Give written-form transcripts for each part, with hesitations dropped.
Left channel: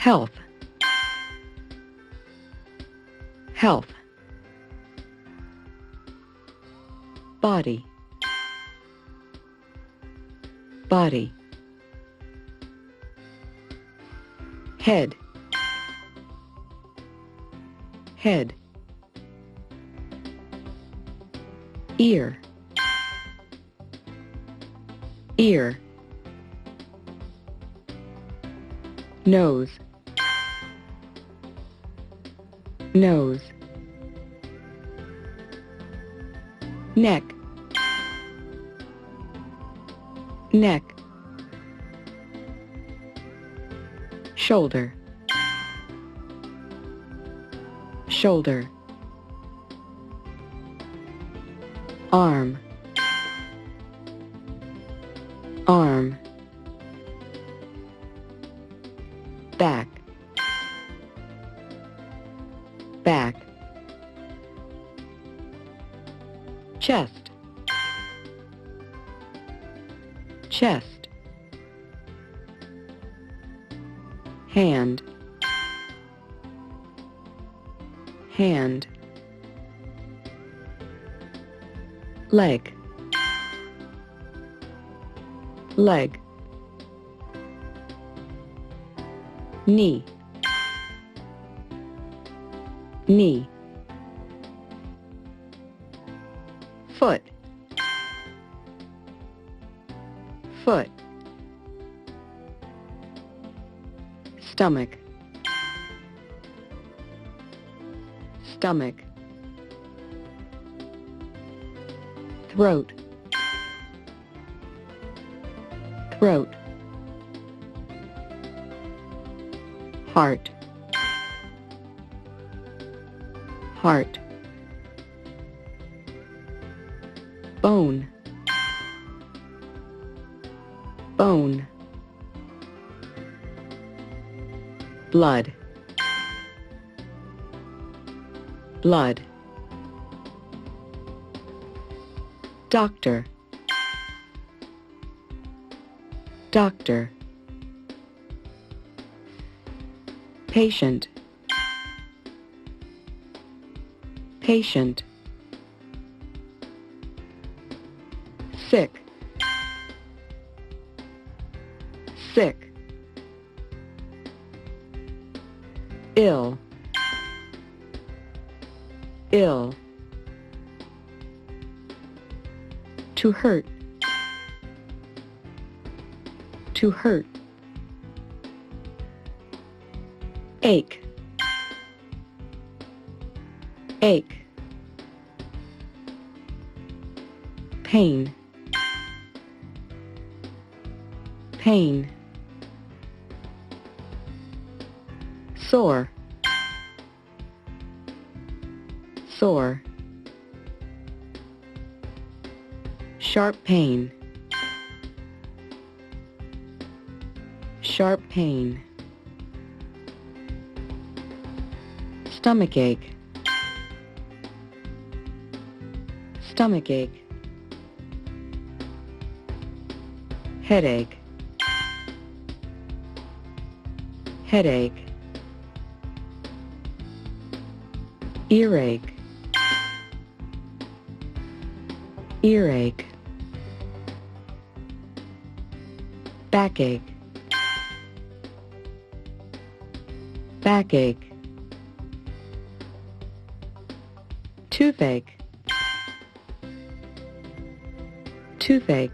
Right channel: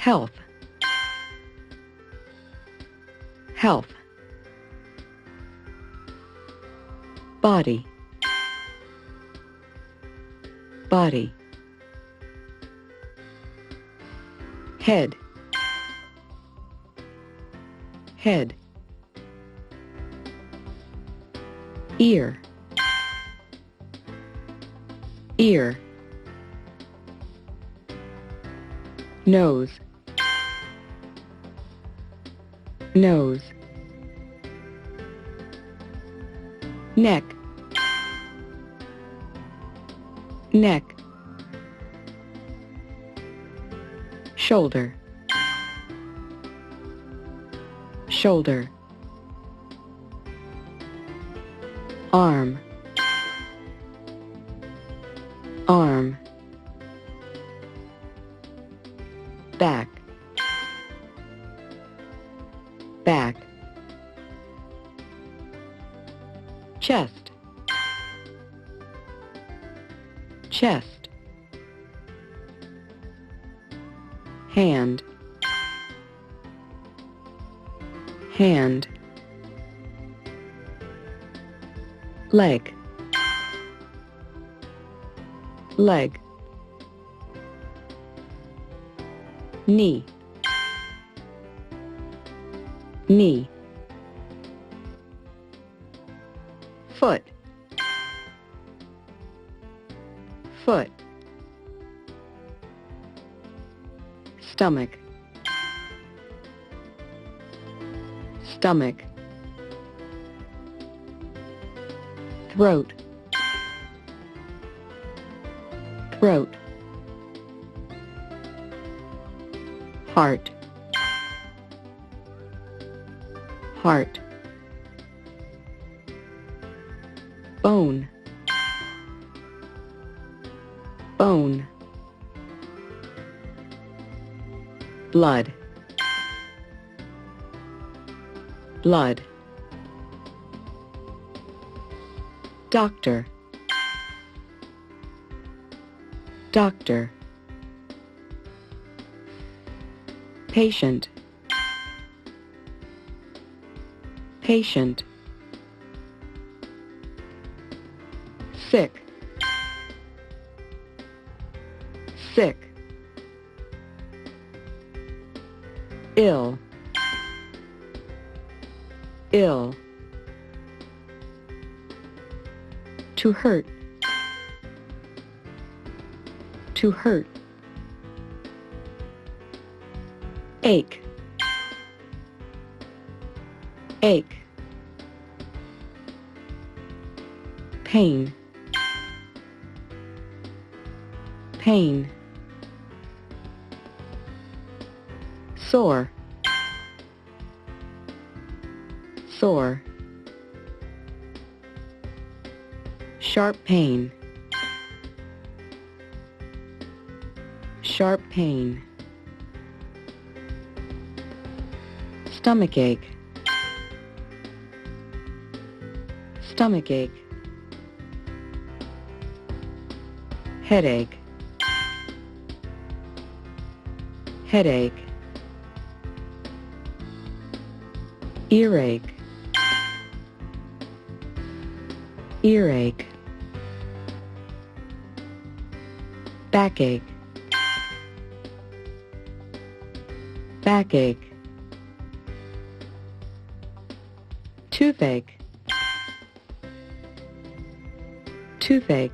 Health. Health. Body. Body. Head. Head. Ear. Ear. Nose. Nose. Neck. Neck. Shoulder. Shoulder. Arm. Arm. Back. Back. Chest. Chest. Hand. Hand. Leg. Leg. Knee. Knee. Foot. Foot. Stomach. Stomach. Throat. Throat. Heart. Heart. Bone. Bone. Blood. Blood. Doctor. Doctor. Patient. Patient. Sick. Sick. Ill. Ill. To hurt. To hurt. Ache. Ache. Pain. Pain. Sore. Sore. Sharp pain. Sharp pain. Stomachache. Stomachache. Headache. Headache. Earache. Earache. Backache. Backache. Toothache. Toothache.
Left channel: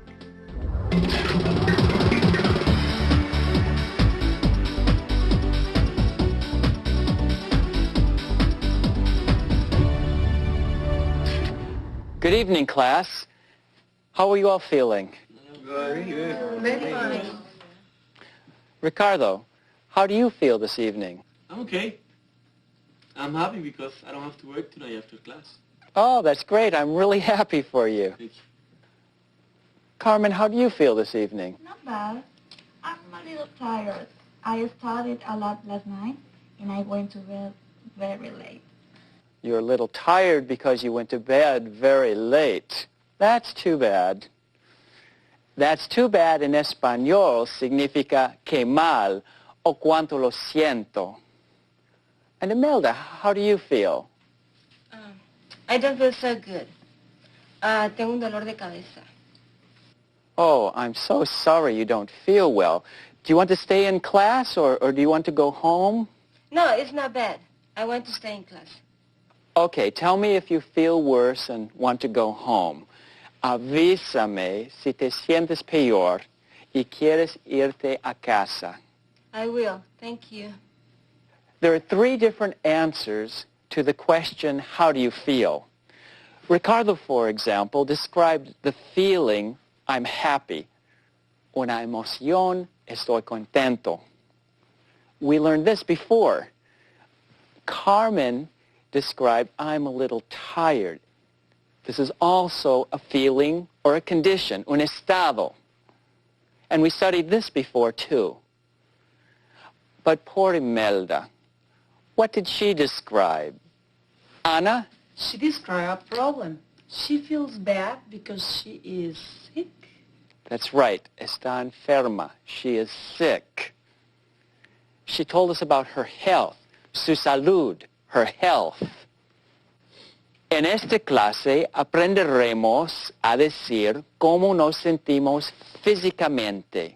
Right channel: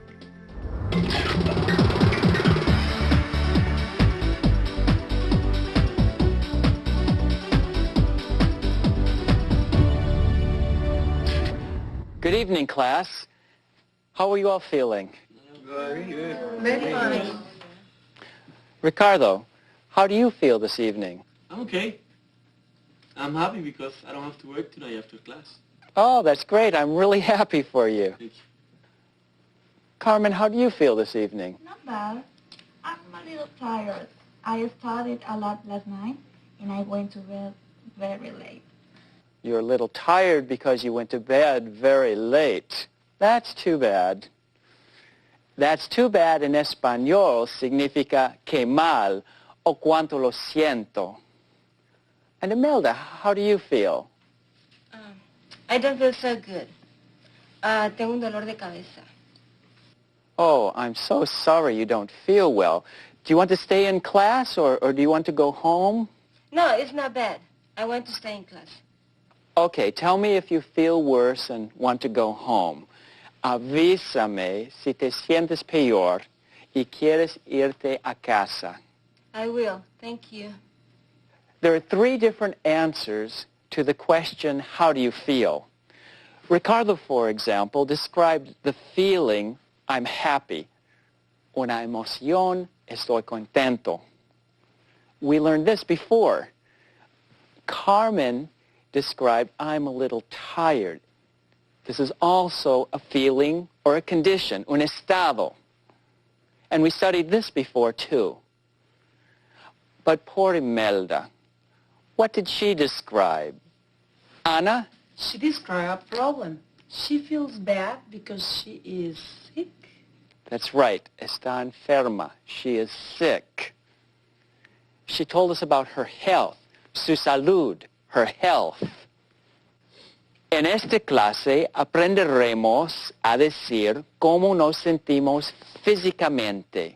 Good evening, class. How are you all feeling? Very good. Very fine. Ricardo, how do you feel this evening? I'm okay. I'm happy because I don't have to work today after class. Oh, that's great. I'm really happy for you. Thank you. Carmen, how do you feel this evening? Not bad. I'm a little tired. I studied a lot last night and I went to bed very late. You're a little tired because you went to bed very late. That's too bad. That's too bad in español significa que mal o cuánto lo siento. And Imelda, how do you feel? I don't feel so good. Tengo un dolor de cabeza. Oh, I'm so sorry you don't feel well. Do you want to stay in class or do you want to go home? No, it's not bad. I want to stay in class. Okay, tell me if you feel worse and want to go home. Avísame si te sientes peor y quieres irte a casa. I will. Thank you. There are 3 different answers to the question, how do you feel? Ricardo, for example, described the feeling, I'm happy. Una emoción, estoy contento. We learned this before. Carmen described, I'm a little tired. This is also a feeling or a condition, un estado. And we studied this before too. But poor Imelda, what did she describe? Ana? She described a problem. She feels bad because she is sick. That's right, está enferma. She is sick. She told us about her health, su salud, her health. En esta clase aprenderemos a decir cómo nos sentimos físicamente.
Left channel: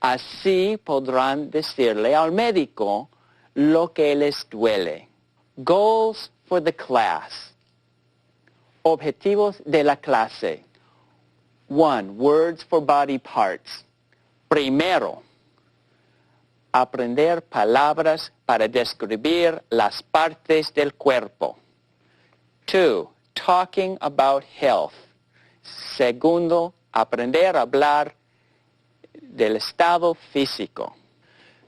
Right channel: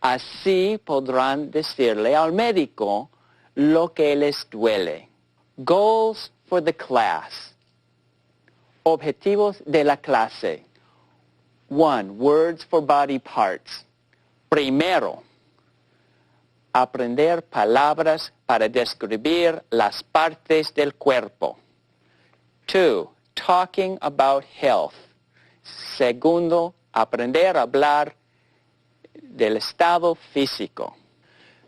Así podrán decirle al médico lo que les duele. Goals for the class. Objetivos de la clase. 1. Words for body parts. Primero, aprender palabras para describir las partes del cuerpo. 2. Talking about health. Segundo, aprender a hablar del estado físico.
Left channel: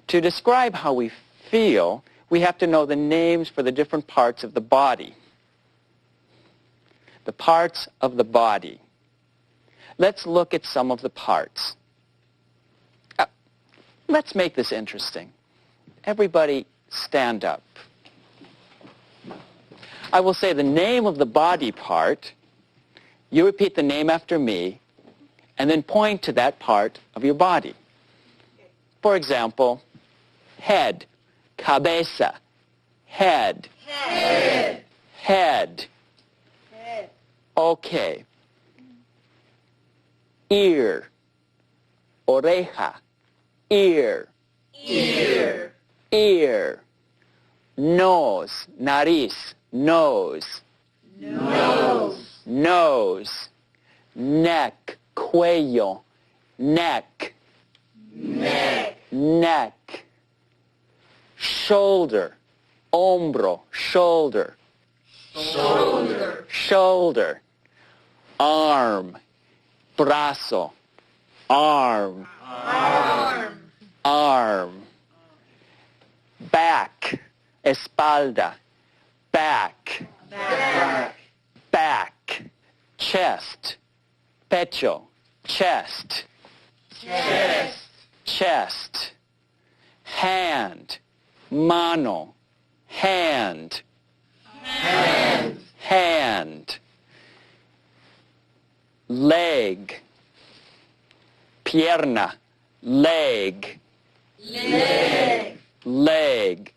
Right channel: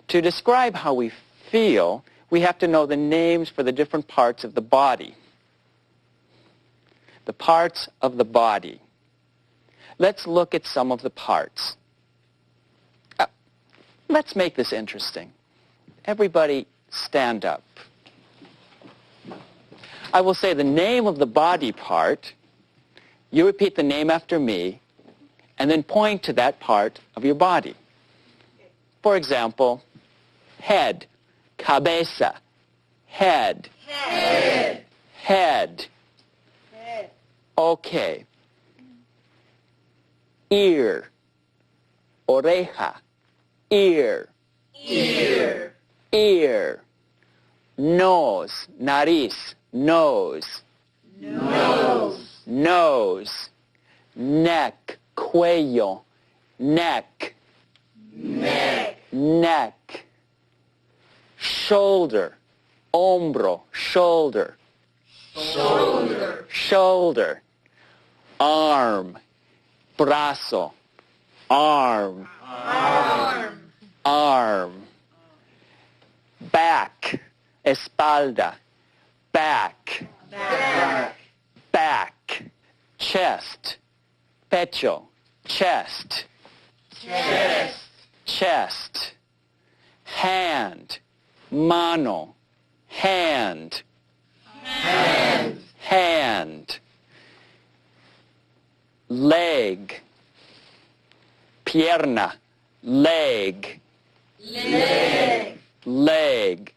To describe how we feel, we have to know the names for the different parts of the body. The parts of the body. Let's look at some of the parts. Let's make this interesting. Everybody stand up. I will say the name of the body part. You repeat the name after me, and then point to that part of your body. For example, head, cabeza, head, Head. head. Head. Okay. Ear, oreja, ear, Ear. ear. Nose, nariz, nose, Nose. nose. Neck, cuello, neck, Neck. neck. Shoulder, hombro, shoulder, Shoulder. shoulder. Arm, brazo, arm, Arm. arm. Back, espalda, back, Back. back. Chest, pecho, chest, Chest. chest. Hand, mano, hand, Hand. hand. Leg, pierna, leg, Leg. leg.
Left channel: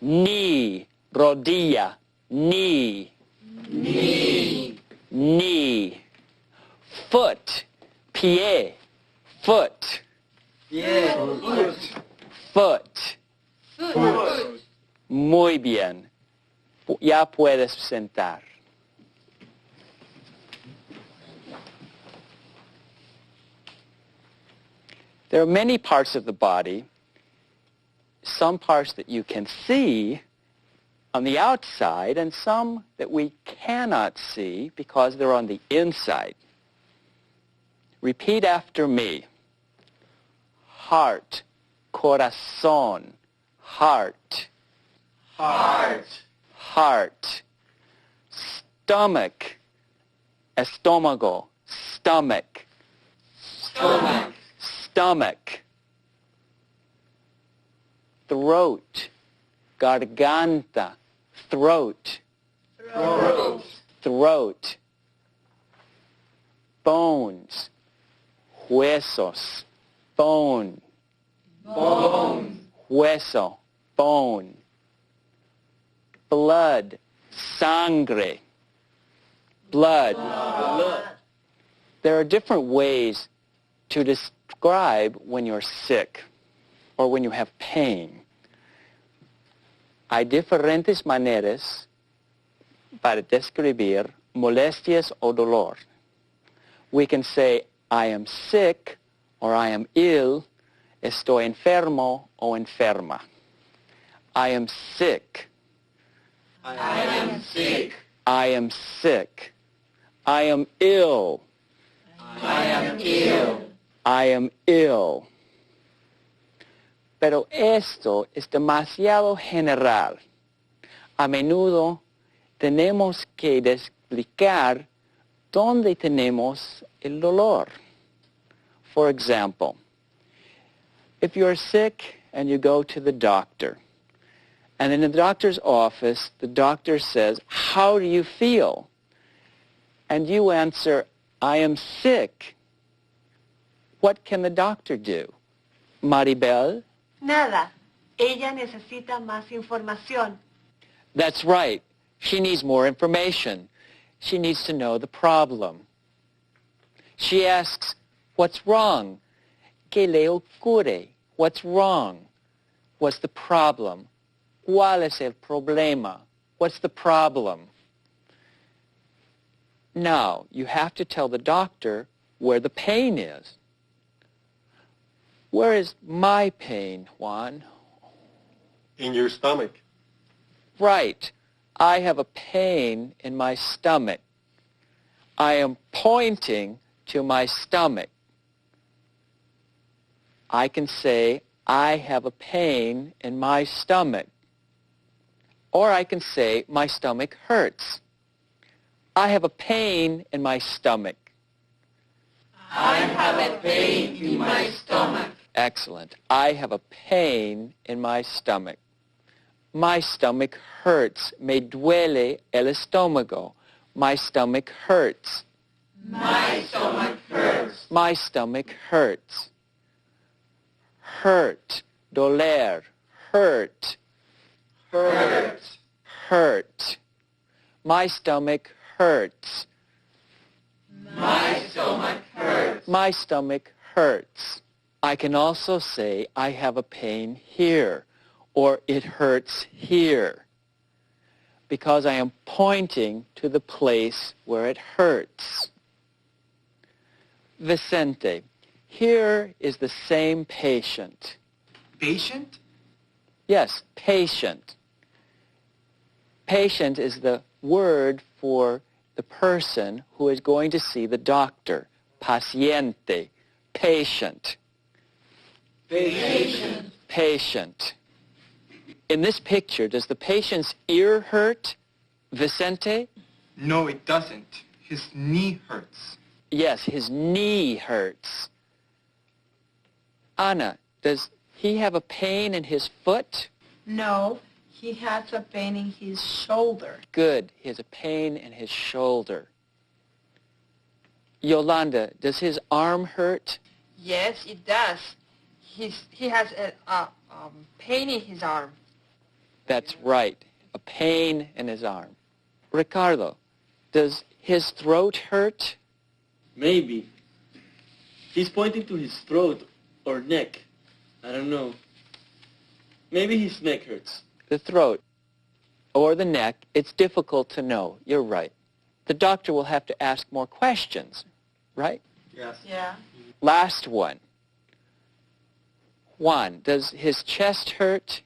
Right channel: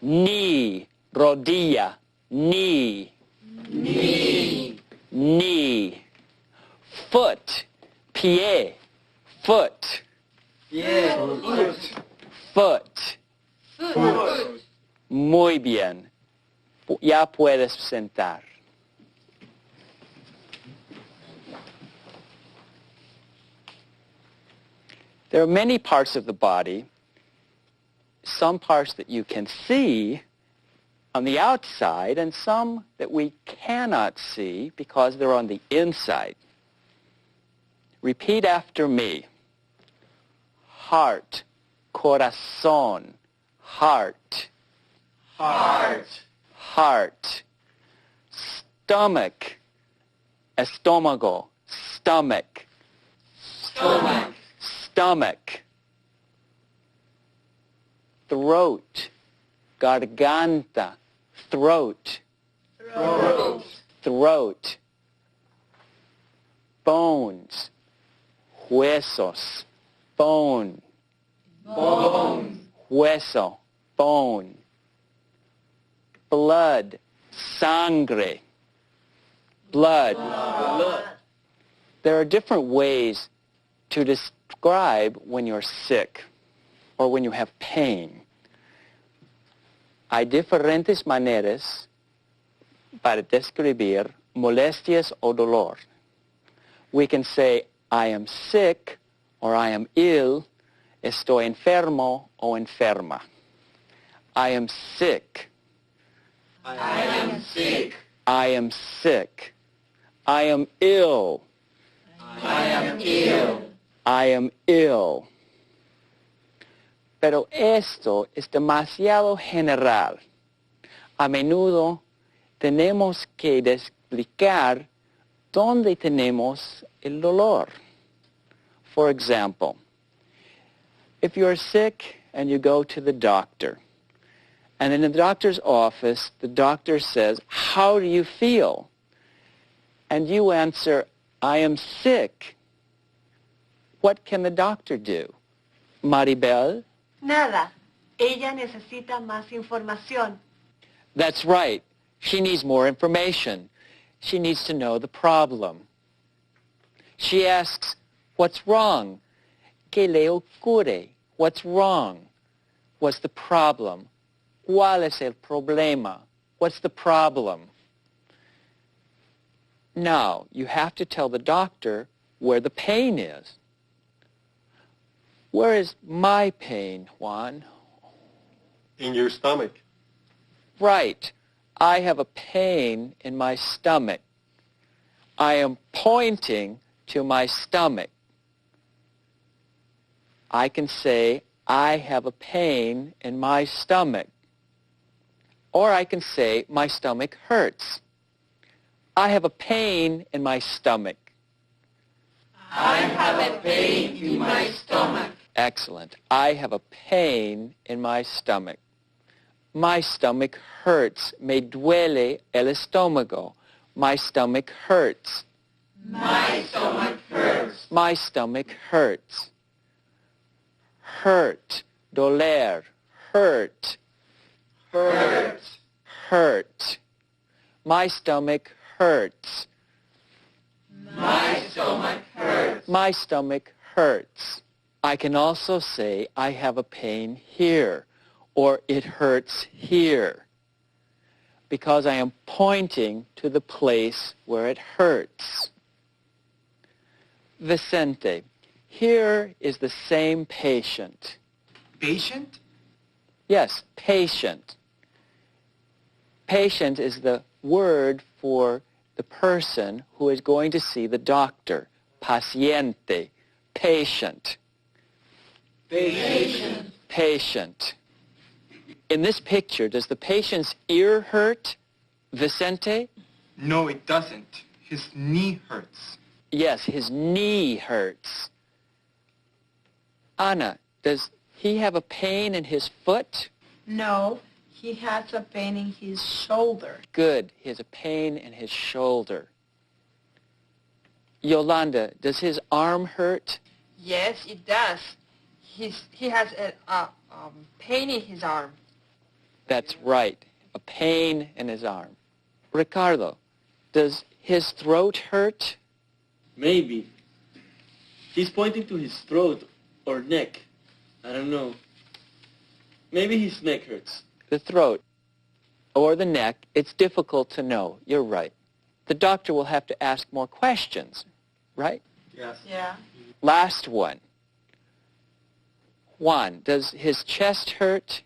Knee, rodilla, knee, Knee. knee. Foot, pie, foot, Foot. foot. Foot. Muy bien. Ya puedes sentar. There are many parts of the body, some parts that you can see on the outside and some that we cannot see because they're on the inside. Repeat after me. Heart, corazón, heart, Heart. heart. Stomach, estómago, stomach, Stomach. stomach. Throat, garganta, throat, Throat. throat. Bones, huesos, bone, Bone. hueso, bone. Blood, sangre, blood. There are different ways to describe when you're sick or when you have pain. Hay diferentes maneras para describir molestias o dolor. We can say, I am sick, or I am ill, estoy enfermo o enferma. I am sick. I am sick. I am sick. I am ill. I am ill. I am ill. Pero esto es demasiado general. A menudo tenemos que explicar dónde tenemos el dolor. For example, if you're sick and you go to the doctor, and in the doctor's office, the doctor says, how do you feel? And you answer, I am sick. What can the doctor do? Maribel? Nada. Ella necesita más información. That's right. She needs more information. She needs to know the problem. She asks, what's wrong? ¿Qué le ocurre? What's wrong? What's the problem? ¿Cuál es el problema? What's the problem? Now, you have to tell the doctor where the pain is. Where is my pain, Juan? In your stomach. Right. I have a pain in my stomach. I am pointing to my stomach. I can say, I have a pain in my stomach. Or I can say, my stomach hurts. I have a pain in my stomach. I have a pain in my stomach. Excellent. I have a pain in my stomach. My stomach hurts. Me duele el estómago. My stomach hurts. My stomach hurts. My stomach hurts. Hurt. Doler. Hurt. Hurt. Hurt. My stomach hurts. My stomach hurts. My stomach hurts. I can also say I have a pain here, or it hurts here, because I am pointing to the place where it hurts. Vicente, here is the same patient. Patient? Yes, patient. Patient is the word for the person who is going to see the doctor. Paciente. Patient. Patient. Patient. In this picture, does the patient's ear hurt, Vicente? No, it doesn't. His knee hurts. Yes, his knee hurts. Ana, does he have a pain in his foot? No, he has a pain in his shoulder. Good, he has a pain in his shoulder. Yolanda, does his arm hurt? Yes, it does. He has a pain in his arm. That's right, a pain in his arm. Ricardo, does his throat hurt? Maybe. He's pointing to his throat or neck. I don't know. Maybe his neck hurts. The throat or the neck, it's difficult to know. You're right. The doctor will have to ask more questions, right? Yes. Yeah. Last one. Juan, does his chest hurt?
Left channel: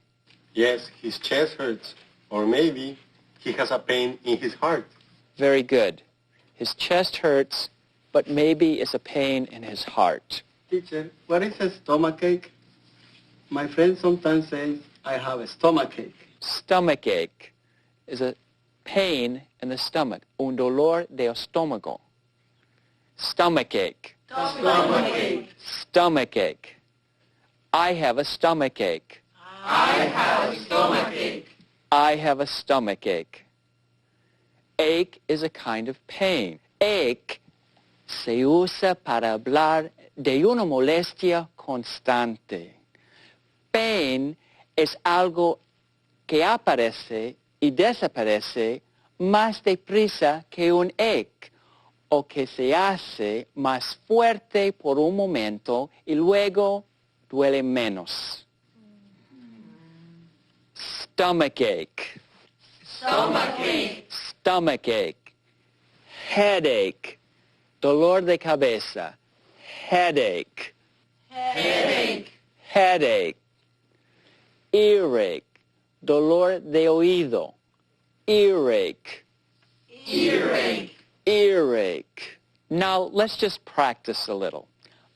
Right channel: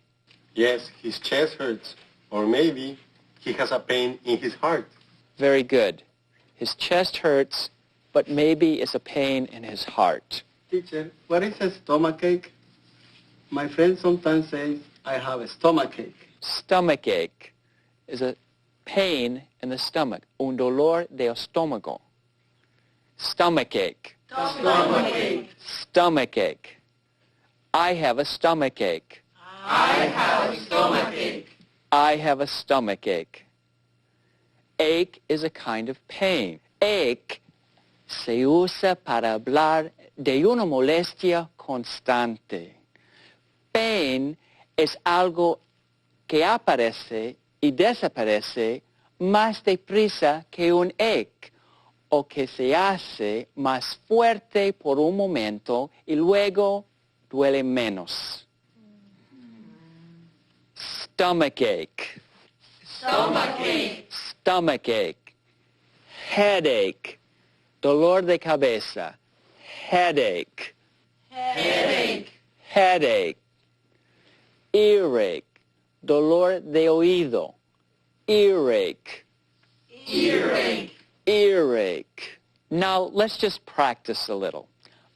Yes, his chest hurts. Or maybe he has a pain in his heart. Very good. His chest hurts, but maybe it's a pain in his heart. Teacher, what is a stomachache? My friend sometimes says I have a stomachache. Stomachache is a pain in the stomach. Un dolor de estómago. Stomachache. Stomachache. Stomachache. I have a stomachache. I have a stomachache. I have a stomachache. Ache is a kind of pain. Ache se usa para hablar de una molestia constante. Pain es algo que aparece y desaparece más deprisa que un ache, o que se hace más fuerte por un momento y luego duele menos. Stomachache. Stomachache. Stomachache. Headache. Dolor de cabeza. Headache. Headache. Headache. Earache. Dolor de oído. Earache. Earache. Earache. Now, let's just practice a little.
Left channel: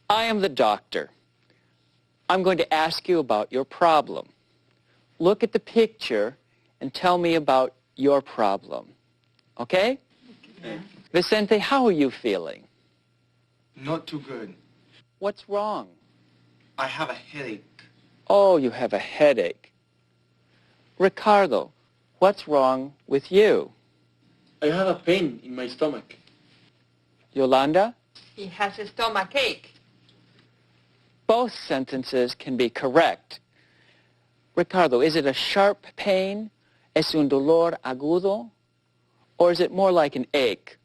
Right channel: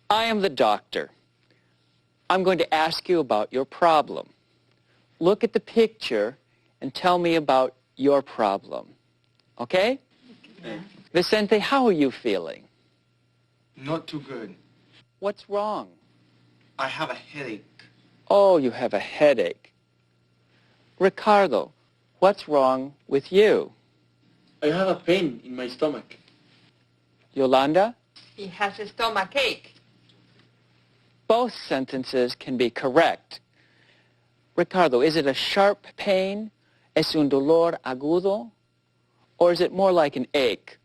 I am the doctor. I'm going to ask you about your problem. Look at the picture and tell me about your problem. Okay? Okay. Vicente, how are you feeling? Not too good. What's wrong? I have a headache. Oh, you have a headache. Ricardo, what's wrong with you? I have a pain in my stomach. Yolanda? He has a stomachache. Both sentences can be correct. Ricardo, is it a sharp pain? ¿Es un dolor agudo? Or is it more like an ache?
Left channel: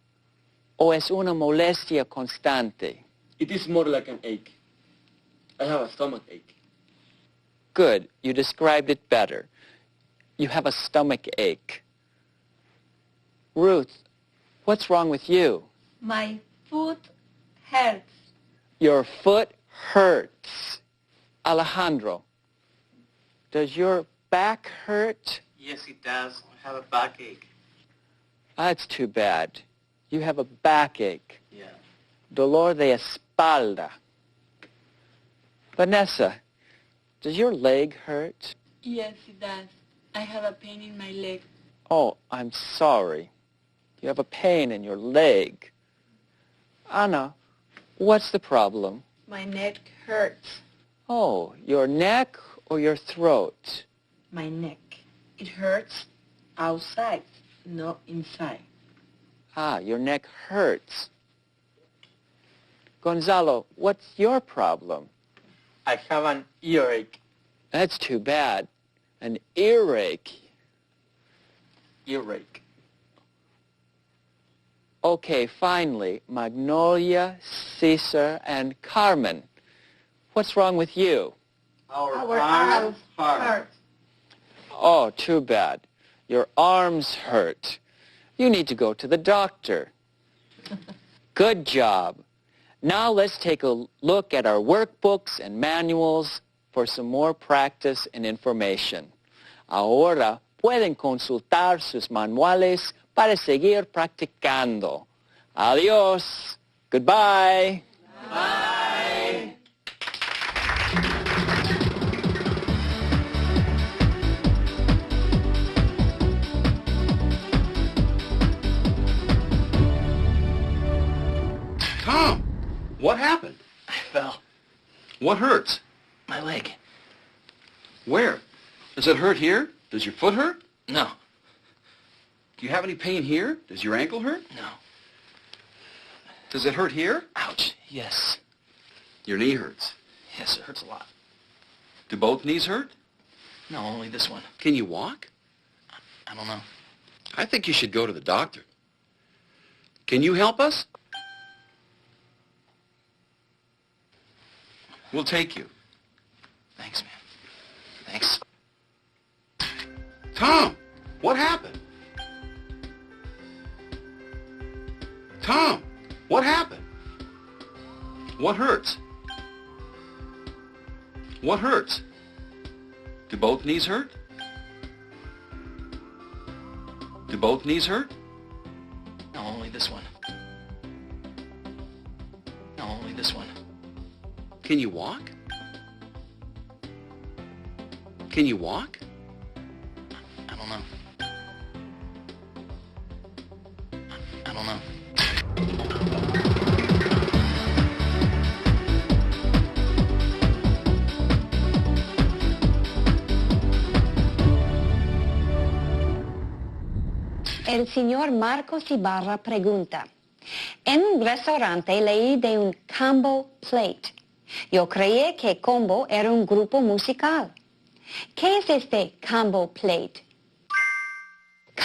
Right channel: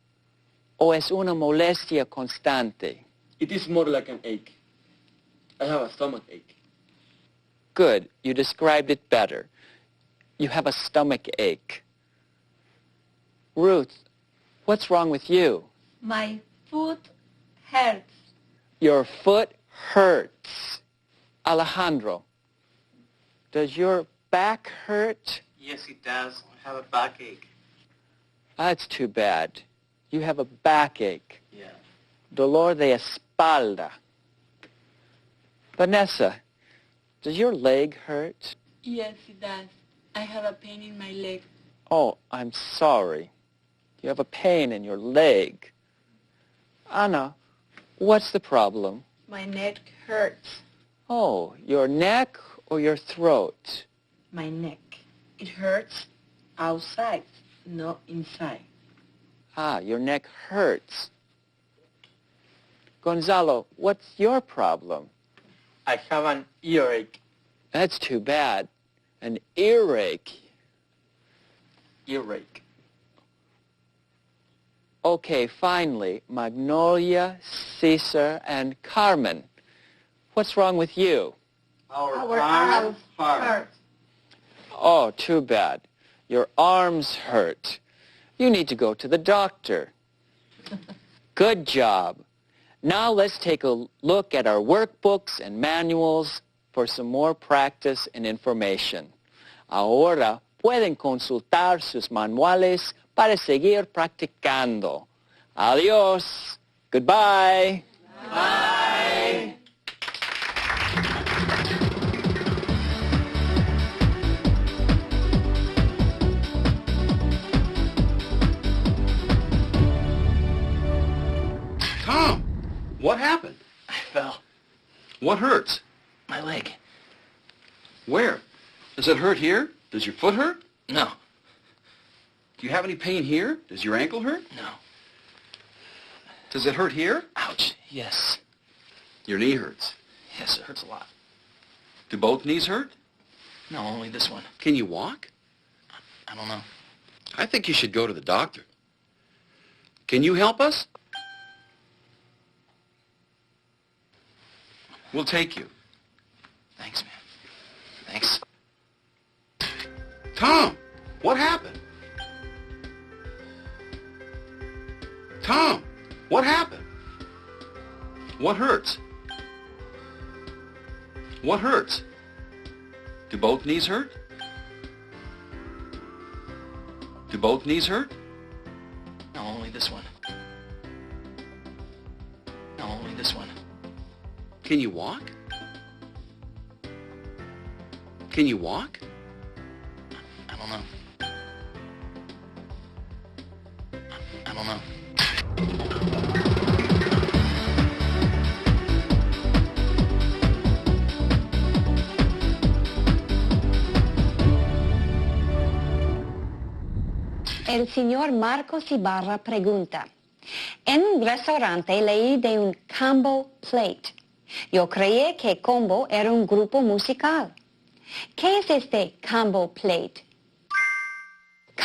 ¿O es una molestia constante? It is more like an ache. I have a stomach ache. Good. You described it better. You have a stomach ache. Ruth, what's wrong with you? My foot hurts. Your foot hurts. Alejandro, does your back hurt? Yes, it does. I have a backache. That's too bad. You have a backache. Yeah. Dolor de espalda. Vanessa, does your leg hurt? Yes, it does. I have a pain in my leg. Oh, I'm sorry. You have a pain in your leg. Anna, what's the problem? My neck hurts. Oh, your neck or your throat? My neck. It hurts outside, not inside. Ah, your neck hurts. Gonzalo, what's your problem? I have an earache. That's too bad. An earache. Earache. Okay, finally, Magnolia, Cesar, and Carmen. What's wrong with you? Our Our arms arms hurt. Oh, too bad. Your arms hurt. You need to go to the doctor. Good job. Now let's take a look at our workbooks and manuals for some more practice and information. Ahora pueden consultar sus manuales para seguir practicando. Adiós. Goodbye. Bye. Tom, what happened? I fell. What hurts? My leg. Where? Does it hurt here? Does your foot hurt? No. Do you have any pain here? Does your ankle hurt? No. Does it hurt here? Ouch. Yes. Your knee hurts. Yes, it hurts a lot. Do both knees hurt? No, only this one. Can you walk? I don't know. I think you should go to the doctor. Can you help us? We'll take you. Thanks, man. Thanks. Tom, what happened? Tom, what happened? What hurts? What hurts? Do both knees hurt? Do both knees hurt? No, only this one. No, only this one. Can you walk? Can you walk? I don't know. I don't know. El señor Marcos Ibarra pregunta, en un restaurante leí de un combo plate. Yo creí que combo era un grupo musical. ¿Qué es este combo plate?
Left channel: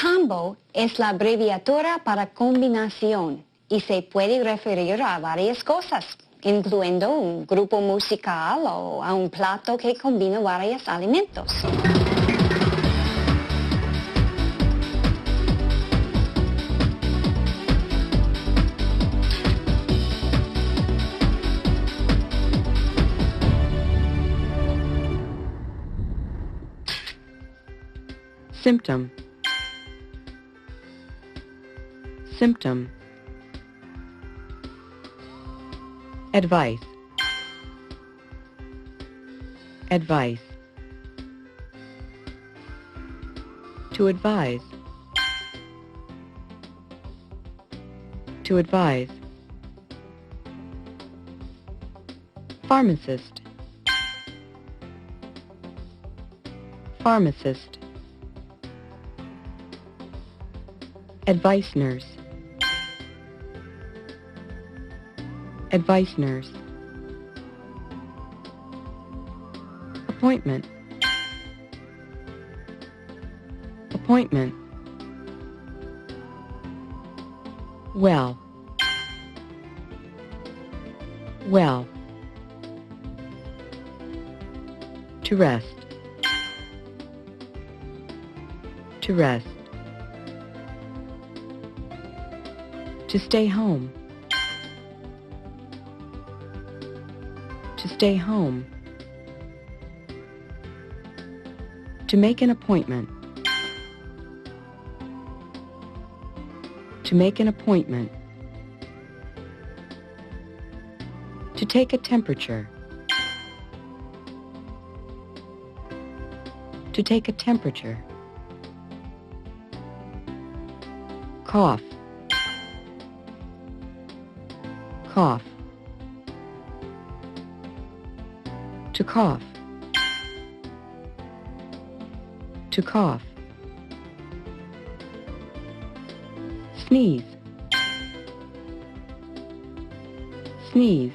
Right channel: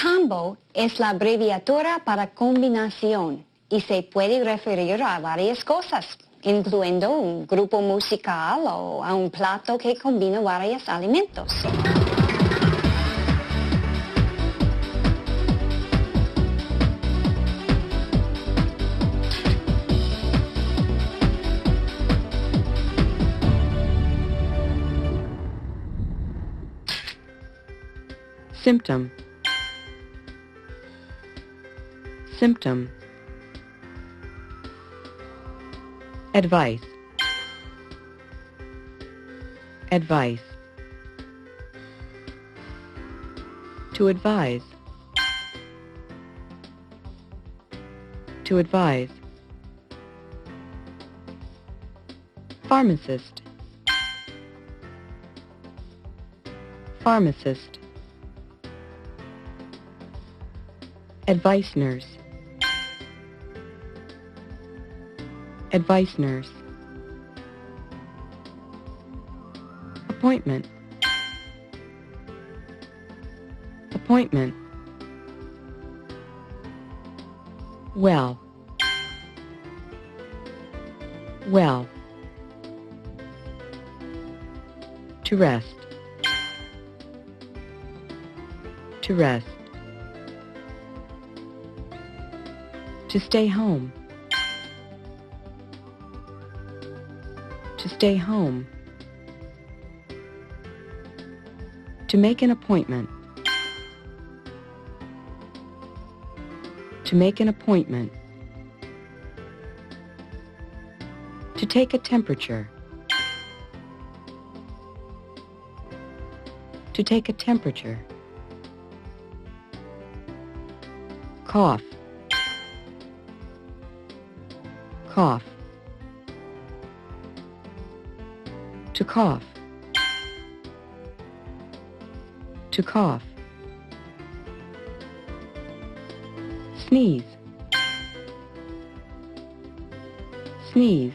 Combo es la abreviatura para combinación y se puede referir a varias cosas, incluyendo un grupo musical o a un plato que combina varios alimentos. Symptom. Symptom. Advice. Advice. To advise. To advise. Pharmacist. Pharmacist. Advice nurse. Advice nurse. Appointment. Appointment. Well. Well. To rest. To rest. To stay home. To stay home. To make an appointment. To make an appointment. To take a temperature. To take a temperature. Cough. Cough. To cough. To cough. Sneeze. Sneeze.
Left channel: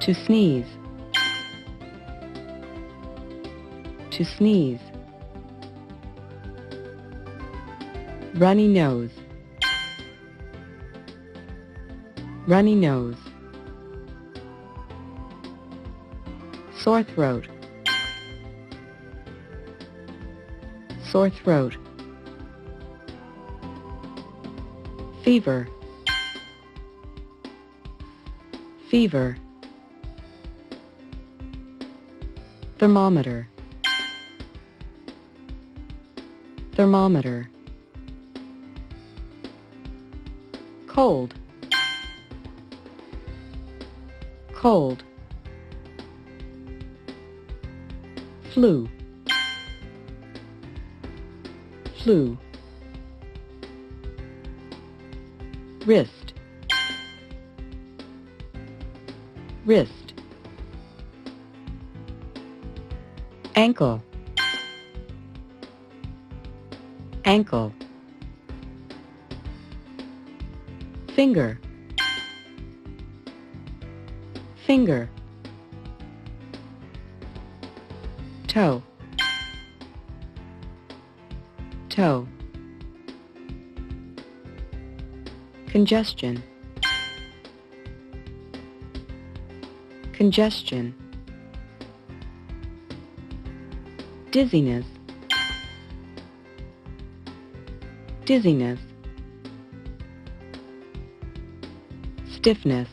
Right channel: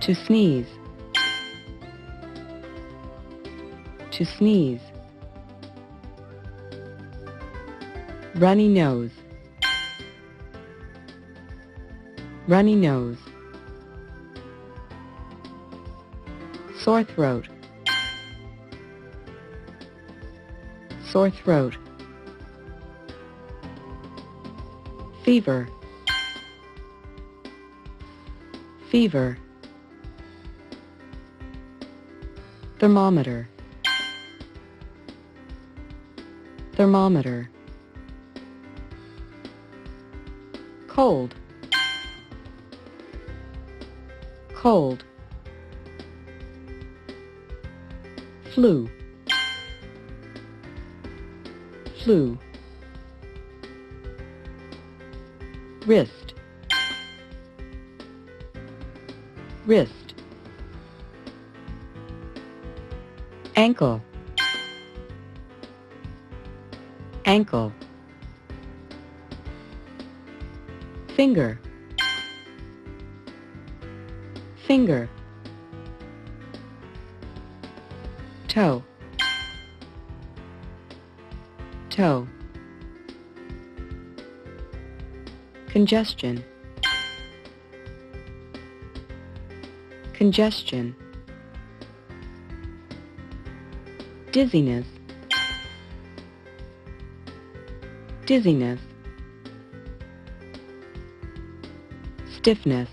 To sneeze. To sneeze. Runny nose. Runny nose. Sore throat. Sore throat. Fever. Fever. Thermometer. Thermometer. Cold. Cold. Flu. Flu. Wrist. Wrist. Ankle. Ankle. Finger. Finger. Toe. Toe. Congestion. Congestion. Dizziness. Dizziness. Stiffness.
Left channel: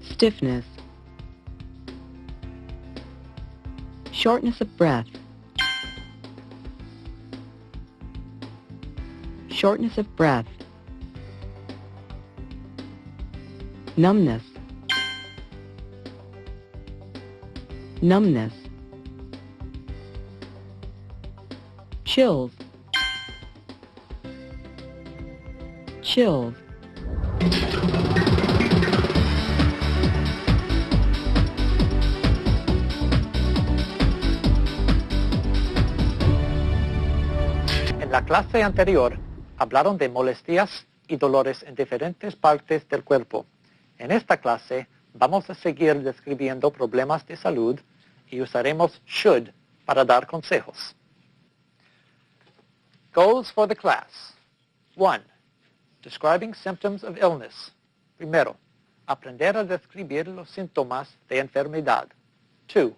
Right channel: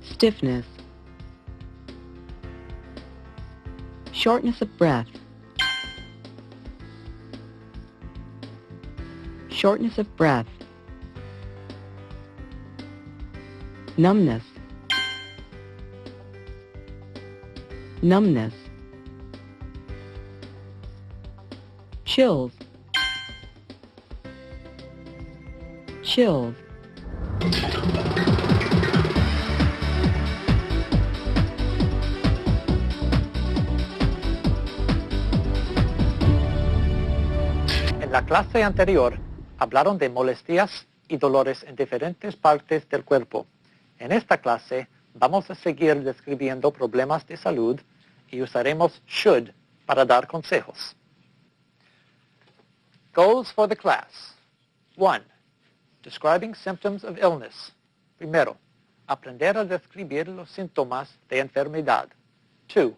Stiffness. Shortness of breath. Shortness of breath. Numbness. Numbness. Chills. Chills. En la clase anterior hablaron de molestias y dolores en diferentes partes del cuerpo. En esta clase Vamos a seguir describiendo problemas de salud y usaremos should para dar consejos. Goals for the class. 1. Describing symptoms of illness. Primero, aprender a describir los síntomas de enfermedad. 2.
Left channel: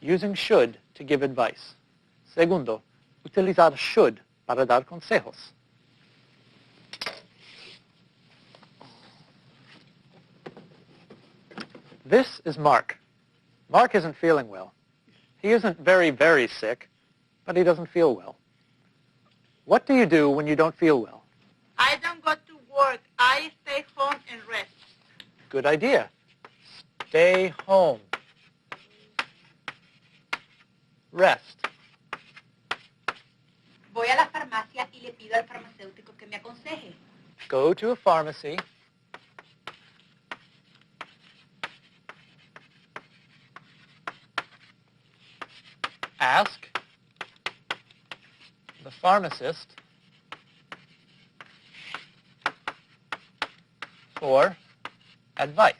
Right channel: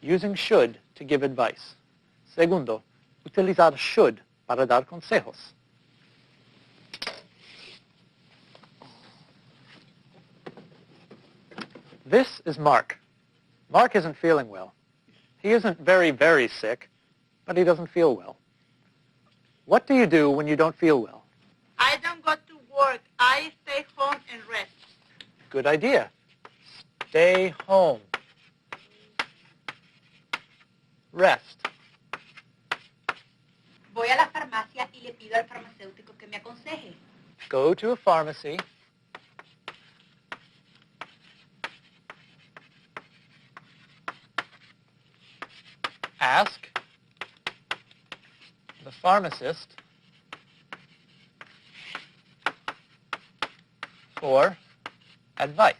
Using should to give advice. Segundo, utilizar should para dar consejos. This is Mark. Mark isn't feeling well. He isn't very, very sick, but he doesn't feel well. What do you do when you don't feel well? I don't go to work. I stay home and rest. Good idea. Stay home. Rest. Voy a la farmacia y le pido al farmacéutico que me aconseje. Go to a pharmacy. Ask the pharmacist for advice.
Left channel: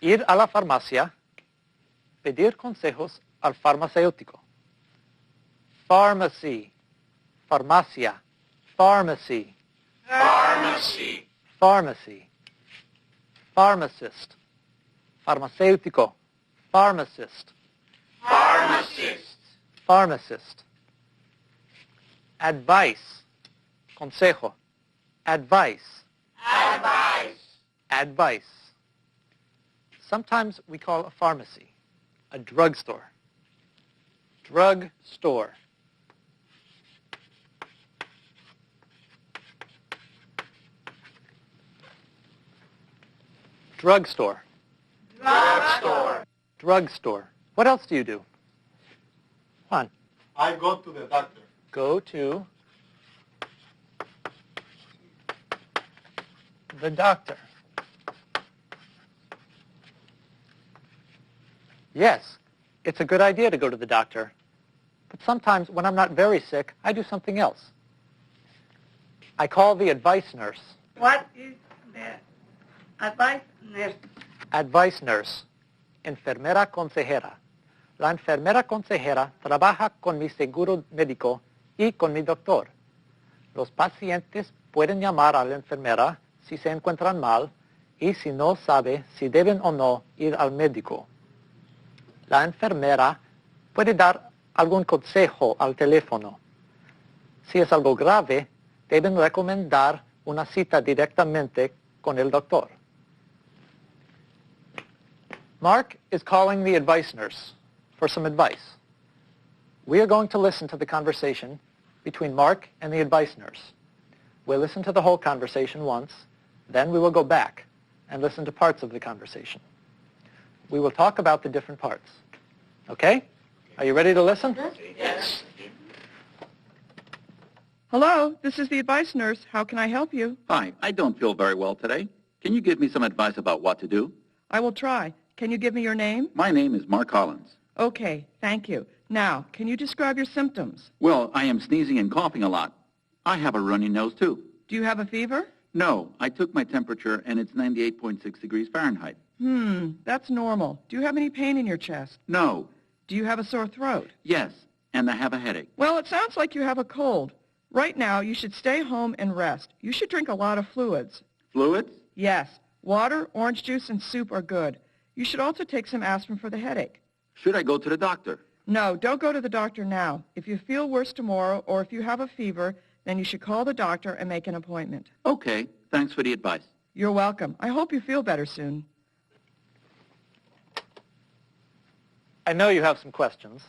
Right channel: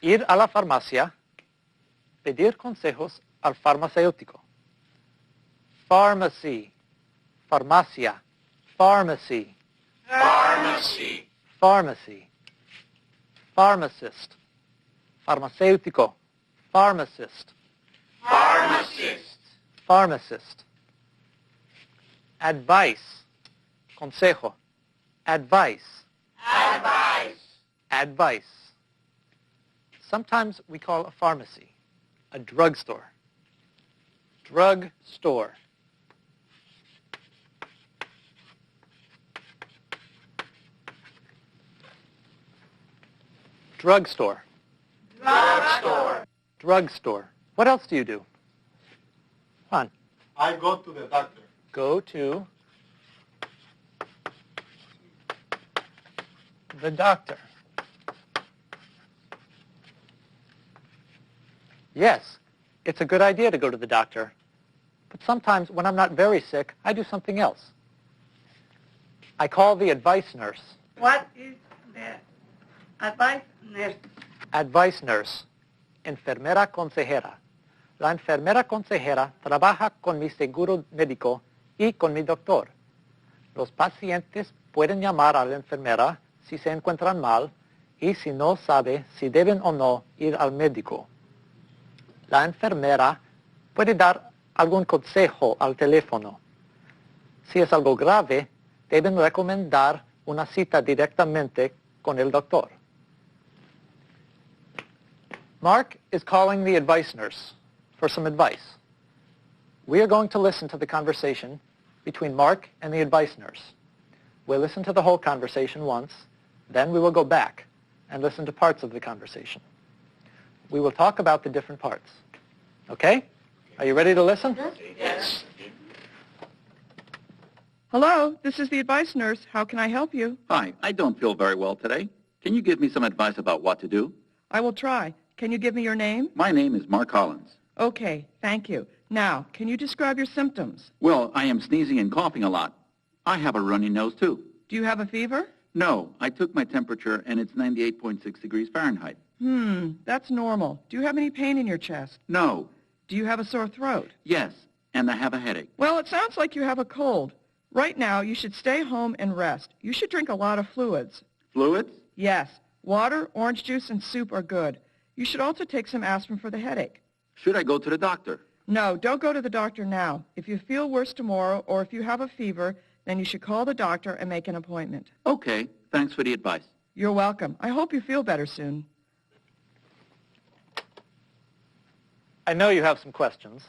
Ir a la farmacia, pedir consejos al farmacéutico. Pharmacy, farmacia, pharmacy, Pharmacy. pharmacy, pharmacist, farmacéutico, pharmacist, Pharmacist. pharmacist. Advice, consejo, advice, Advice. advice. Sometimes we call a pharmacy a drugstore. Drugstore. Drugstore. Drugstore. Drugstore. What else do you do? Juan, I go to the doctor. go to the doctor. Yes, it's a good idea to go to the doctor. But sometimes when I'm not very sick, I do something else. I call the advice nurse. What is the advice nurse? Advice nurse. Enfermera consejera. La enfermera consejera trabaja con mi seguro médico y con mi doctor. Los pacientes pueden llamar a la enfermera si se encuentran mal y si no sabe si deben o no ir al médico. La enfermera puede dar algún consejo al teléfono. Si es algo grave, deben recomendar una cita directamente con el doctor. Mark is calling the advice nurse for some advice. We are going to listen to the conversation between Mark and the advice nurse. We'll listen to the whole conversation once, then we will go back and listen to parts of the conversation. We will talk about the different parts. Okay? Are you ready to listen? Yes. Hello, this is the advice nurse. How can I help you? Hi, I don't feel very well today. Can you give me some advice about what to do? I will try. Can you give me your name? My name is Mark Collins. Okay, thank you. Now, can you describe your symptoms? Well, I am sneezing and coughing a lot. I have a runny nose, too. Do you have a fever? No, I took my temperature, and it's 98.6 degrees Fahrenheit. That's normal. Do you have any pain in your chest? No. Do you have a sore throat? Yes, and I have a headache. Well, it sounds like you have a cold. Right now, you should stay home and rest. You should drink a lot of fluids. Fluids? Yes. Water, orange juice, and soup are good. You should also take some aspirin for the headache. Should I go to the doctor? No, don't go to the doctor now. If you feel worse tomorrow or if you have a fever, then you should call the doctor and make an appointment. Okay, thanks for the advice. You're welcome. I hope you feel better soon. I know you have some questions.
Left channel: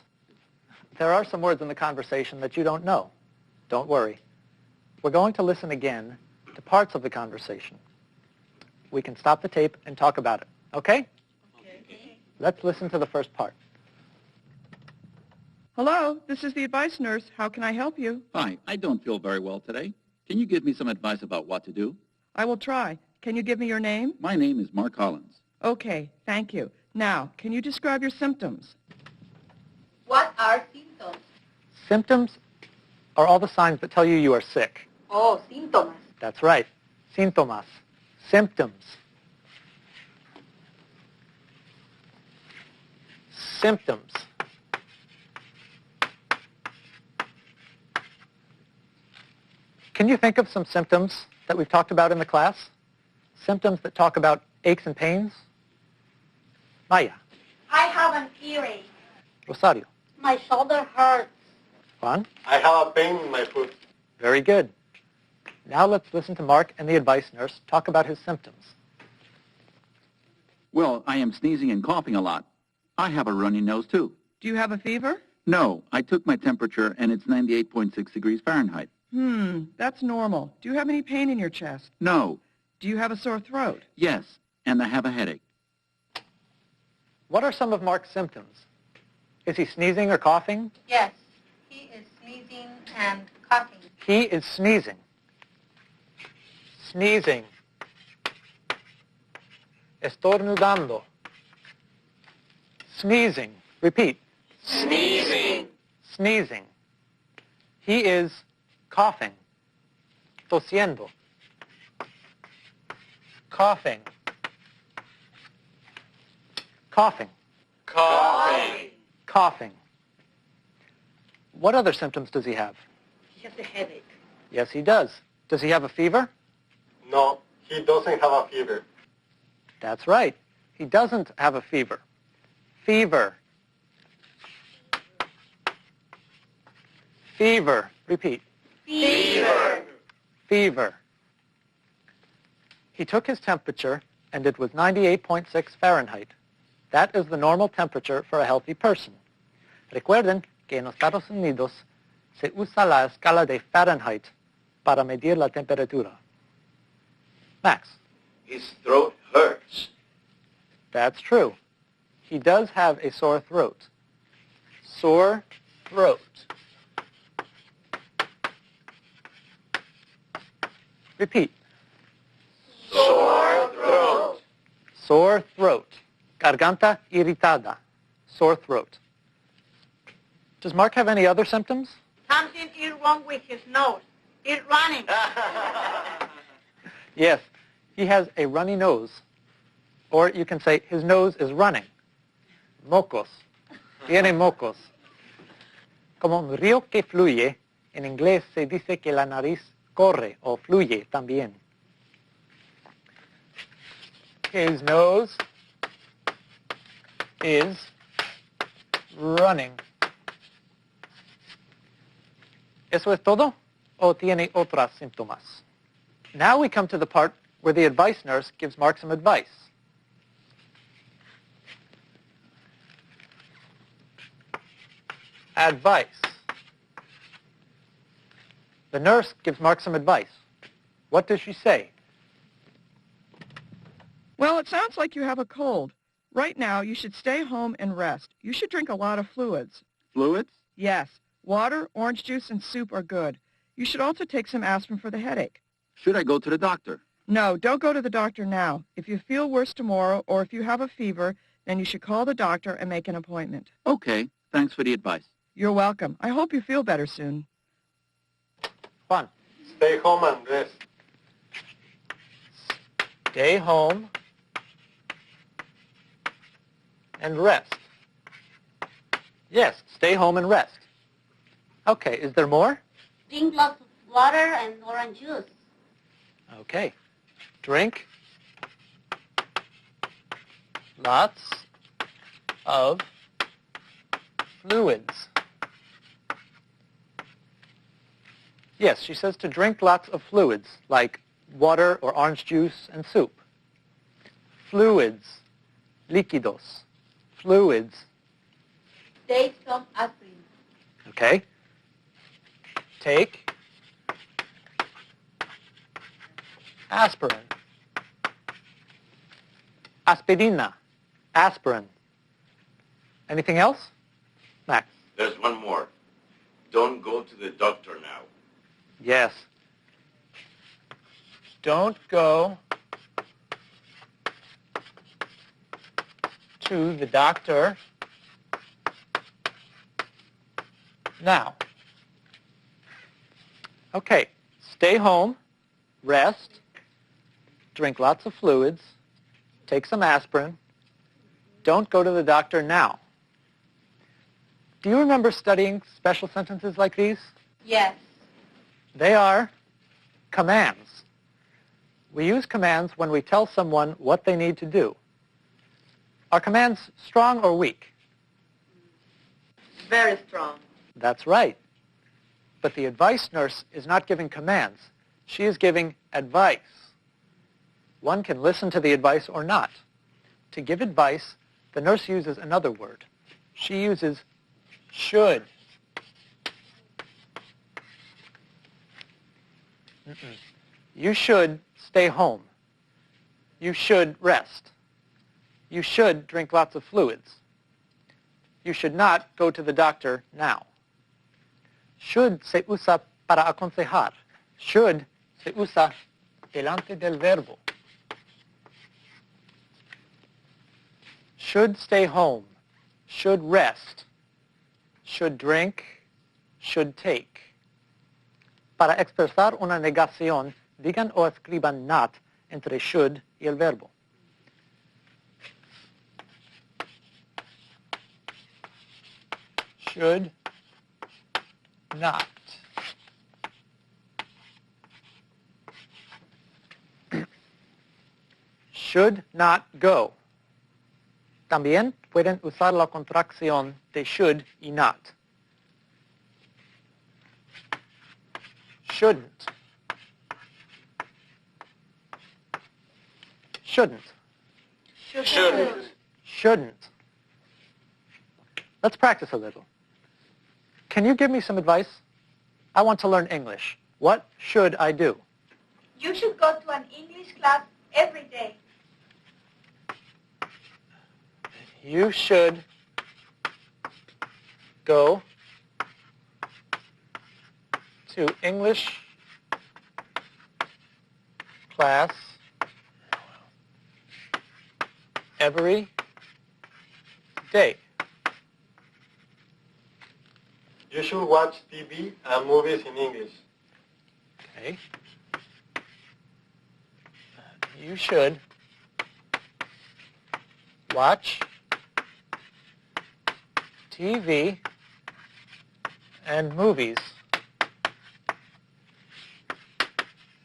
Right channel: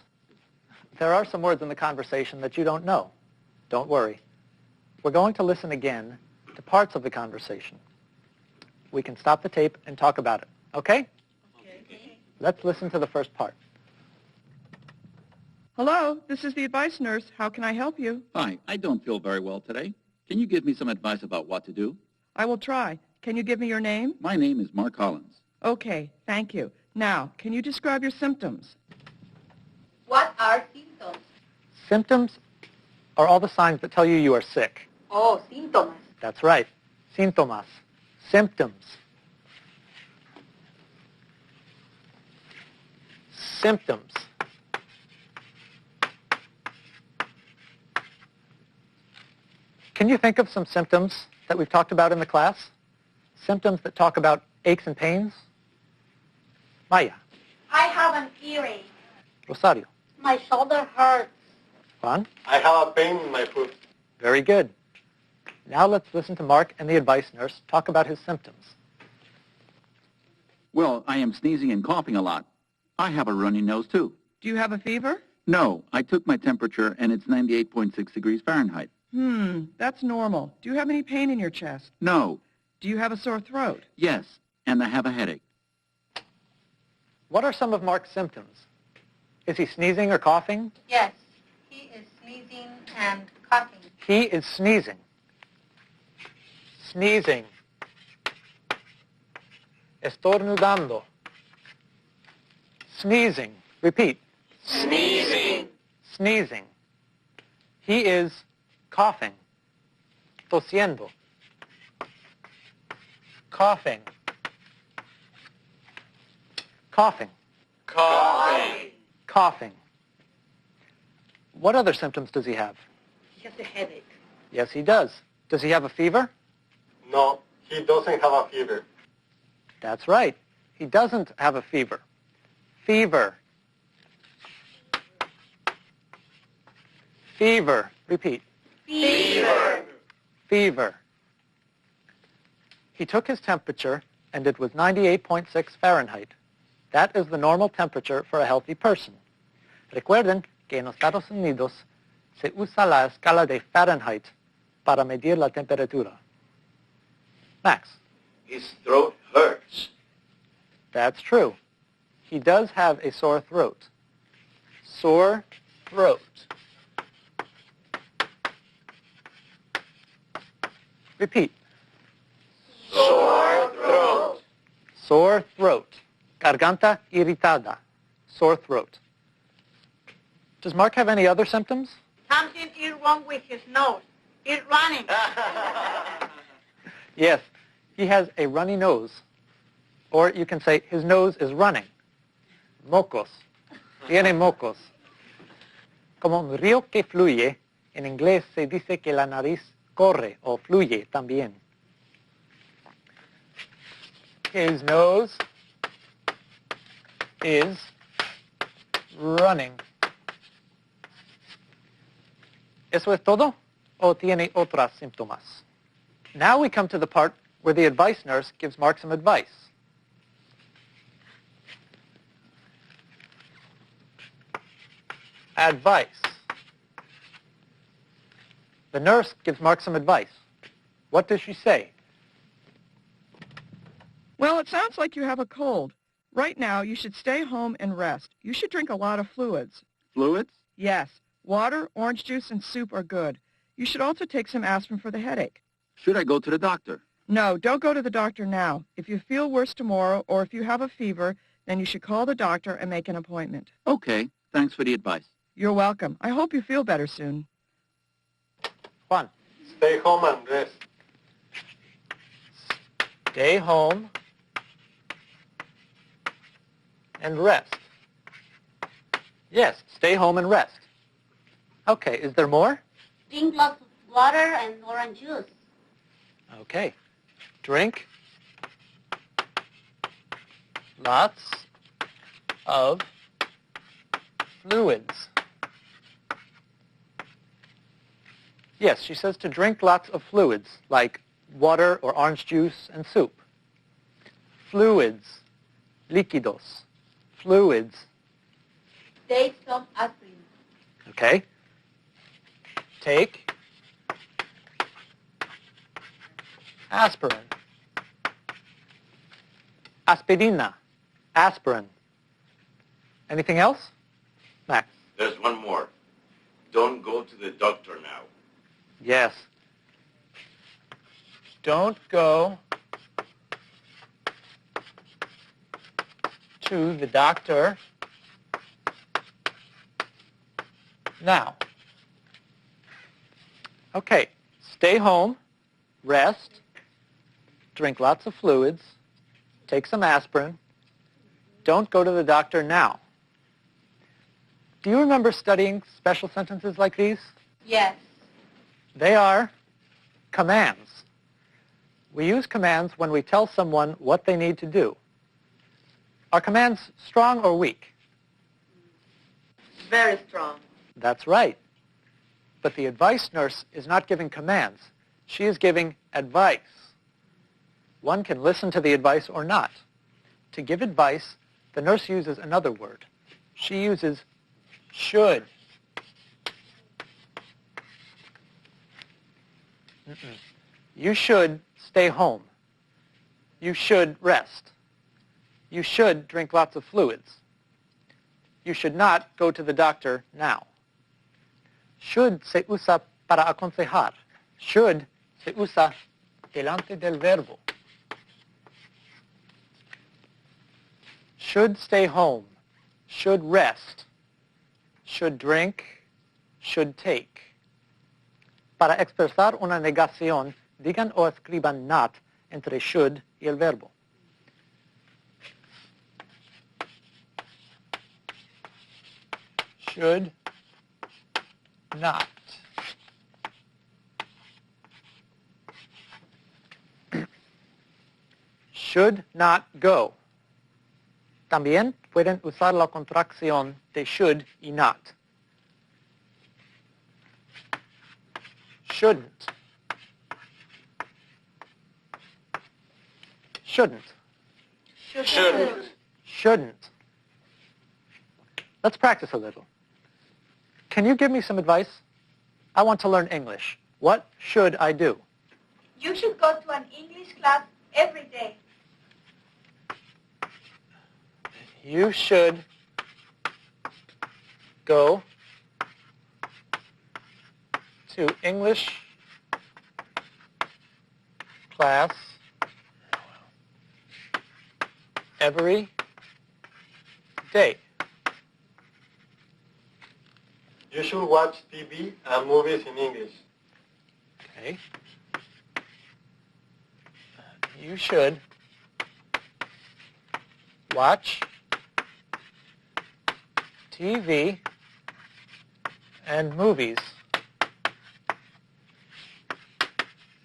There are some words in the conversation that you don't know. Don't worry. We're going to listen again to parts of the conversation. We can stop the tape and talk about it. Okay? Let's listen to the first part. Hello, this is the advice nurse. How can I help you? Hi, I don't feel very well today. Can you give me some advice about what to do? I will try. Can you give me your name? My name is Mark Collins. Okay, thank you. Now, can you describe your symptoms? What are symptoms? Symptoms are all the signs that tell you you are sick. Oh, síntomas. That's right. Síntomas. Symptoms. Symptoms. Can you think of some symptoms that we've talked about in the class? Symptoms that talk about aches and pains? Maya. I have an earache. Rosario. My shoulder hurts. Juan. I have a pain in my foot. Very good. Now let's listen to Mark and the advice nurse talk about his symptoms. Well, I am sneezing and coughing a lot. I have a runny nose, too. Do you have a fever? No, I took my temperature, and it's 98.6 degrees Fahrenheit. That's normal. Do you have any pain in your chest? No. Do you have a sore throat? Yes, and I have a headache. What are some of Mark's symptoms? Is he sneezing or coughing? Yes, he is sneezing and coughing. He is sneezing. Sneezing. Estornudando. Sneezing. Repeat. Sneezing. Sneezing. He is coughing. Tosiendo. Coughing. Coughing. Coughing. Coughing. What other symptoms does he have? He has a headache. Yes, he does. Does he have a fever? No, he doesn't have a fever. That's right. He doesn't have a fever. Fever. Fever. Repeat. Fever. Fever. He took his temperature and it was 98.6 Fahrenheit. That is the normal temperature for a healthy person. Recuerden que en los Estados Unidos se usa la escala de Fahrenheit para medir la temperatura. Max. His throat hurts. That's true. He does have a sore throat. Sore throat. Repeat. Sore throat. Sore throat. Garganta irritada. Sore throat. Does Mark have any other symptoms? Something is wrong with his nose. It's running. Yes, he has a runny nose. Or you can say his nose is running. Mocos. Tiene mocos. Como un río que fluye, en inglés se dice que la nariz corre o fluye también. His nose is running. ¿Eso es todo? ¿O tiene otros síntomas? Now we come to the part where the advice nurse gives Mark some advice. Advice. The nurse gives Mark some advice. What does she say? Well, it sounds like you have a cold. Right now, you should stay home and rest. You should drink a lot of fluids. Fluids? Yes, water, orange juice, and soup are good. You should also take some aspirin for the headache. Should I go to the doctor? No, don't go to the doctor now. If you feel worse tomorrow or if you have a fever, then you should call the doctor and make an appointment. Okay, thanks for the advice. You're welcome. I hope you feel better soon. Fun. Stay home and rest. Stay home and rest. Yes, stay home and rest. Okay, is there more? Drink lots of water and orange juice. Okay. Drink lots of fluids. Yes, she says to drink lots of fluids, like water or orange juice and soup. Fluids. Líquidos. Fluids. Take some aspirin. Okay. Take aspirin. Aspirina. Aspirin. Anything else? Max. There's one more. Don't go to the doctor now. Yes. Don't go to the doctor now. Okay. Stay home. Rest. drink lots of fluids, take some aspirin, don't go to the doctor now. Do you remember studying special sentences like these? Yes. They are commands. We use commands when we tell someone what they need to do. Are commands strong or weak? Very strong. That's right. But the advice nurse is not giving commands. She is giving advice. One can listen to the advice or not. To give advice, the nurse uses another word. She uses should. You should stay home. You should rest. You should drink lots of fluids. You should not go to the doctor now. Should se usa para aconsejar. Should se usa delante del verbo. Should stay home. Should rest. Should drink. Should take. Para expresar una negación, digan o escriban not entre should y el verbo. Should not. Should not go. También pueden usar la contracción de should y not. Shouldn't. Shouldn't. Shouldn't. Shouldn't. Let's practice a little. Can you give me some advice? I want to learn English. What should I do? You should go to an English class every day. You should go to English class every day. You should watch TV and movies in English. Okay. You should watch TV and movies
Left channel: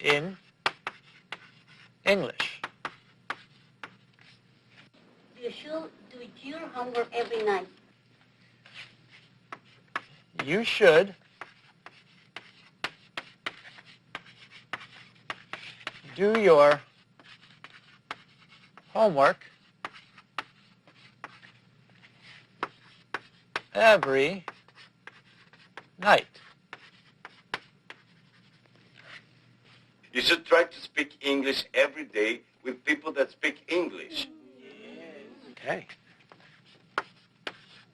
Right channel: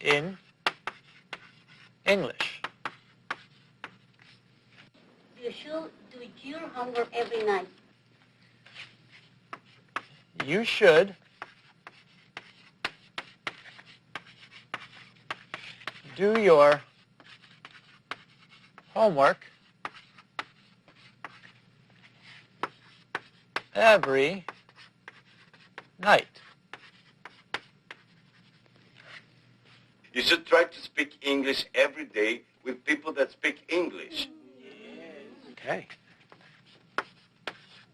in English. You should do your homework every night. You should do your homework every night. You should try to speak English every day with people that speak English. Okay.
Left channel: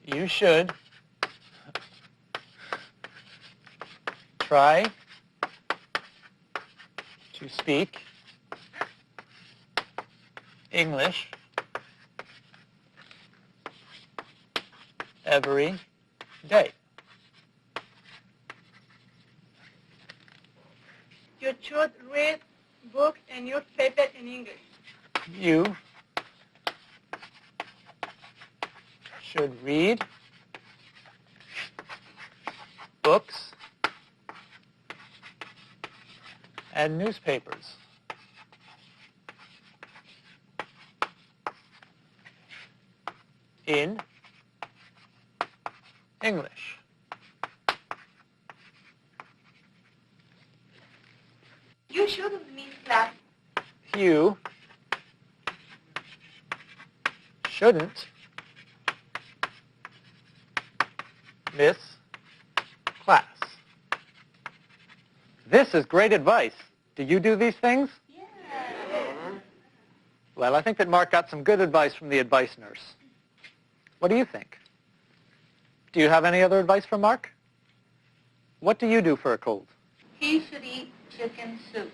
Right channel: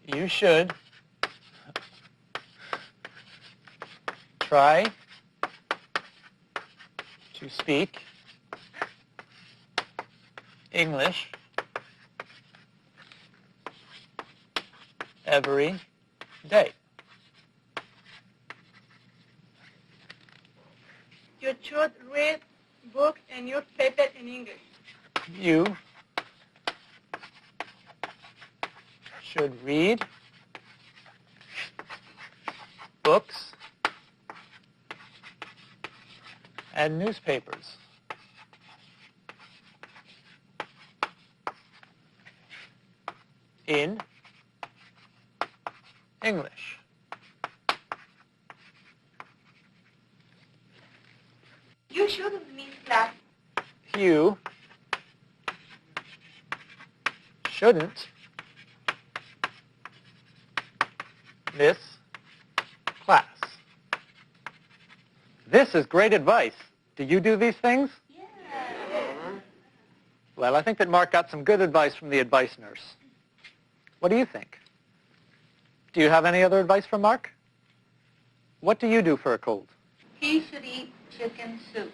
You should try to speak English every day. You should read books and newspapers in English. You should read books and newspapers in English. You shouldn't miss class. You shouldn't miss class. This is great advice. Do you do these things? Yeah. Well, I think that Mark got some good advice from the advice nurse. What do you think? Do you have any other advice from Mark? What do you do for a cold? He should eat chicken soup.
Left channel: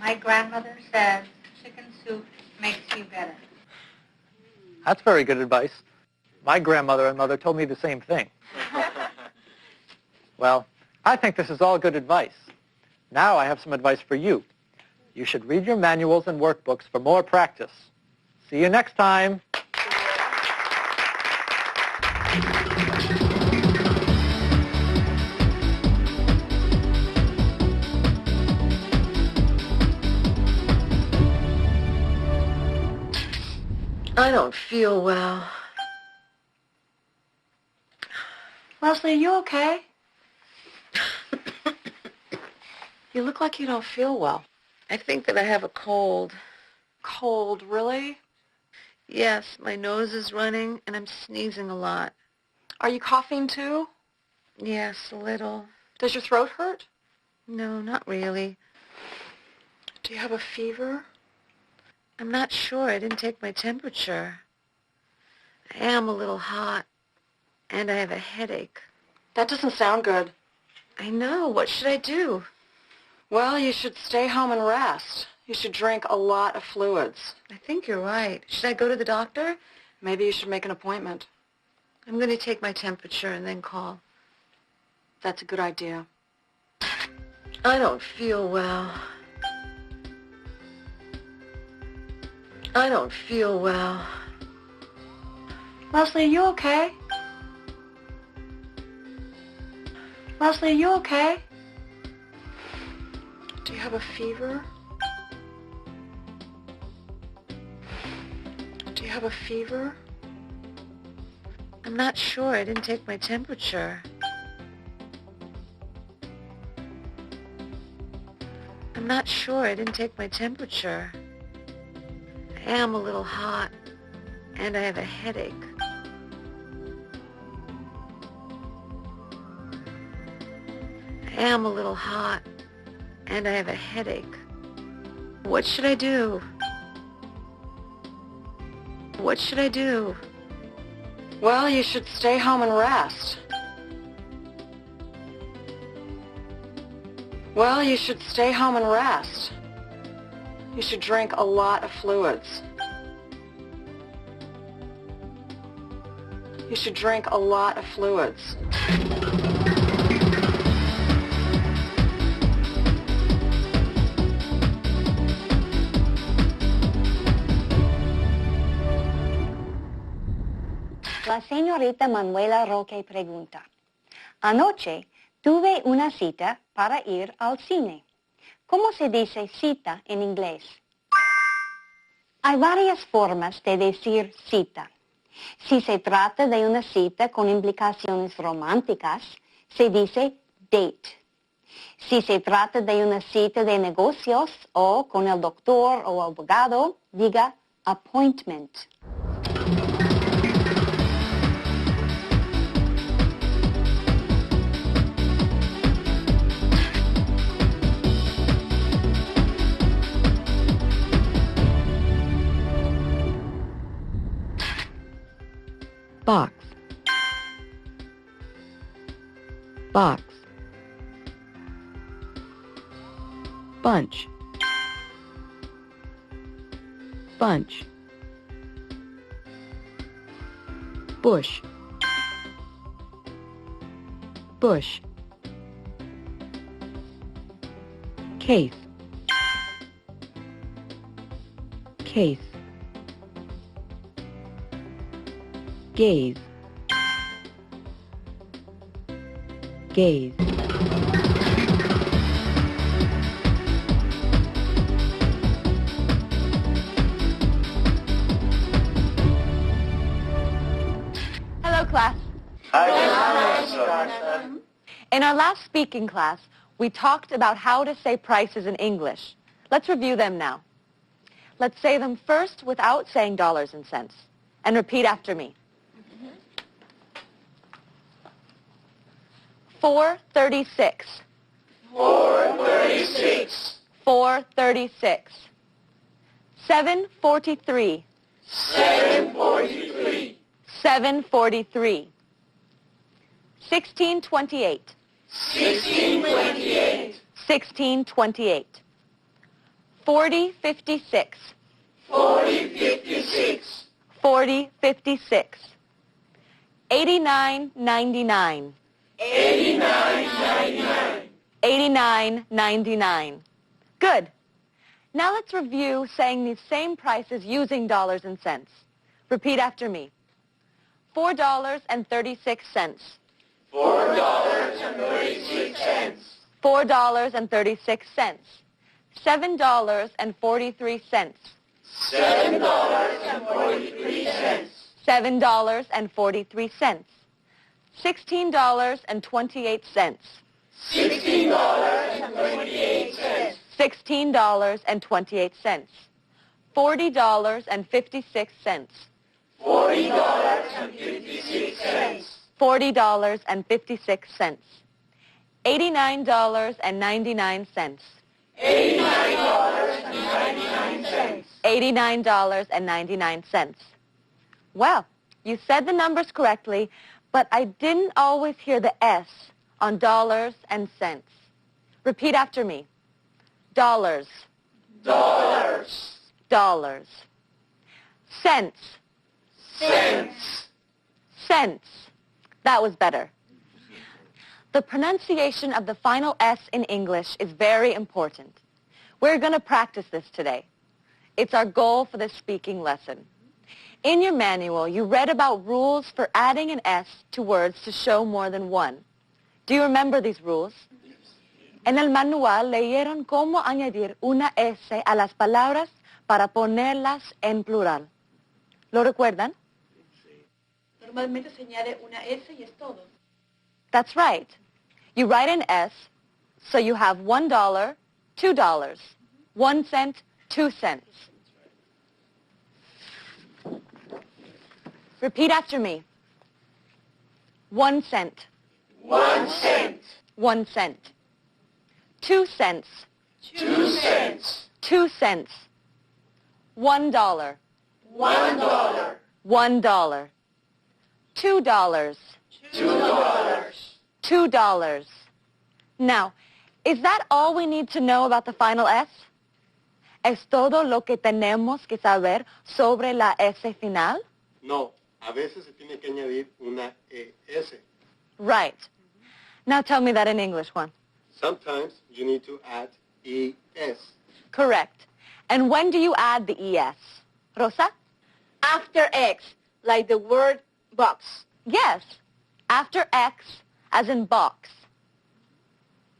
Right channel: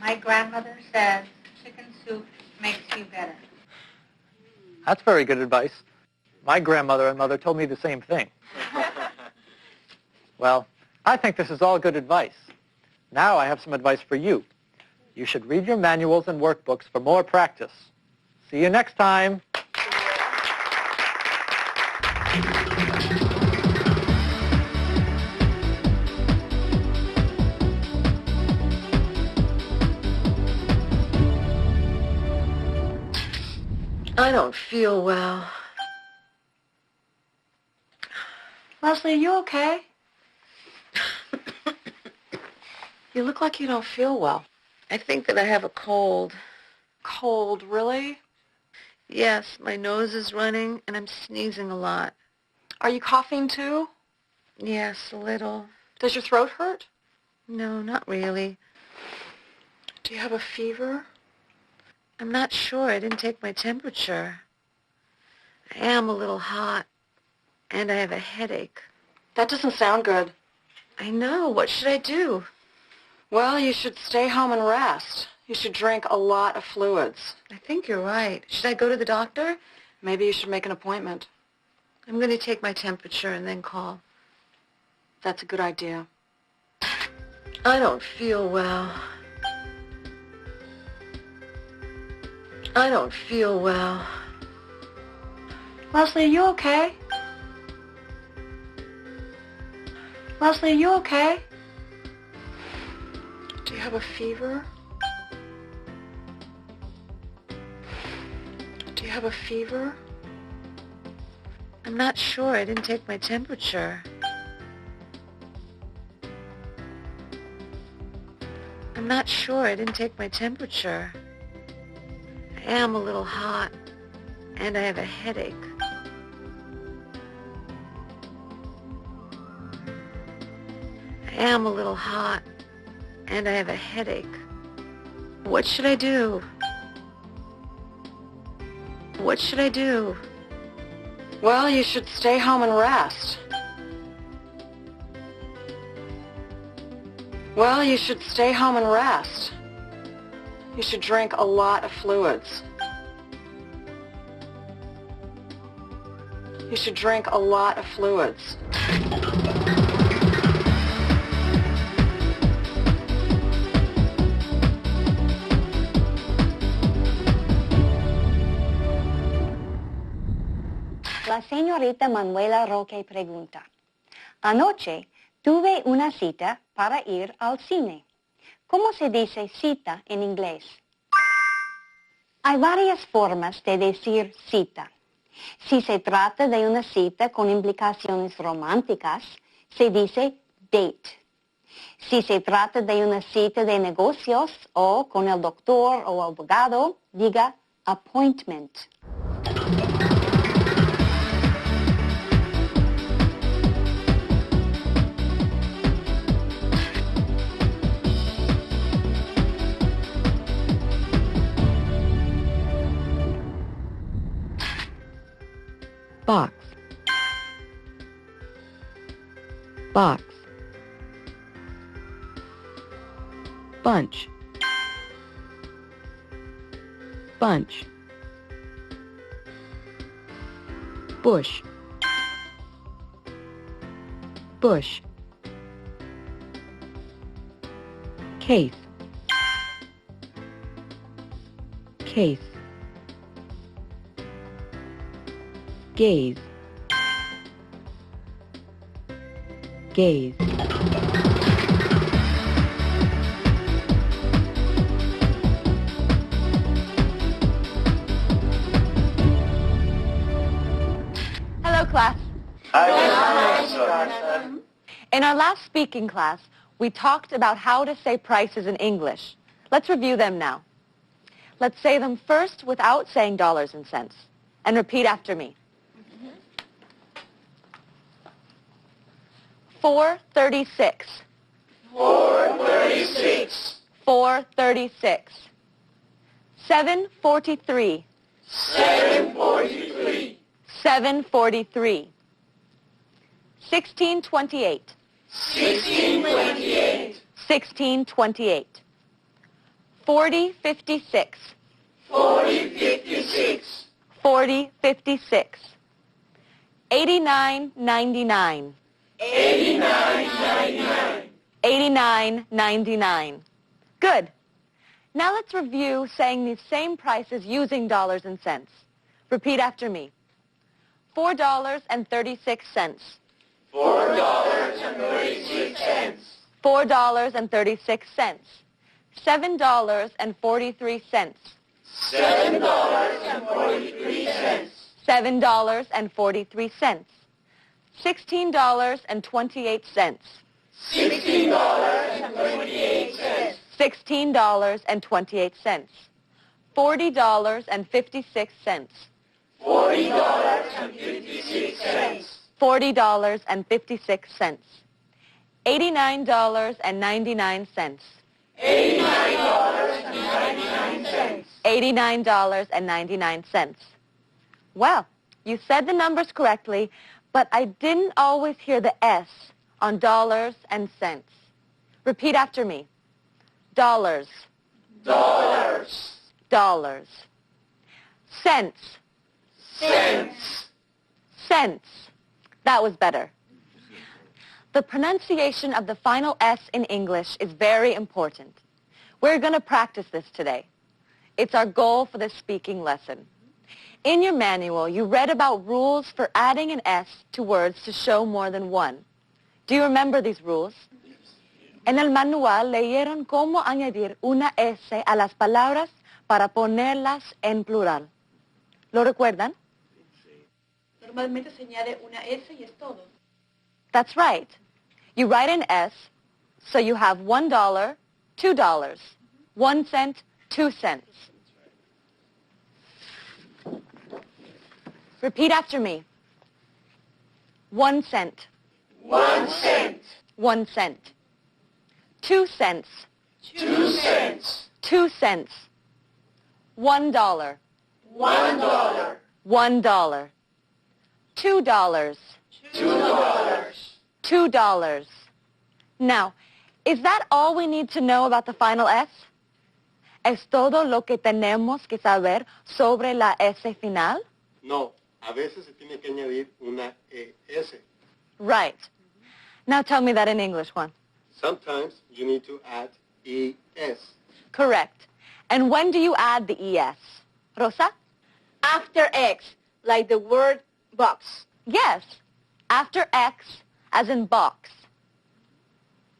My grandmother says chicken soup makes you better. That's very good advice. My grandmother and mother told me the same thing. Well, I think this is all good advice. Now I have some advice for you. You should read your manuals and workbooks for more practice. See you next time. I don't feel well. Leslie, are you okay? You look like you don't feel well. I think that I have a cold. Cold, really? Yes, my nose is running and I'm sneezing a lot. Are you coughing too? Yes, a little. Does your throat hurt? No, not really. Do you have a fever? I'm not sure. I didn't take my temperature. I am a little hot and I have a headache. That doesn't sound good. I know. What should I do? Well, you should stay home and rest. You should drink a lot of fluids. I think you're right. Should I go to the doctor? Maybe you should make an appointment. I'm going to take my temperature and then call. That's a good idea. I don't feel well. I don't feel well. Leslie, are you okay? Leslie, are you okay? Do you have a fever? Do you have a fever? I'm not sure. I didn't take my temperature. I'm not sure. I didn't take my temperature. I am a little hot and I have a headache. I am a little hot and I have a headache. What should I do? What should I do? Well, you should stay home and rest. Well, you should stay home and rest. You should drink a lot of fluids. You should drink a lot of fluids. La señorita Manuela Roque pregunta, anoche tuve una cita para ir al cine. ¿Cómo se dice cita en inglés? Hay varias formas de decir cita. Si se trata de una cita con implicaciones románticas, se dice date. Si se trata de una cita de negocios o con el doctor o abogado, diga appointment. Box. Box. Bunch. Bunch. Bush. Bush. Case. Case. Gaze. Gaze. Hello, class. Hi. In our last speaking class, we talked about how to say prices in English. Let's review them now. Let's say them first without saying dollars and cents. And repeat after me. 436. 436. 436. 743. 743. 743. 1628. 1628. 1628. 4056. 4056. 4056. 8999. 8999. 8999. Good. Now let's review saying these same prices using dollars and cents. Repeat after me. $4.36. $4.36. $4.36. $7.43. $7.43. $7.43. $16.28. $16.28. $16.28. $40.56. $40.56. $40.56. $89.99. $89.99. $89.99. Well, you said the numbers correctly, but I didn't always hear the S on dollars and cents. Repeat after me. Dollars. Dollars. Dollars. Cents. Cents. Cents. That was better. The pronunciation of the final S in English is very important. We're going to practice this today. It's our goal for this speaking lesson. In your manual, you read about rules for adding an S to words to show more than one. Do you remember these rules? En el manual leyeron cómo añadir una S a las palabras para ponerlas en plural. ¿Lo recuerdan? Normalmente se añade una S y es todo. That's right. You write an S, so you have $1, $2, 1 cent, 2 cents. Repeat after me. 1 cent. 1 cent. 1 cent. 2 cents. 2 cents. 2 cents. $1. $1. $1. $2. $2. $2. Now, is that all we need to know about the final S? ¿Es todo lo que tenemos que saber sobre la S final? No, a veces se tiene que añadir una ES. Right. Now tell me that in English, Juan. Sometimes you need to add ES. Correct. And when do you add the ES? Rosa? After X, like the word box. Yes. After X, as in box.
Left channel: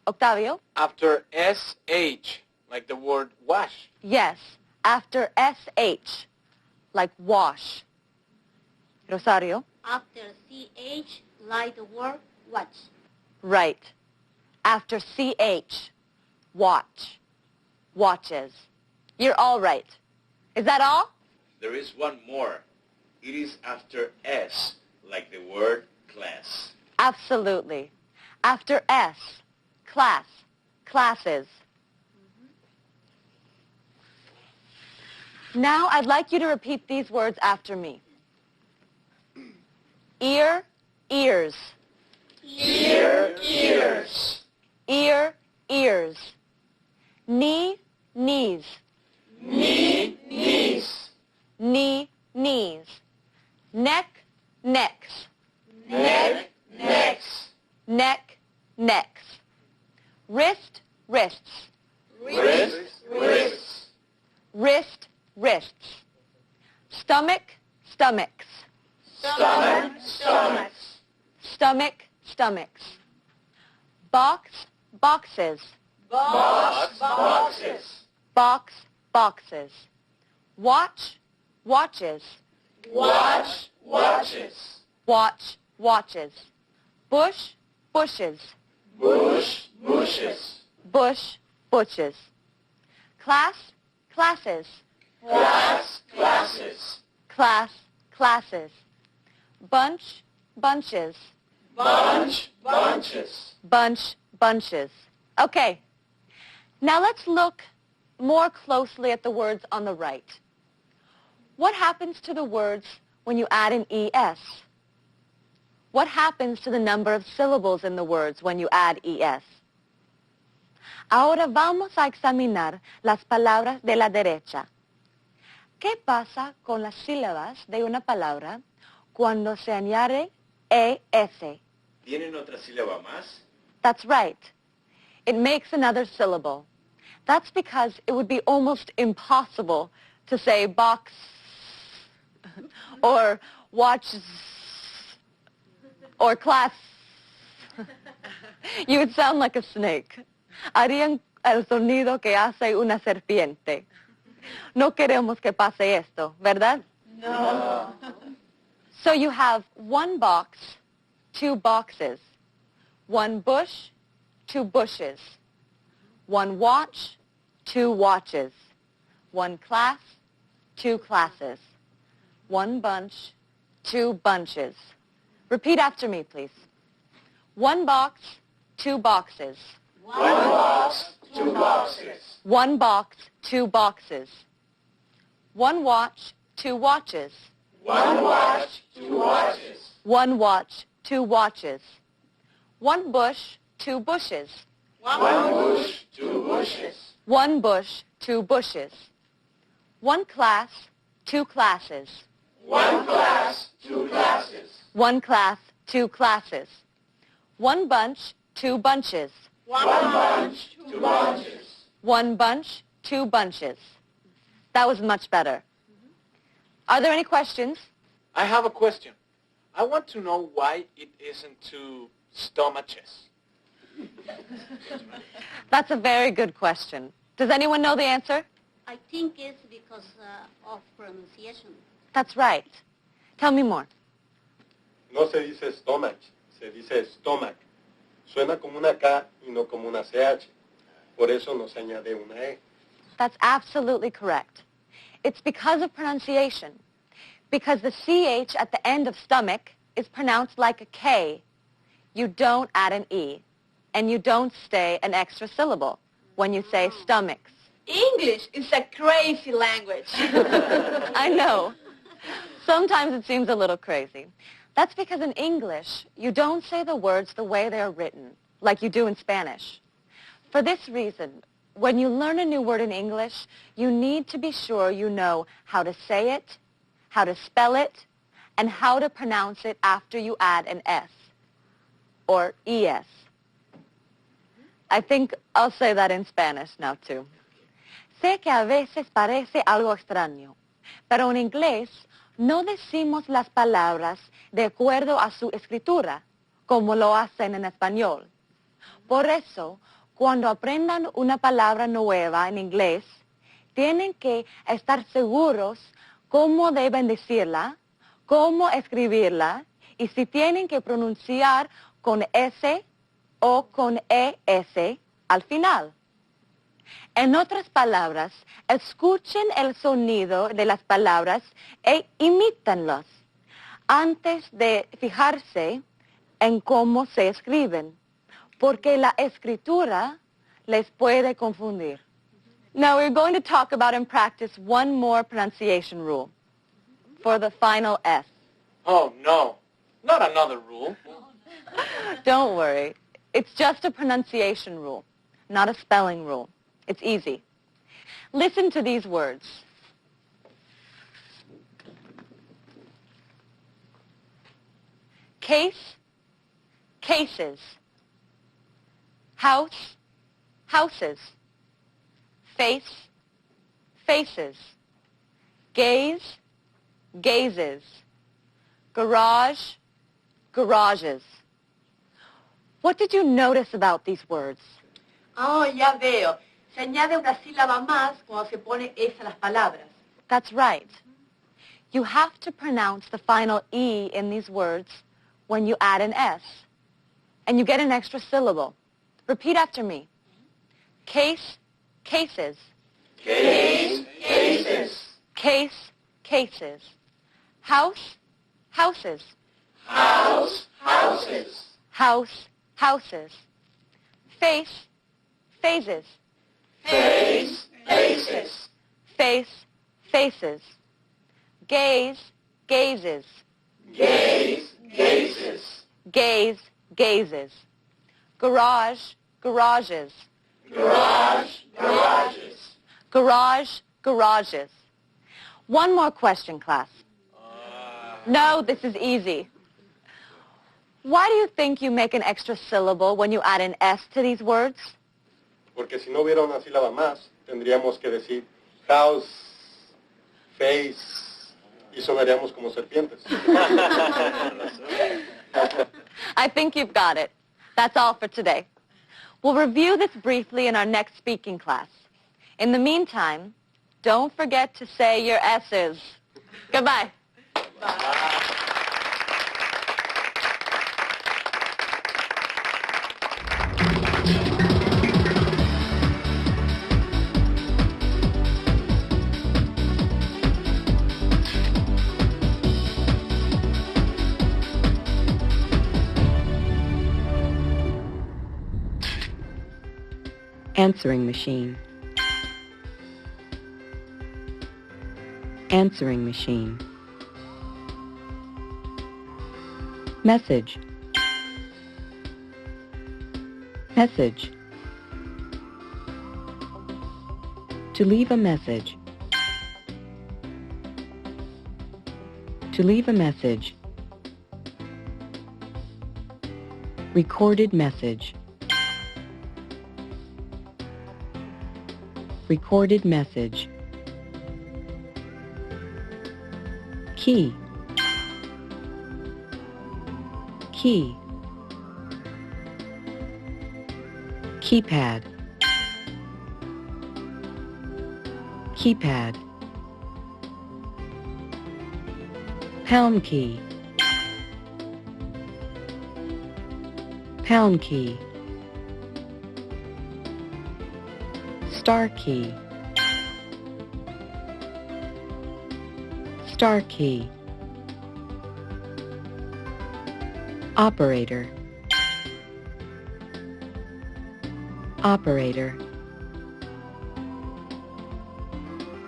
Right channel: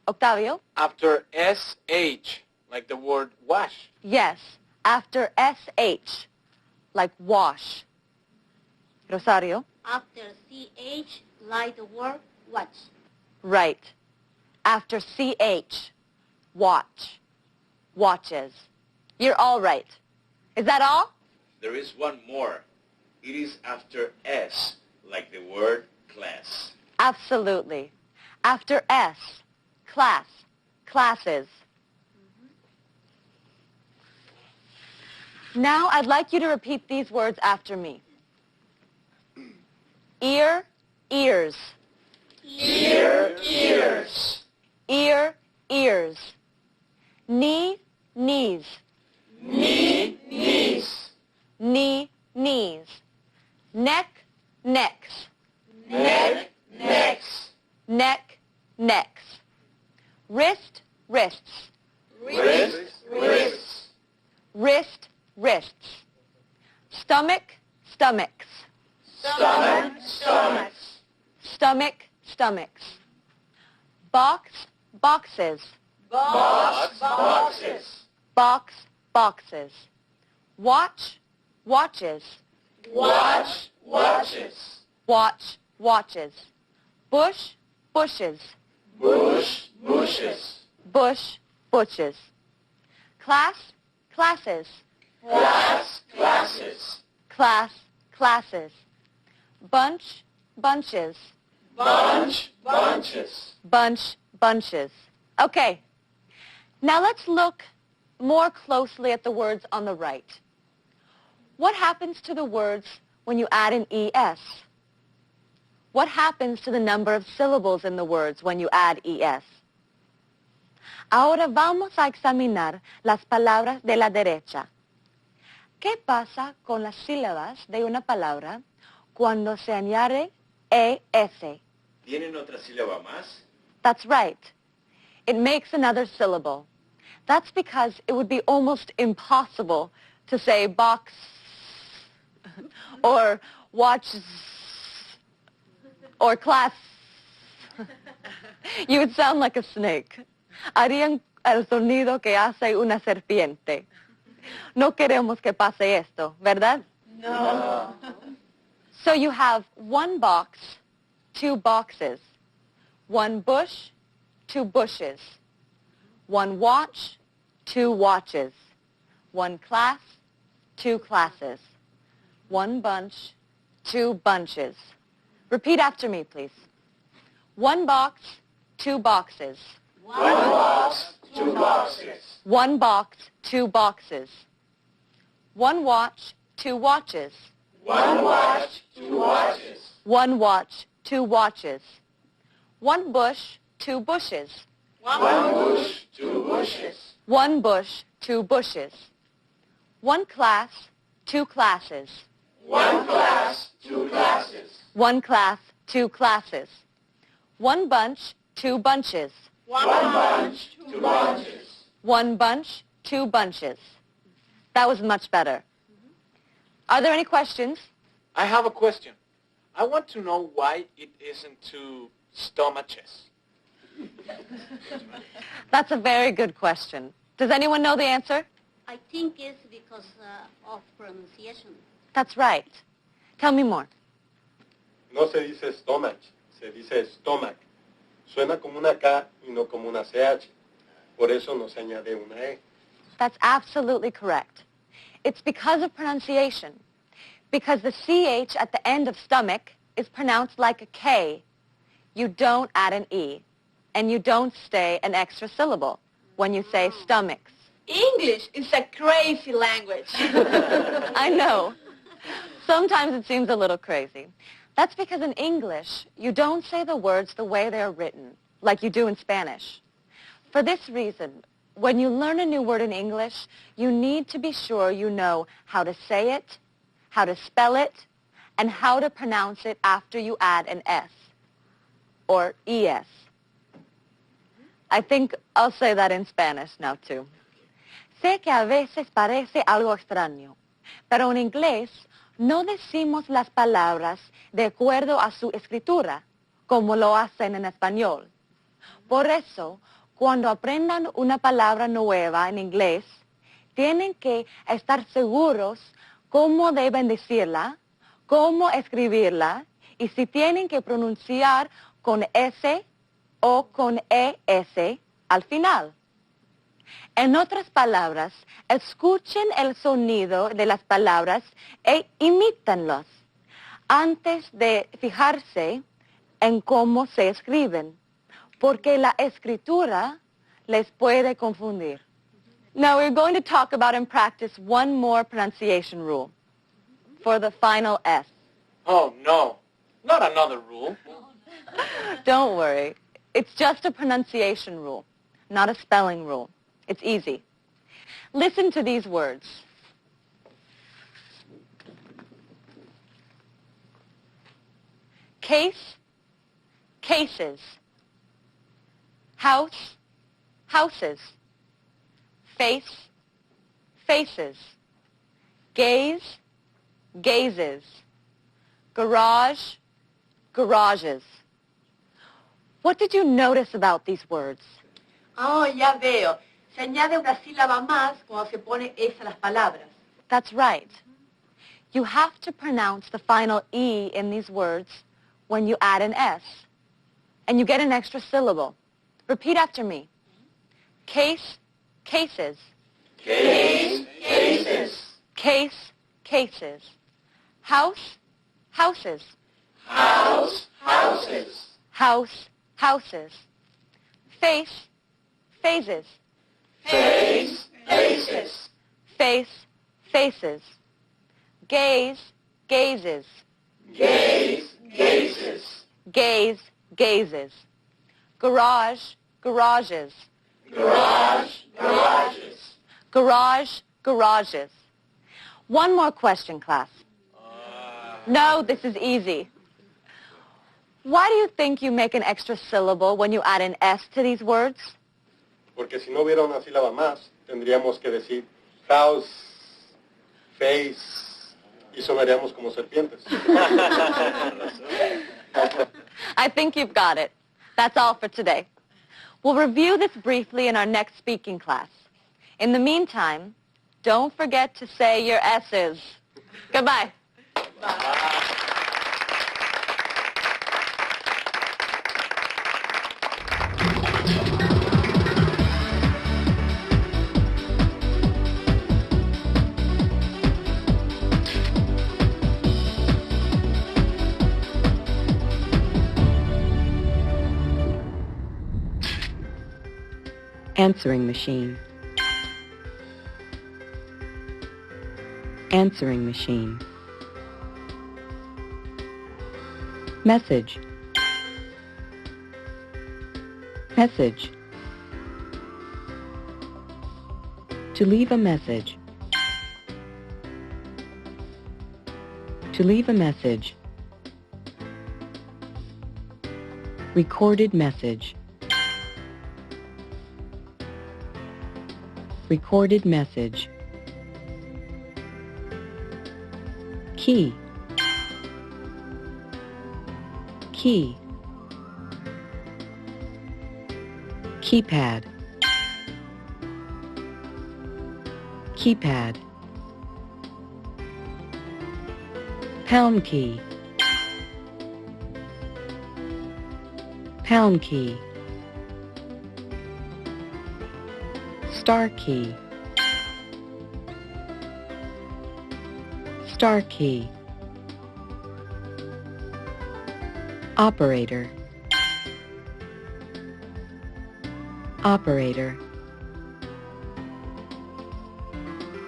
Octavio? After SH, like the word wash. Yes. After SH, like wash. Rosario? After CH, like the word watch. Right. After CH, watch. Watches. You're all right. Is that all? There is one more. It is after S, like the word class. Absolutely. After S, class, classes. Now I'd like you to repeat these words after me. Ear, ears. Ear, ears. Ear, ears. Knee, knees. Knee, knees. Knee, knees. Neck, necks. Neck, necks. Neck, necks. Wrist, wrists. Wrist, wrists. Wrist, wrists. Stomach, stomachs. Stomach, stomachs. Stomach, stomachs. Box, boxes. Box, boxes. Box, boxes. Watch, watches. Watch, watches. Watch, watches. Bush, bushes. Bush, bushes. Bush, bushes. Class, classes. Class, classes. Class, classes. Bunch, bunches. Bunch, bunches. Bunch, bunches. Okay. Now let's look more closely at the words on the right. What happens to the words when you add an ES? What happens to the number of syllables in the words when you add ES? Ahora vamos a examinar las palabras de la derecha. ¿Qué pasa con las sílabas de una palabra cuando se añade ES? ¿Tienen otra sílaba más? That's right. It makes another syllable. That's because it would be almost impossible to say box or watch or class. You would sound like a snake. Harían el sonido que hace una serpiente. No queremos que pase esto, ¿verdad? No. So you have one box, two boxes. One bush, two bushes. One watch, two watches. One class, two classes. One bunch, two bunches. Repeat after me, please. One box, two boxes. One box, two boxes. One box, two boxes. One watch, two watches. One watch, two watches. One watch, two watches. One bush, two bushes. One bush, two bushes. One bush, two bushes. One class, two classes. One class, two classes. One class, two classes. One bunch, two bunches. One bunch, two bunches. One bunch, two bunches. That was much better. Are there any questions? I have a question. I want to know why it isn't two stomaches. That's a very good question. Does anyone know the answer? I think it's because of pronunciation. That's right. Tell me more. No se dice stomach, se dice stomach. Suena como una K y no como una CH. Por eso no se añade una E. That's absolutely correct. It's because of pronunciation. Because the CH at the end of stomach is pronounced like a K. You don't add an E. And you don't stay an extra syllable when you say stomachs. English is a crazy language. I know. Sometimes it seems a little crazy. That's because in English, you don't say the words the way they're written, like you do in Spanish. For this reason, when you learn a new word in English, you need to be sure you know how to say it, how to spell it, and how to pronounce it after you add an S or ES. I think I'll say that in Spanish now, too. Sé que a veces parece algo extraño, pero en inglés no decimos las palabras de acuerdo a su escritura, como lo hacen en español. Por eso, cuando aprendan una palabra nueva en inglés, tienen que estar seguros cómo deben decirla, cómo escribirla, y si tienen que pronunciar con S o con ES al final. En otras palabras, escuchen el sonido de las palabras e imítenlas antes de fijarse en cómo se escriben, porque la escritura les puede confundir. Now we're going to talk about and practice one more pronunciation rule for the final S. Oh, no. Not another rule. Don't worry. It's just a pronunciation rule, not a spelling rule. It's easy. Listen to these words. Case, cases. House, houses. Face, faces. Gaze, gazes. Garage, garages. What did you notice about these words? Oh, ya veo. Se añade una sílaba más cuando se pone S a las palabras. That's right. You have to pronounce the final E in these words when you add an S. And you get an extra syllable. Repeat after me. Case, cases. Case, cases. Case, cases. House, houses. House, houses. House, houses. Face, phases. Face, faces. Face, faces. Gaze, gazes. Gaze, gazes. Gaze, gazes. Garage, garages. Garage, garages. Garage, garages. One more question, class. No, this is easy. Why do you think you make an extra syllable when you add an S to these words? Porque si no hubiera una sílaba más, tendríamos que decir house, face, y sonaríamos como serpientes. I think you've got it. That's all for today. We'll review this briefly in our next speaking class. In the meantime, don't forget to say your S's. Goodbye. Answering machine. Answering machine. Message. Message. To leave a message. To leave a message. Recorded message. Recorded message. Key. Key. Keypad. Keypad. Pound key. Pound key. Star key. Star key. Operator. Operator.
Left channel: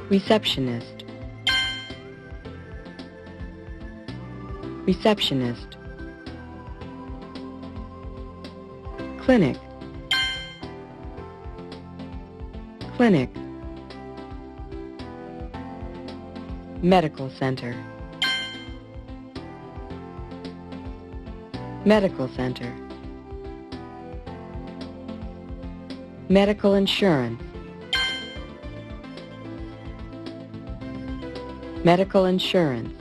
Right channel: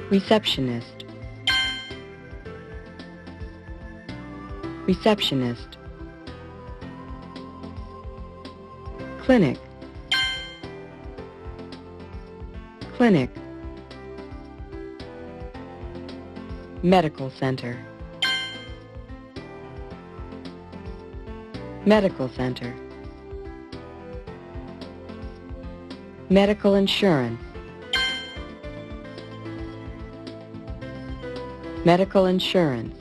Receptionist. Receptionist. Clinic. Clinic. Medical center. Medical center. Medical insurance. Medical insurance.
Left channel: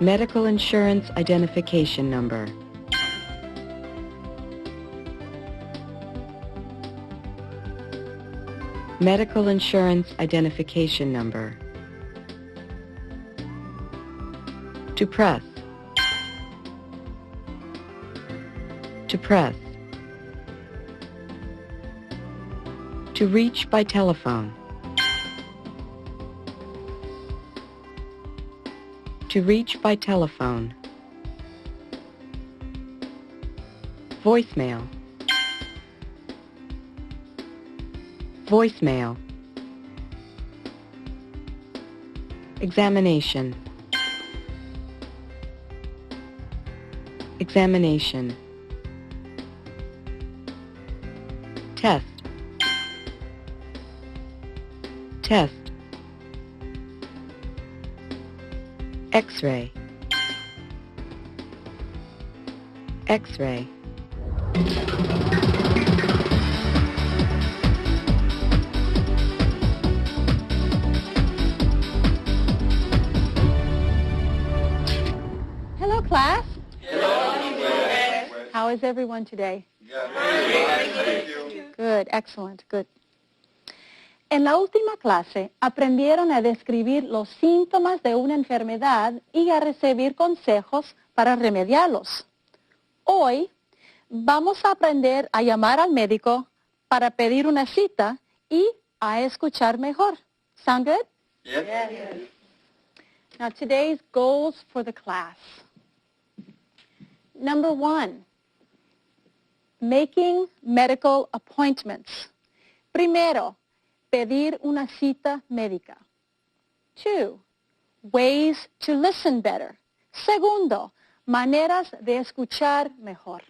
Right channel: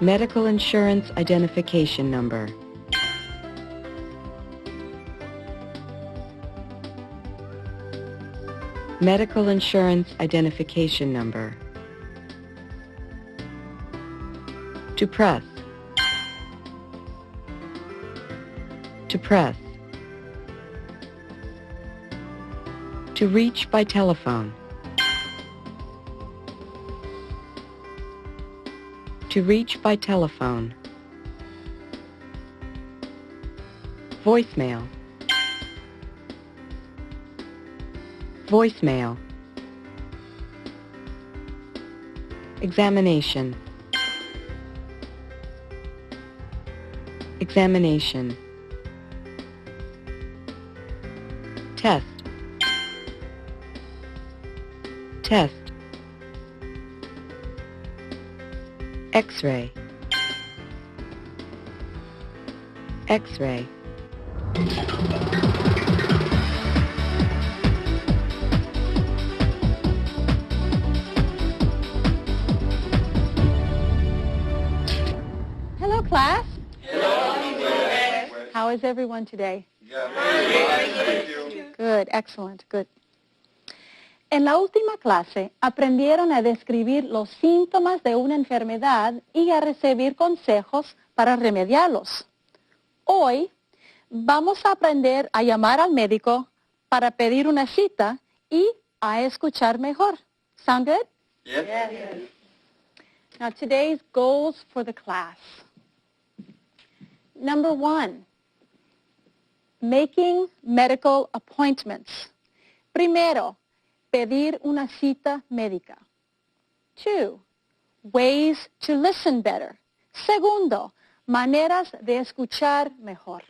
Medical insurance identification number. Medical insurance identification number. To press. To press. To reach by telephone. To reach by telephone. Voicemail. Voicemail. Examination. Examination. Test. Test. X-ray. X-ray. Hello, class. How is everyone today? Good, excellent, good. En la última clase aprendieron a describir los síntomas de una enfermedad y a recibir consejos para remediarlos. Hoy vamos a aprender a llamar al médico para pedir una cita y a escuchar mejor. Sound good? Yes. Now today's goals for the class. Number 1, making medical appointments. Primero, pedir una cita médica. 2, ways to listen better. Segundo, maneras de escuchar mejor.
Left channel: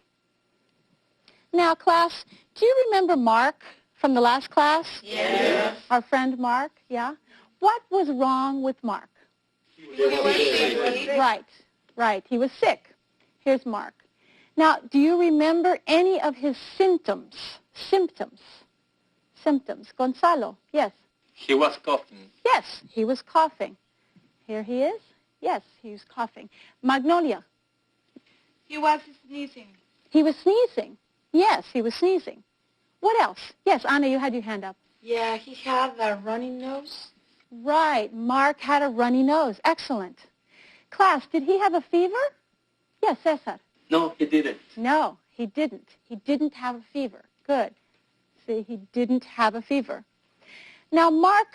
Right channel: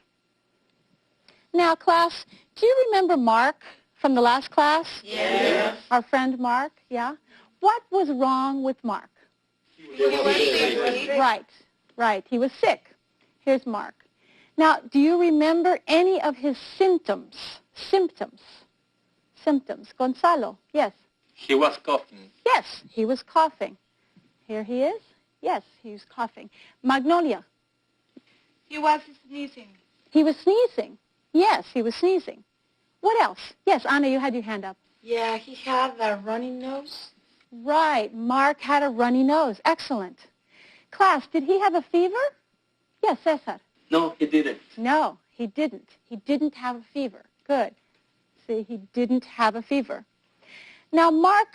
Now, class, do you remember Mark from the last class? Yes. Our friend Mark, yeah? What was wrong with Mark? He was sick. Right. He was sick. Here's Mark. Now, do you remember any of his symptoms? Symptoms. Gonzalo, yes. He was coughing. Yes, he was coughing. Here he is. Yes, he was coughing. Magnolia. He was sneezing. He was sneezing. Yes, he was sneezing. What else? Yes, Anna, you had your hand up. Yeah, he had a runny nose. Right, Mark had a runny nose. Excellent. Class, did he have a fever? Yes, Cesar. No, he didn't. No, he didn't. He didn't have a fever. Good. See, he didn't have a fever. Now, Mark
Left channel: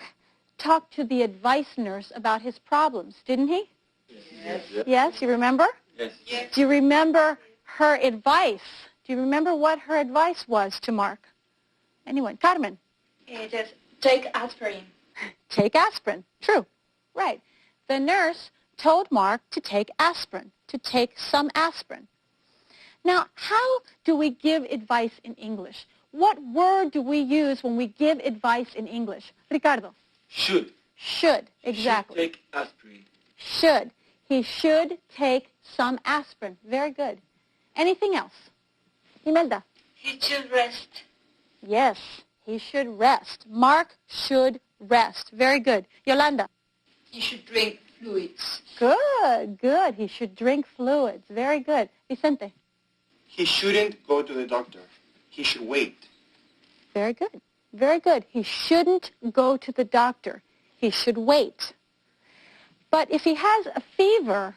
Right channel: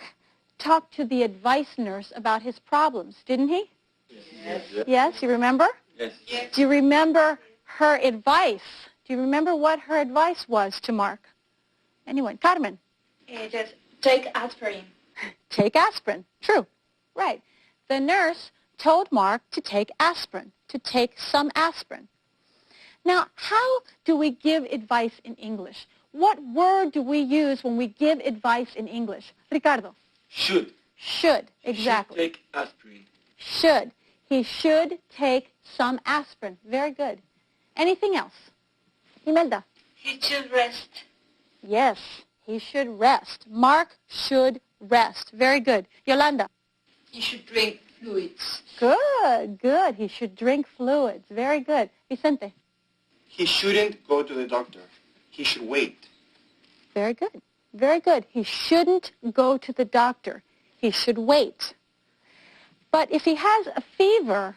talked to the advice nurse about his problems, didn't he? Yes. Yes, you remember? Yes. Do you remember her advice? Do you remember what her advice was to Mark? Anyone? Carmen? Just take aspirin. Take aspirin. True. Right. The nurse told Mark to take aspirin, to take some aspirin. Now, how do we give advice in English? What word do we use when we give advice in English? Ricardo? Should. Should, exactly. Should take aspirin. Should. He should take some aspirin. Very good. Anything else? Imelda? He should rest. Yes, he should rest. Mark should rest. Very good. Yolanda? He should drink fluids. Good, good. He should drink fluids. Very good. Vicente? He shouldn't go to the doctor. He should wait. Very good. Very good. He shouldn't go to the doctor. He should wait. But if he has a fever,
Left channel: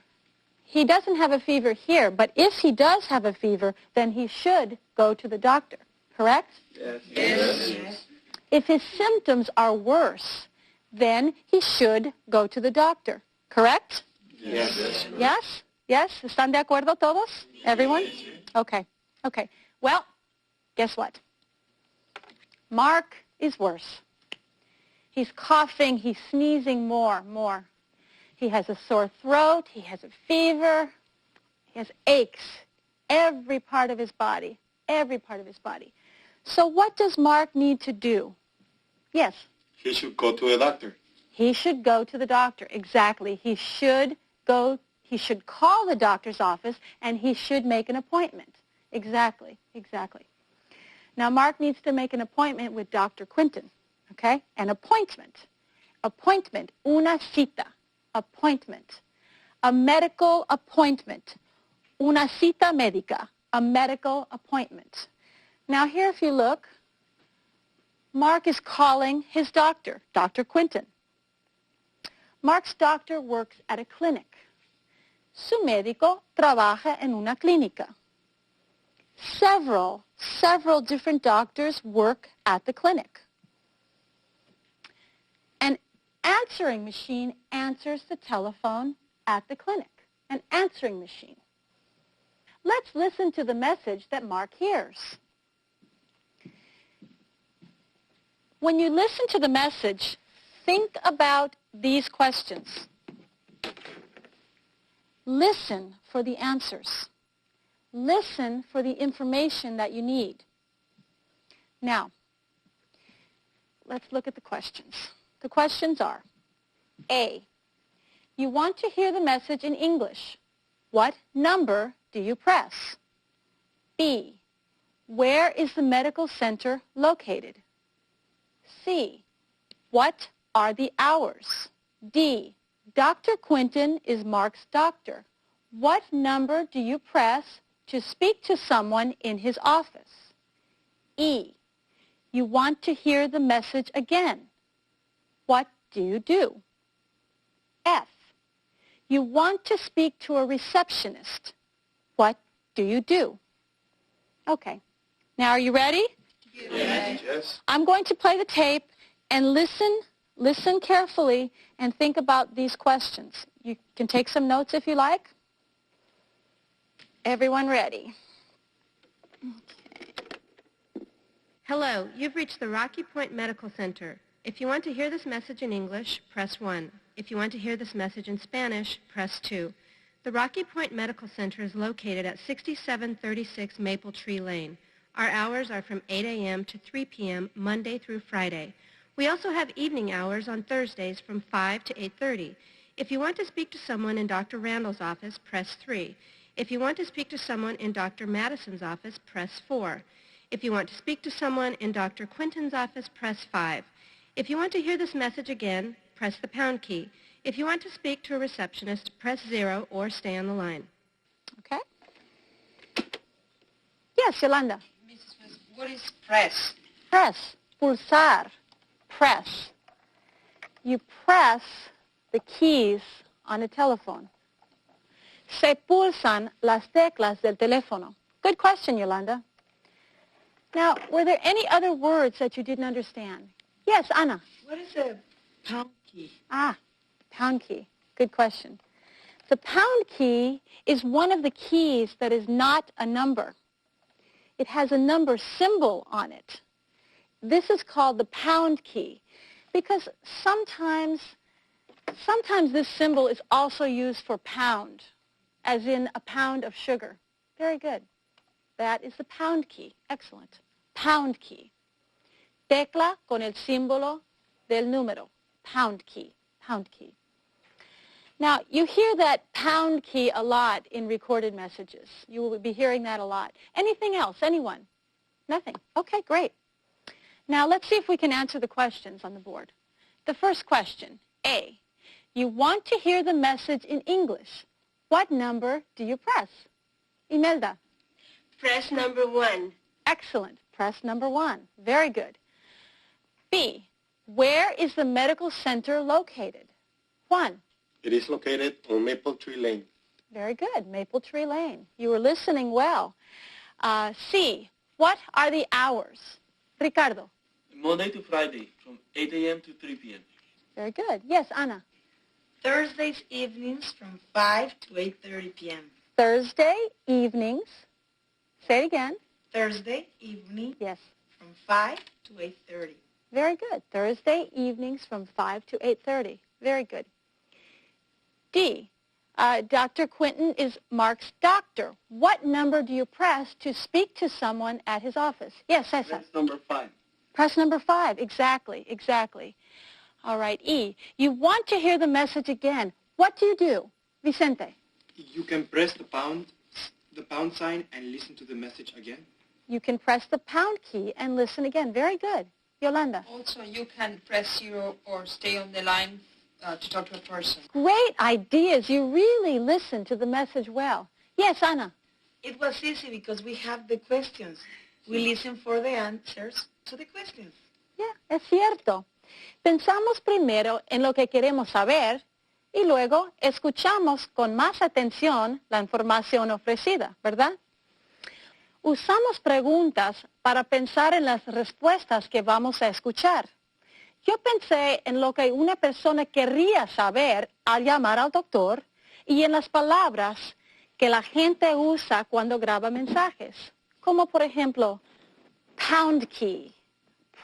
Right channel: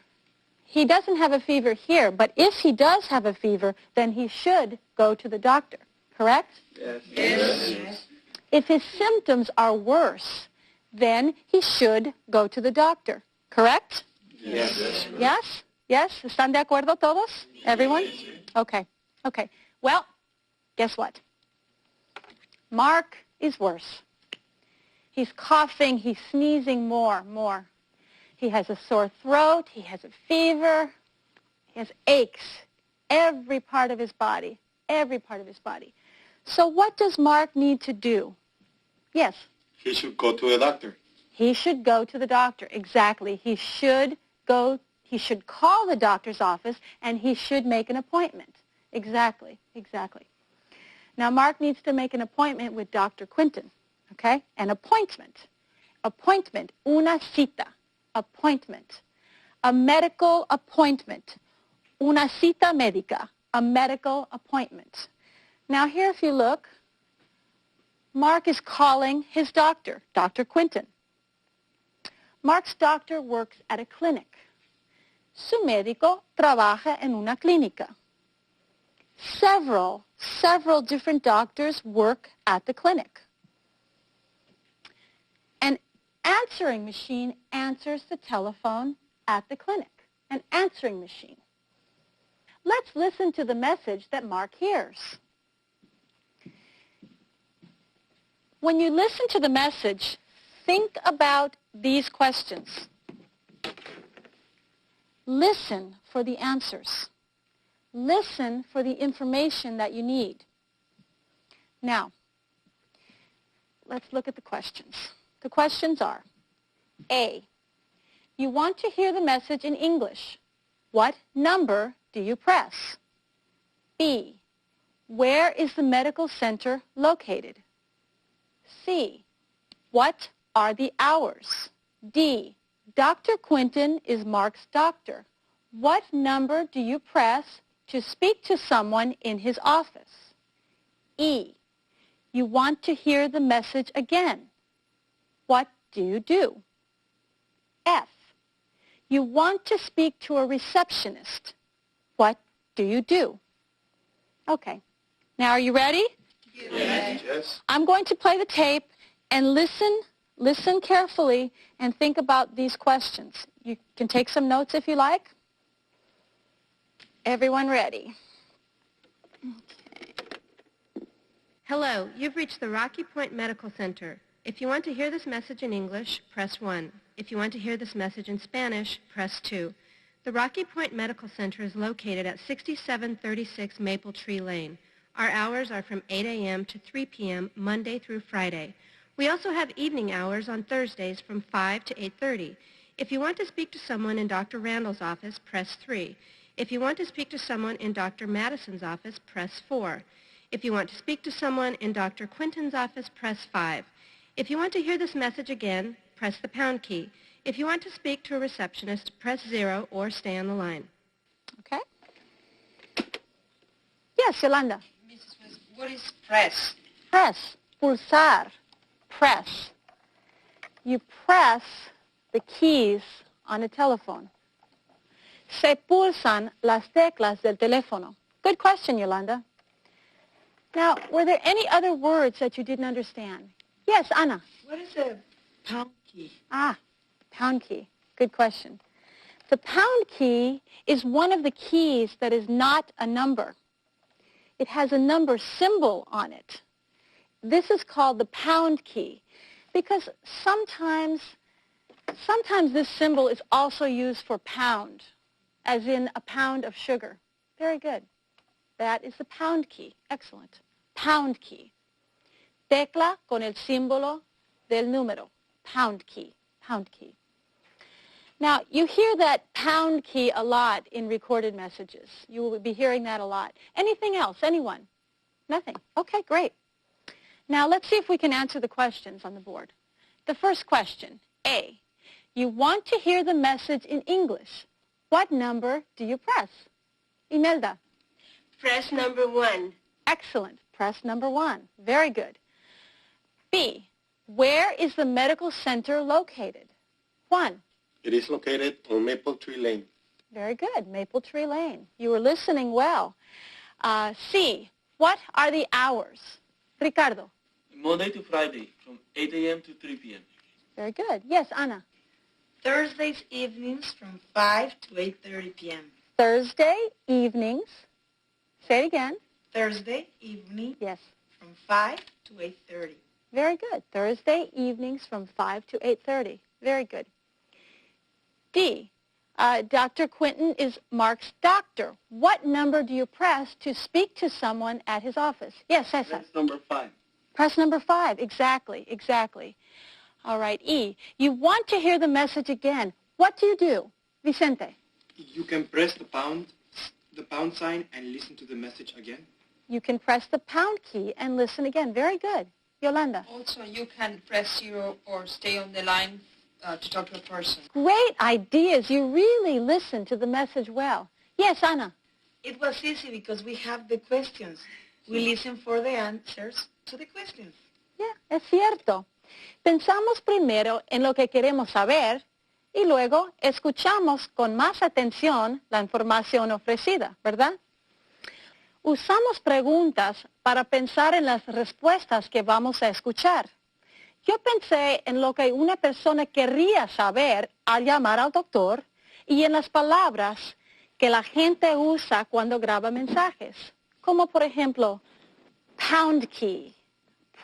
he doesn't have a fever here, but if he does have a fever, then he should go to the doctor. Correct? Yes. Yes. If his symptoms are worse, then he should go to the doctor. Correct? Yes. Yes? Yes? ¿Están de acuerdo todos? Everyone? Okay. Okay. Well, guess what? Mark is worse. He's coughing. He's sneezing more. He has a sore throat. He has a fever. He has aches. Every part of his body. Every part of his body. So what does Mark need to do? Yes? He should go to the doctor. He should go to the doctor. Exactly. He should call the doctor's office and he should make an appointment. Exactly. Now, Mark needs to make an appointment with Dr. Quinton, okay? An appointment. Appointment. Una cita. Appointment. A medical appointment. Una cita médica. A medical appointment. Now, here, if you look, Mark is calling his doctor, Dr. Quinton. Mark's doctor works at a clinic. Su médico trabaja en una clínica. Several different doctors work at the clinic. An answering machine answers the telephone at the clinic. An answering machine. Let's listen to the message that Mark hears. When you listen to the message, think about these questions. Listen for the answers. Listen for the information that you need. Now, let's look at the questions. The questions are, A, you want to hear the message in English. What number do you press? B, where is the medical center located? C, what are the hours? D, Dr. Quinton is Mark's doctor. What number do you press to speak to someone in his office? E, you want to hear the message again. What do you do? F, you want to speak to a receptionist. What do you do? Okay. Now, are you ready? Yes. I'm going to play the tape and listen carefully and think about these questions. You can take some notes if you like. Everyone ready? Okay. Hello, you've reached the Rocky Point Medical Center. If you want to hear this message in English, press 1. If you want to hear this message in Spanish, press 2. The Rocky Point Medical Center is located at 6736 Maple Tree Lane. Our hours are from 8 a.m. to 3 p.m. Monday through Friday. We also have evening hours on Thursdays from 5 to 8:30. If you want to speak to someone in Dr. Randall's office, press 3. If you want to speak to someone in Dr. Madison's office, press 4. If you want to speak to someone in Dr. Quinton's office, press 5. If you want to hear this message again, press the pound key. If you want to speak to a receptionist, press 0 or stay on the line. Okay? Yes, Yolanda. What is press? Press, pulsar, press. You press the keys on a telephone. Se pulsan las teclas del teléfono. Good question, Yolanda. Now, were there any other words that you didn't understand? Yes, Anna. What is a pound key? Ah, pound key. Good question. The pound key is one of the keys that is not a number. It has a number symbol on it. This is called the pound key because sometimes this symbol is also used for pound, as in a pound of sugar. Very good. That is the pound key. Excellent. Pound key. Tecla con el símbolo del número. Pound key. Pound key. Now, you hear that pound key a lot in recorded messages. You will be hearing that a lot. Anything else? Anyone? Nothing. Okay, great. Now, let's see if we can answer the questions on the board. The first question, A. You want to hear the message in English. What number do you press? Imelda. Press number 1. Excellent. Press number 1. Very good. B. Where is the medical center located? Juan. It is located on Maple Tree Lane. Very good. Maple Tree Lane. You were listening well. C. What are the hours? Ricardo. Monday to Friday, from 8 a.m. to 3 p.m. Very good. Yes, Anna. Thursdays evenings from 5 to 8:30 p.m. Thursday evenings. Say it again. Thursday evening. Yes. From 5 to 8:30. Very good. Thursday evenings from 5 to 8:30. Very good. D. Dr. Quinton is Mark's doctor. What number do you press to speak to someone at his office? Yes, Cesar. Press number 5. Press number 5. Exactly, exactly. All right, E. You want to hear the message again. What do you do? Vicente. You can press the pound sign and listen to the message again. You can press the pound key and listen again. Very good. Yolanda. Also, you can press 0 or stay on the line to talk to a person. Great ideas. You really listen to the message well. Yes, Ana. It was easy because we have the questions. We listen for the answers to the questions. Yeah, es cierto. Pensamos primero en lo que queremos saber y luego escuchamos con más atención la información ofrecida, ¿verdad? Usamos preguntas para pensar en las respuestas que vamos a escuchar. Yo pensé en lo que una persona querría saber al llamar al doctor y en las palabras que la gente usa cuando graba mensajes, como por ejemplo, pound key,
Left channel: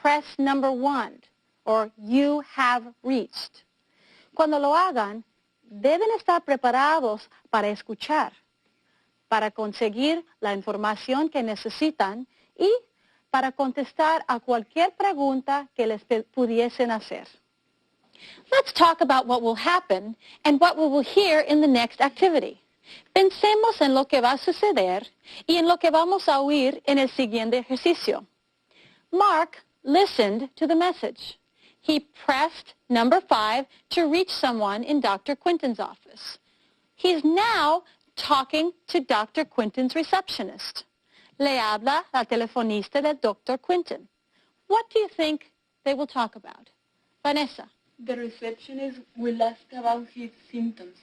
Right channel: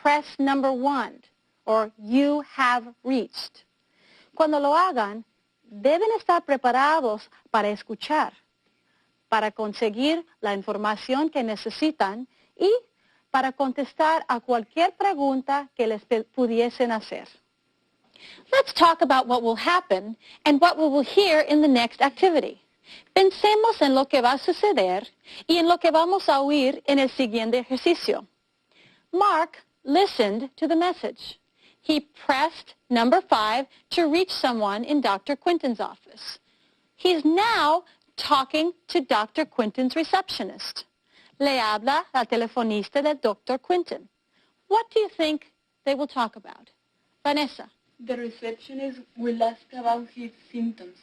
press number 1, or you have reached. Cuando lo hagan, deben estar preparados para escuchar, para conseguir la información que necesitan y para contestar a cualquier pregunta que les pudiesen hacer. Let's talk about what will happen and what we will hear in the next activity. Pensemos en lo que va a suceder y en lo que vamos a oír en el siguiente ejercicio. Mark listened to the message. He pressed number 5 to reach someone in Dr. Quinton's office. He's now talking to Dr. Quinton's receptionist. Le habla la telefonista de Dr. Quinton. What do you think they will talk about? Vanessa. The receptionist will ask about his symptoms.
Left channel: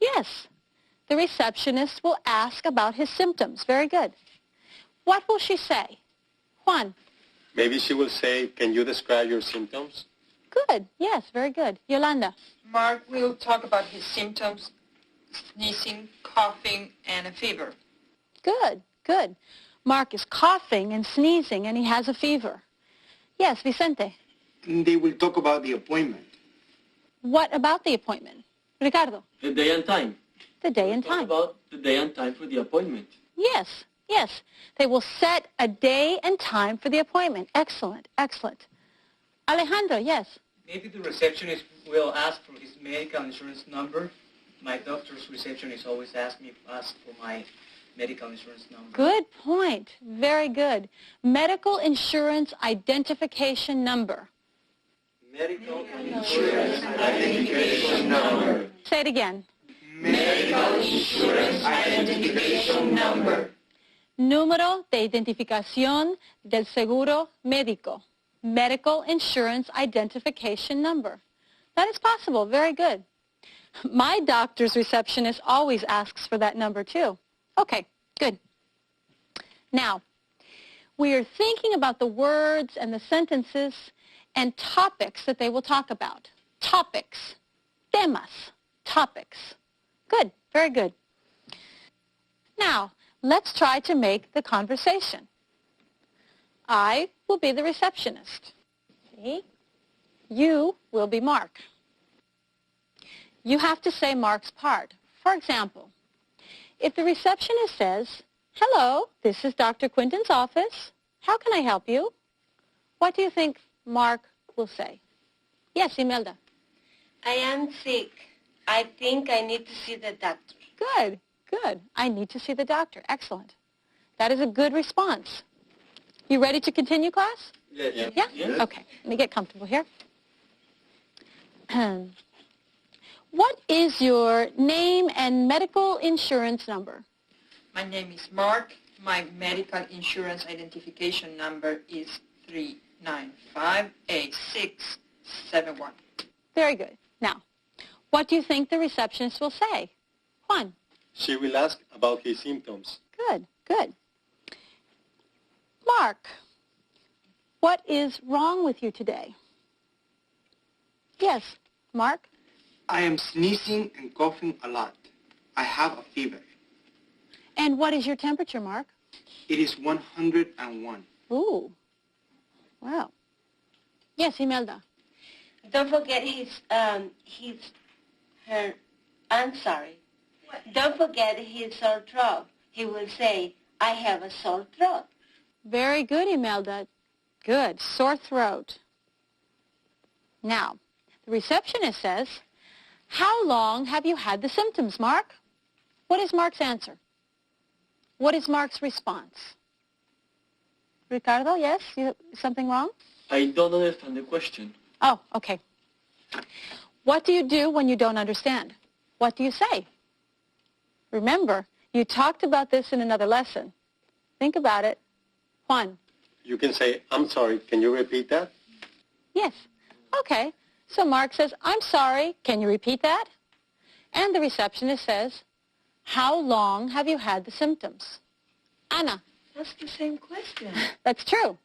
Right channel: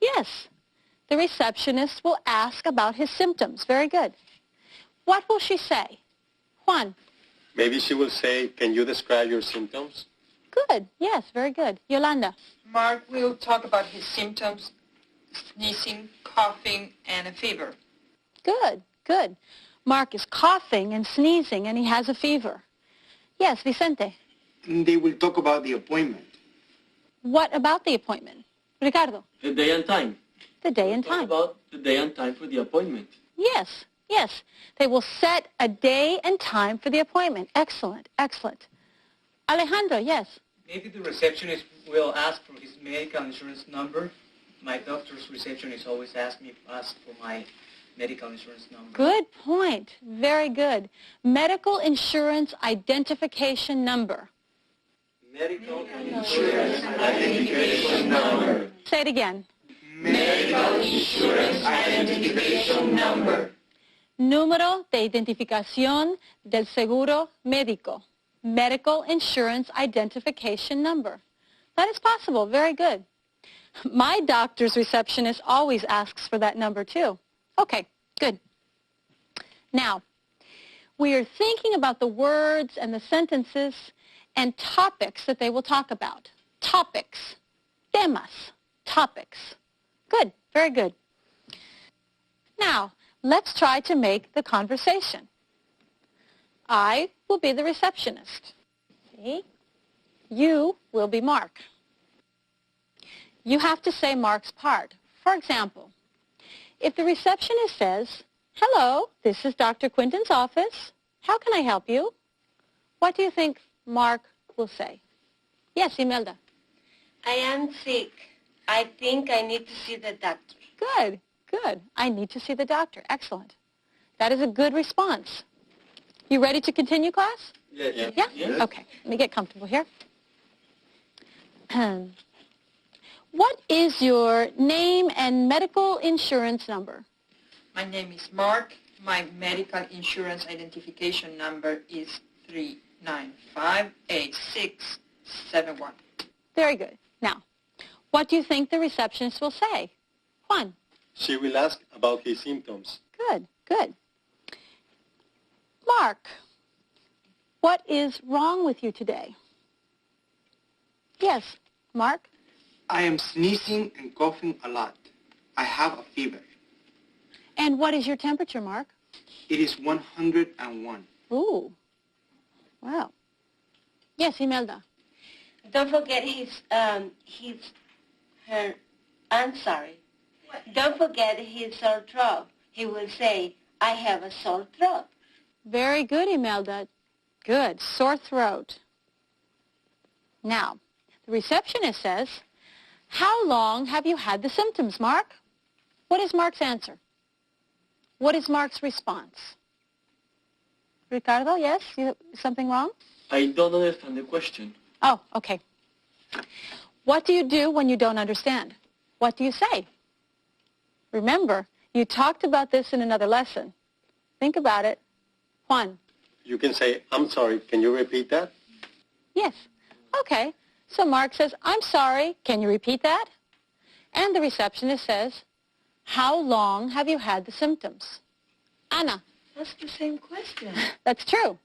Yes, the receptionist will ask about his symptoms. Very good. What will she say? Juan. Maybe she will say, can you describe your symptoms? Good. Yes, very good. Yolanda. Mark will talk about his symptoms, sneezing, coughing, and a fever. Good, good. Mark is coughing and sneezing, and he has a fever. Yes, Vicente. They will talk about the appointment. What about the appointment? Ricardo. The day and time. The day and Talk time. about the day and time for the appointment. Yes, yes. They will set a day and time for the appointment. Excellent, excellent. Alejandro, yes. Maybe the receptionist will ask for his medical insurance number. My doctor's receptionist always asks for my medical insurance number. Good point. Very good. Medical insurance identification number. Medical insurance identification number. Say it again. Medical insurance identification number. Número de identificación del seguro médico. Medical insurance identification number. That is possible. Very good. My doctor's receptionist always asks for that number too. Okay, good. Now, we are thinking about the words and the sentences and topics that they will talk about. Topics. Temas. Topics. Good. Very good. Now, let's try to make the conversation. I will be the receptionist. See? You will be Mark. You have to say Mark's part. For example, if the receptionist says, "Hello, this is Dr. Quinton's office. How can I help you?" What do you think Mark will say? Yes, Imelda. I am sick. I think I need to see the doctor. Good, good. I need to see the doctor. Excellent. That is a good response. You ready to continue, class? Yes. Yeah? Yes. Okay. Let me get comfortable here. What is your name and medical insurance number? My name is Mark. My medical insurance identification number is 3958671. Very good. Now, what do you think the receptionist will say? Juan. She will ask about his symptoms. Good, good. Mark, what is wrong with you today? Yes, Mark. I am sneezing and coughing a lot. I have a fever. And what is your temperature, Mark? It is 101. Ooh. Wow. Yes, Imelda. Don't forget I'm sorry. Don't forget his sore throat. He will say, "I have a sore throat." Very good, Imelda. Good. Sore throat. Now, the receptionist says, "How long have you had the symptoms, Mark?" What is Mark's answer? What is Mark's response? Ricardo, yes? Something wrong? I don't understand the question. Oh, okay. What do you do when you don't understand? What do you say? Remember, you talked about this in another lesson. Think about it. Juan. You can say, "I'm sorry, can you repeat that?" Yes. Okay. So Mark says, "I'm sorry, can you repeat that?" And the receptionist says, "How long have you had the symptoms?" Anna. That's the same question. That's true.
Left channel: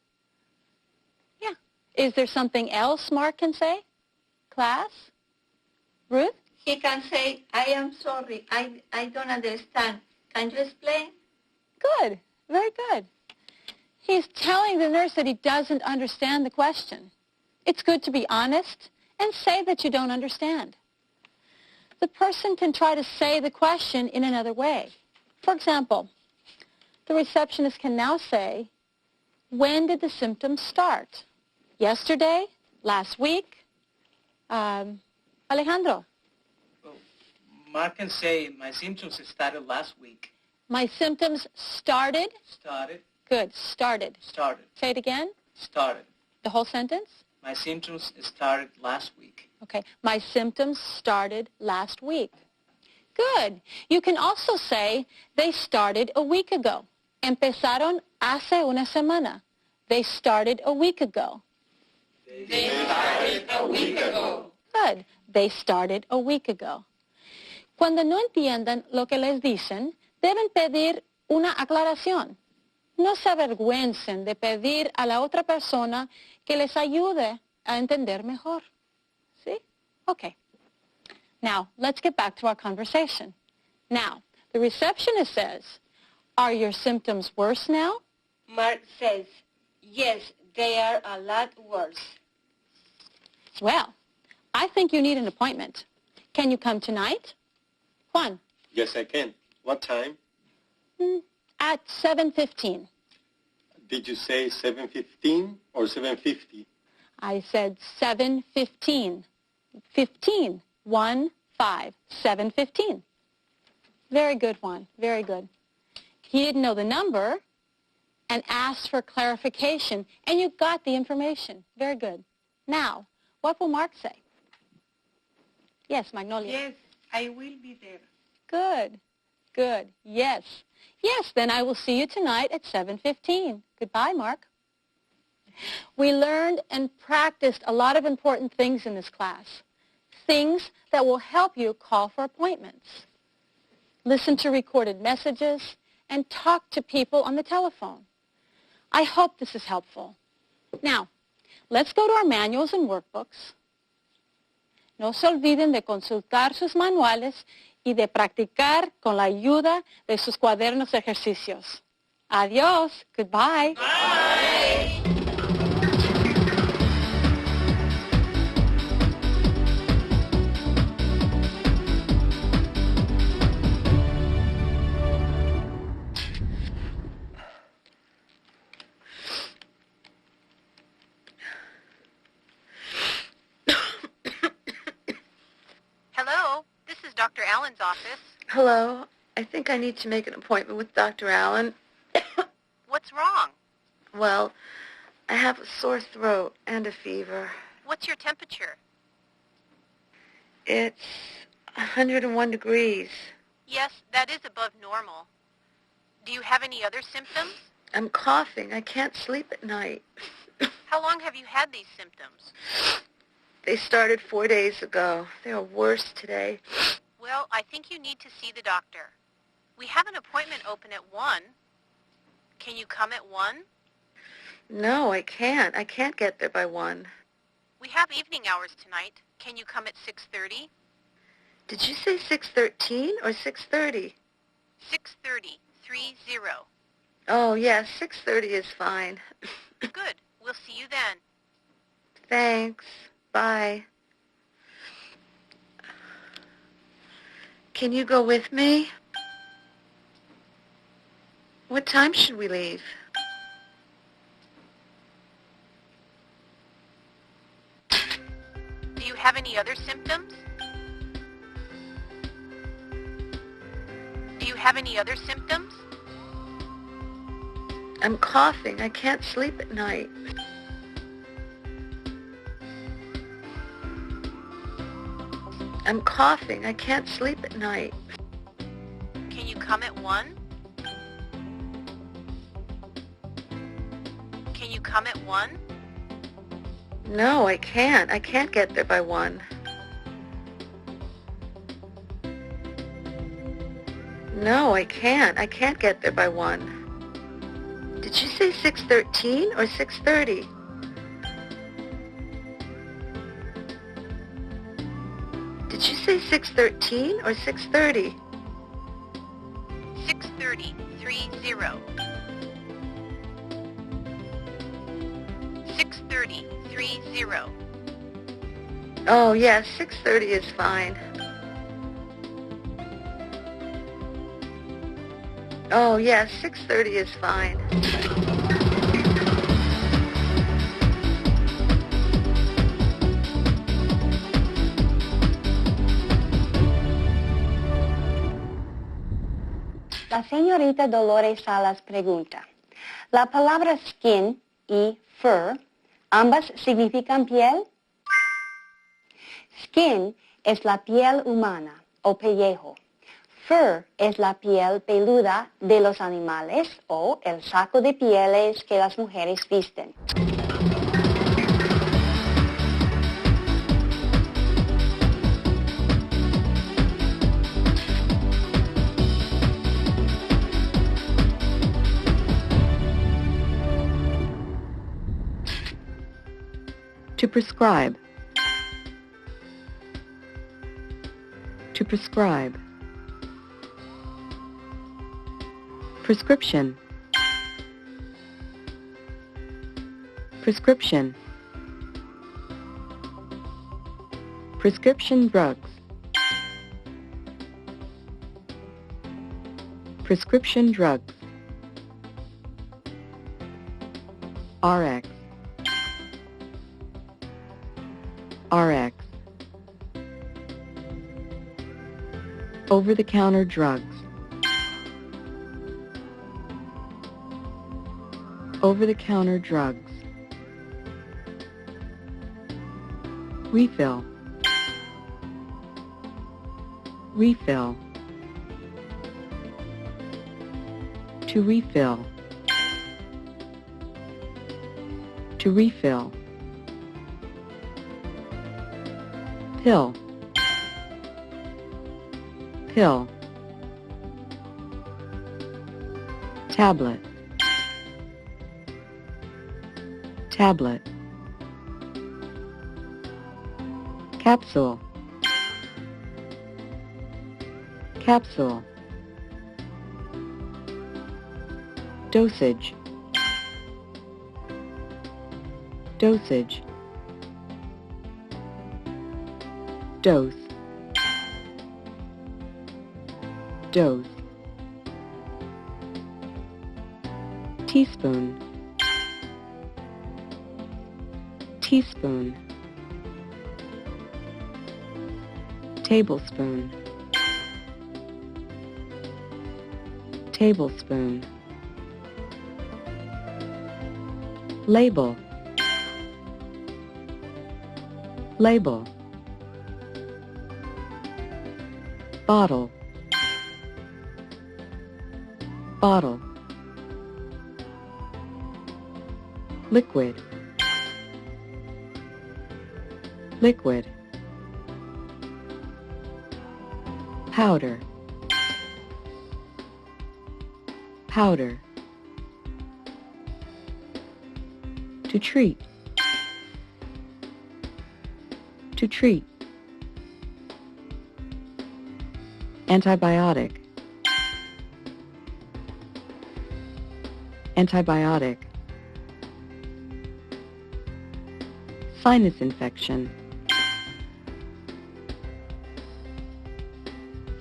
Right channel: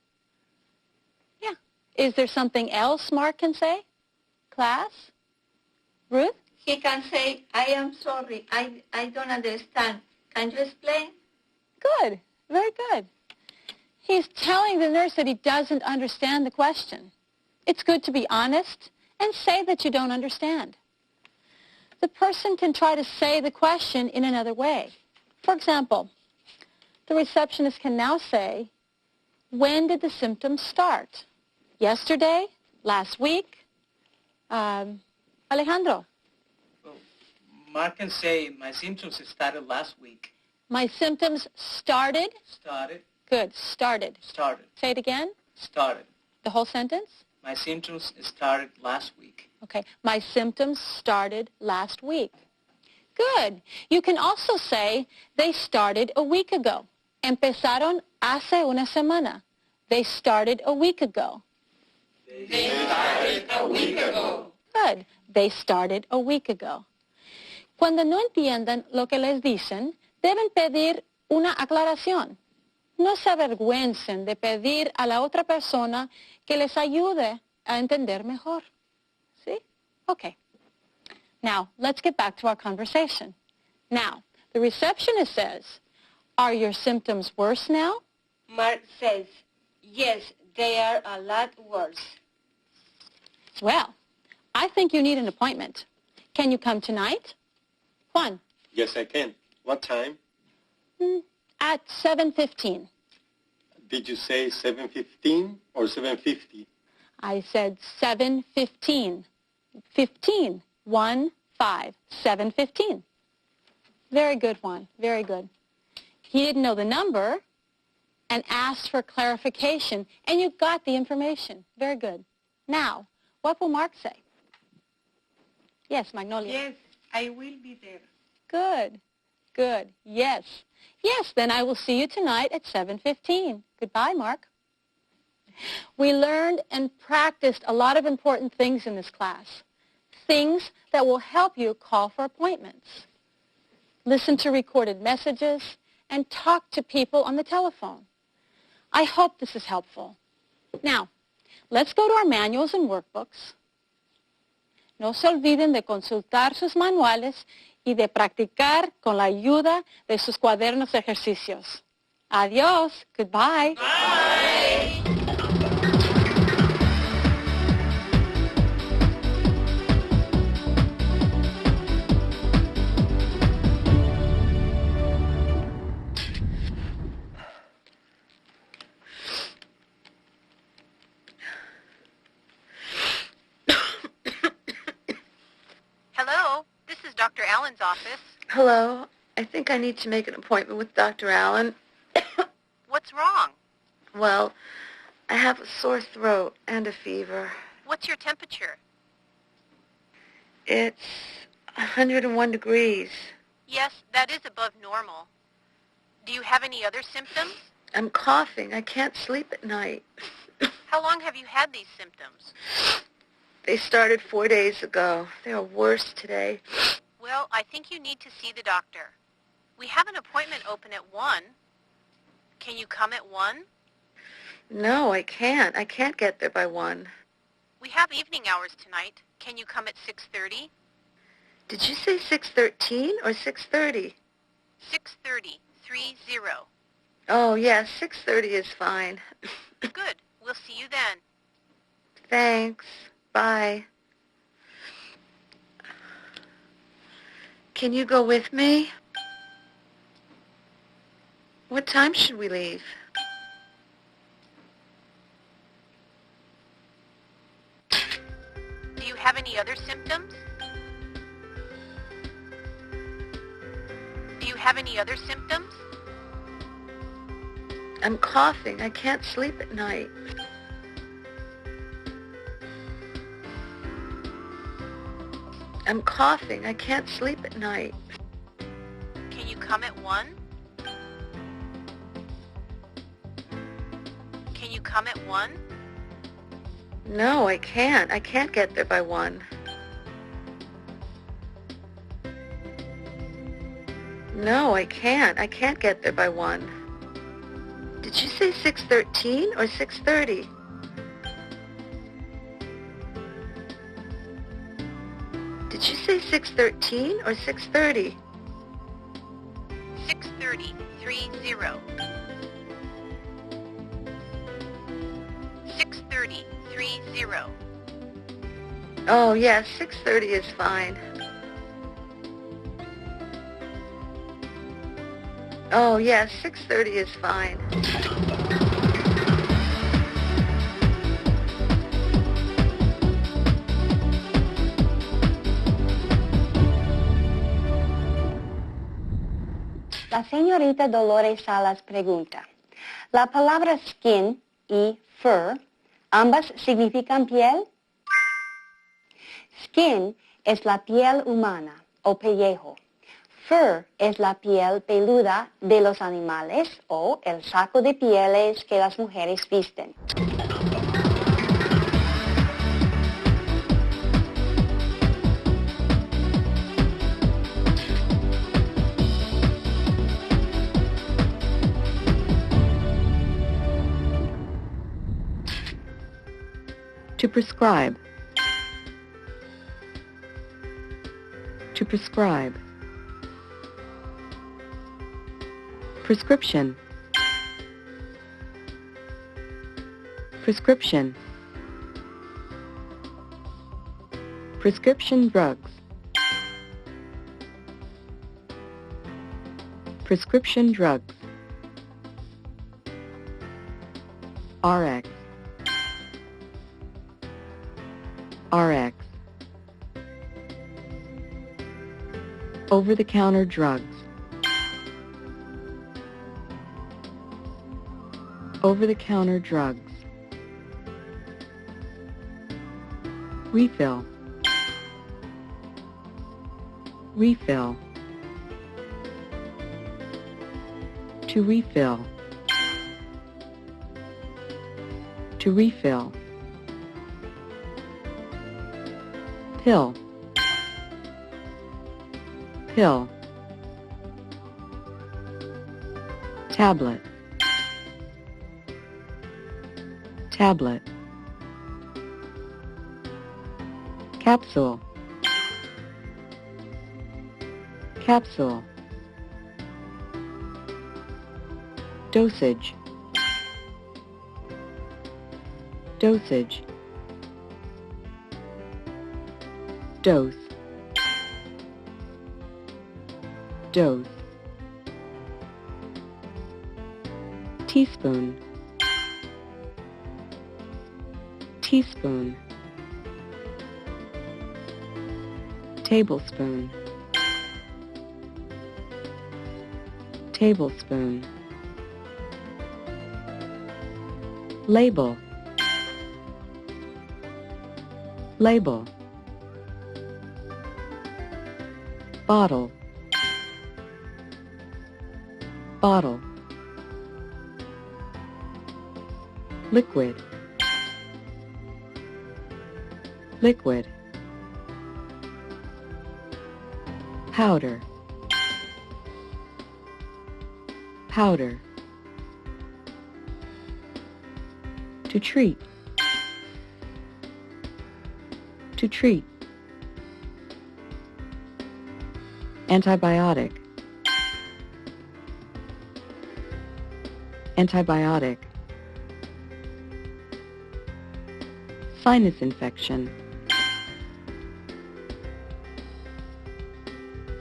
Yeah. Is there something else Mark can say? Class? Ruth? He can say, "I am sorry. I don't understand. Can you explain?" Good. Very good. He's telling the nurse that he doesn't understand the question. It's good to be honest and say that you don't understand. The person can try to say the question in another way. For example, the receptionist can now say, "When did the symptoms start? Yesterday? Last week?" Alejandro. Mark can say, "My symptoms started last week." My symptoms started? Started. Good. Started. Started. Say it again. Started. The whole sentence? My symptoms started last week. Okay. My symptoms started last week. Good. You can also say, "They started a week ago." Empezaron hace una semana. They started a week ago. They started a week ago. Good. They started a week ago. Cuando no entiendan lo que les dicen, deben pedir una aclaración. No se avergüencen de pedir a la otra persona que les ayude a entender mejor. ¿Sí? Okay. Now, let's get back to our conversation. Now, the receptionist says, "Are your symptoms worse now?" Mark says, "Yes, they are a lot worse." Well, I think you need an appointment. Can you come tonight? Juan. Yes, I can. What time? At 7:15. Did you say 7:15 or 7:50? I said 7:15. 15. 1, 5, 7:15. Very good, Juan. Very good. He didn't know the number and asked for clarification, and you got the information. Very good. Now, what will Mark say? Yes, Magnolia. Yes, I will be there. Good. Good. Yes. Yes, then I will see you tonight at 7:15. Goodbye, Mark. We learned and practiced a lot of important things in this class. Things that will help you call for appointments, listen to recorded messages, and talk to people on the telephone. I hope this is helpful. Now, let's go to our manuals and workbooks. No se olviden de consultar sus manuales y de practicar con la ayuda de sus cuadernos de ejercicios. Adiós. Goodbye. Bye. Hello, this is Dr. Allen's office. Hello, I think I need to make an appointment with Dr. Allen. What's wrong? Well, I have a sore throat and a fever. What's your temperature? It's 101 degrees. Yes, that is above normal. Do you have any other symptoms? I'm coughing. I can't sleep at night. How long have you had these symptoms? They started 4 days ago. They are worse today. Well, I think you need to see the doctor. We have an appointment open at 1. Can you come at 1? No, I can't. I can't get there by 1. We have evening hours tonight. Can you come at 6:30? Did you say 6:13 or 6:30? 6:30, 30. Oh, yeah, 6:30 is fine. Good. We'll see you then. Thanks. Bye. Can you go with me? What time should we leave? Do you have any other symptoms? Do you have any other symptoms? I'm coughing. I can't sleep at night. I'm coughing. I can't sleep at night. Can you come at 1? Can you come at 1? No, I can't. I can't get there by 1. No, I can't. I can't get there by 1. Did you say 6:13 or 6:30? Did you say 6:13 or 6:30? 6:30, 30. 6:30, 30. Oh, yeah, 6:30 is fine. Oh, yeah, 6:30 is fine. La señorita Dolores Salas pregunta, ¿la palabra skin y fur ambas significan piel? Skin es la piel humana o pellejo. Fur es la piel peluda de los animales o el saco de pieles que las mujeres visten. To prescribe. To prescribe. Prescription. Prescription. Prescription drugs. Prescription drugs. RX. RX. Over-the-counter drugs. Over-the-counter drugs. Refill. Refill. To refill. To refill. Pill. Pill. Tablet. Tablet. Capsule. Capsule. Dosage. Dosage. Dose. Dose. Teaspoon. Teaspoon. Tablespoon. Tablespoon. Label. Label. Bottle. Bottle. Liquid. Liquid. Powder. Powder. To treat. To treat. Antibiotic. Antibiotic. Sinus infection.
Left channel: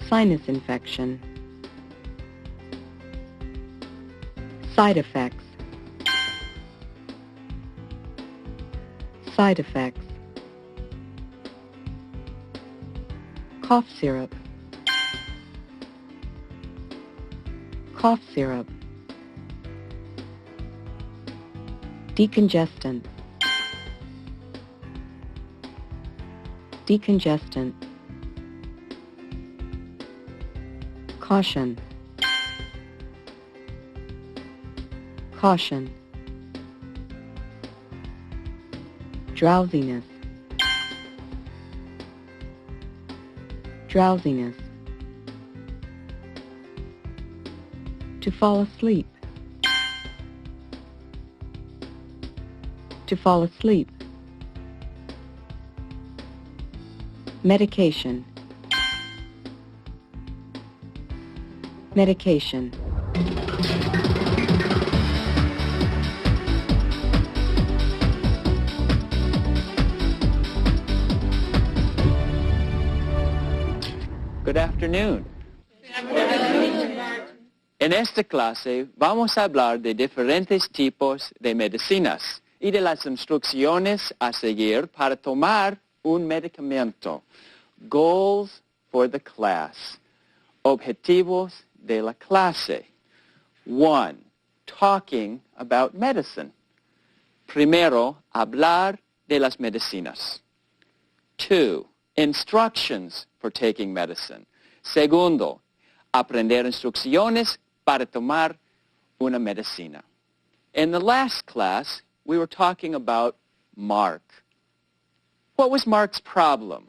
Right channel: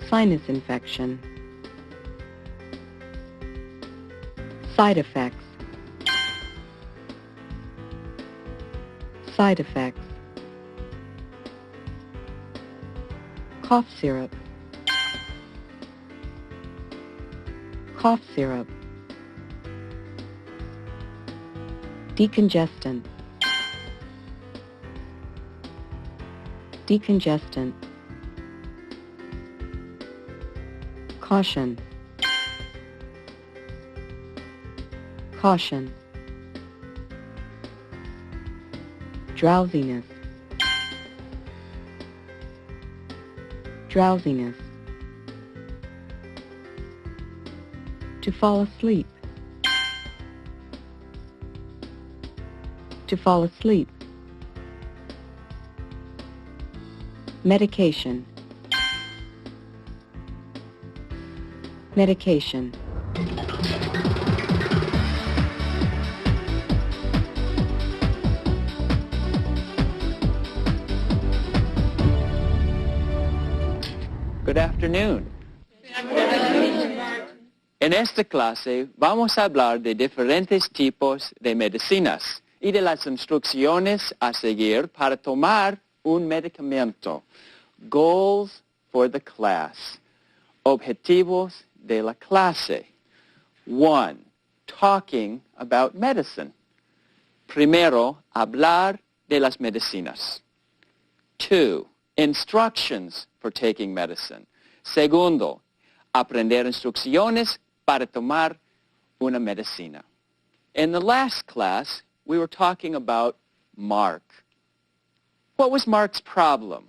Sinus infection. Side effects. Side effects. Cough syrup. Cough syrup. Decongestant. Decongestant. Caution. Caution. Drowsiness. Drowsiness. To fall asleep. To fall asleep. Medication. Medication. Good afternoon. En esta clase vamos a hablar de diferentes tipos de medicinas y de las instrucciones a seguir para tomar un medicamento. Goals for the class. Objetivos de la clase. 1. Talking about medicine. Primero, hablar de las medicinas. 2. Instructions for taking medicine. Segundo, aprender instrucciones para tomar una medicina. In the last class, we were talking about Mark. What was Mark's problem?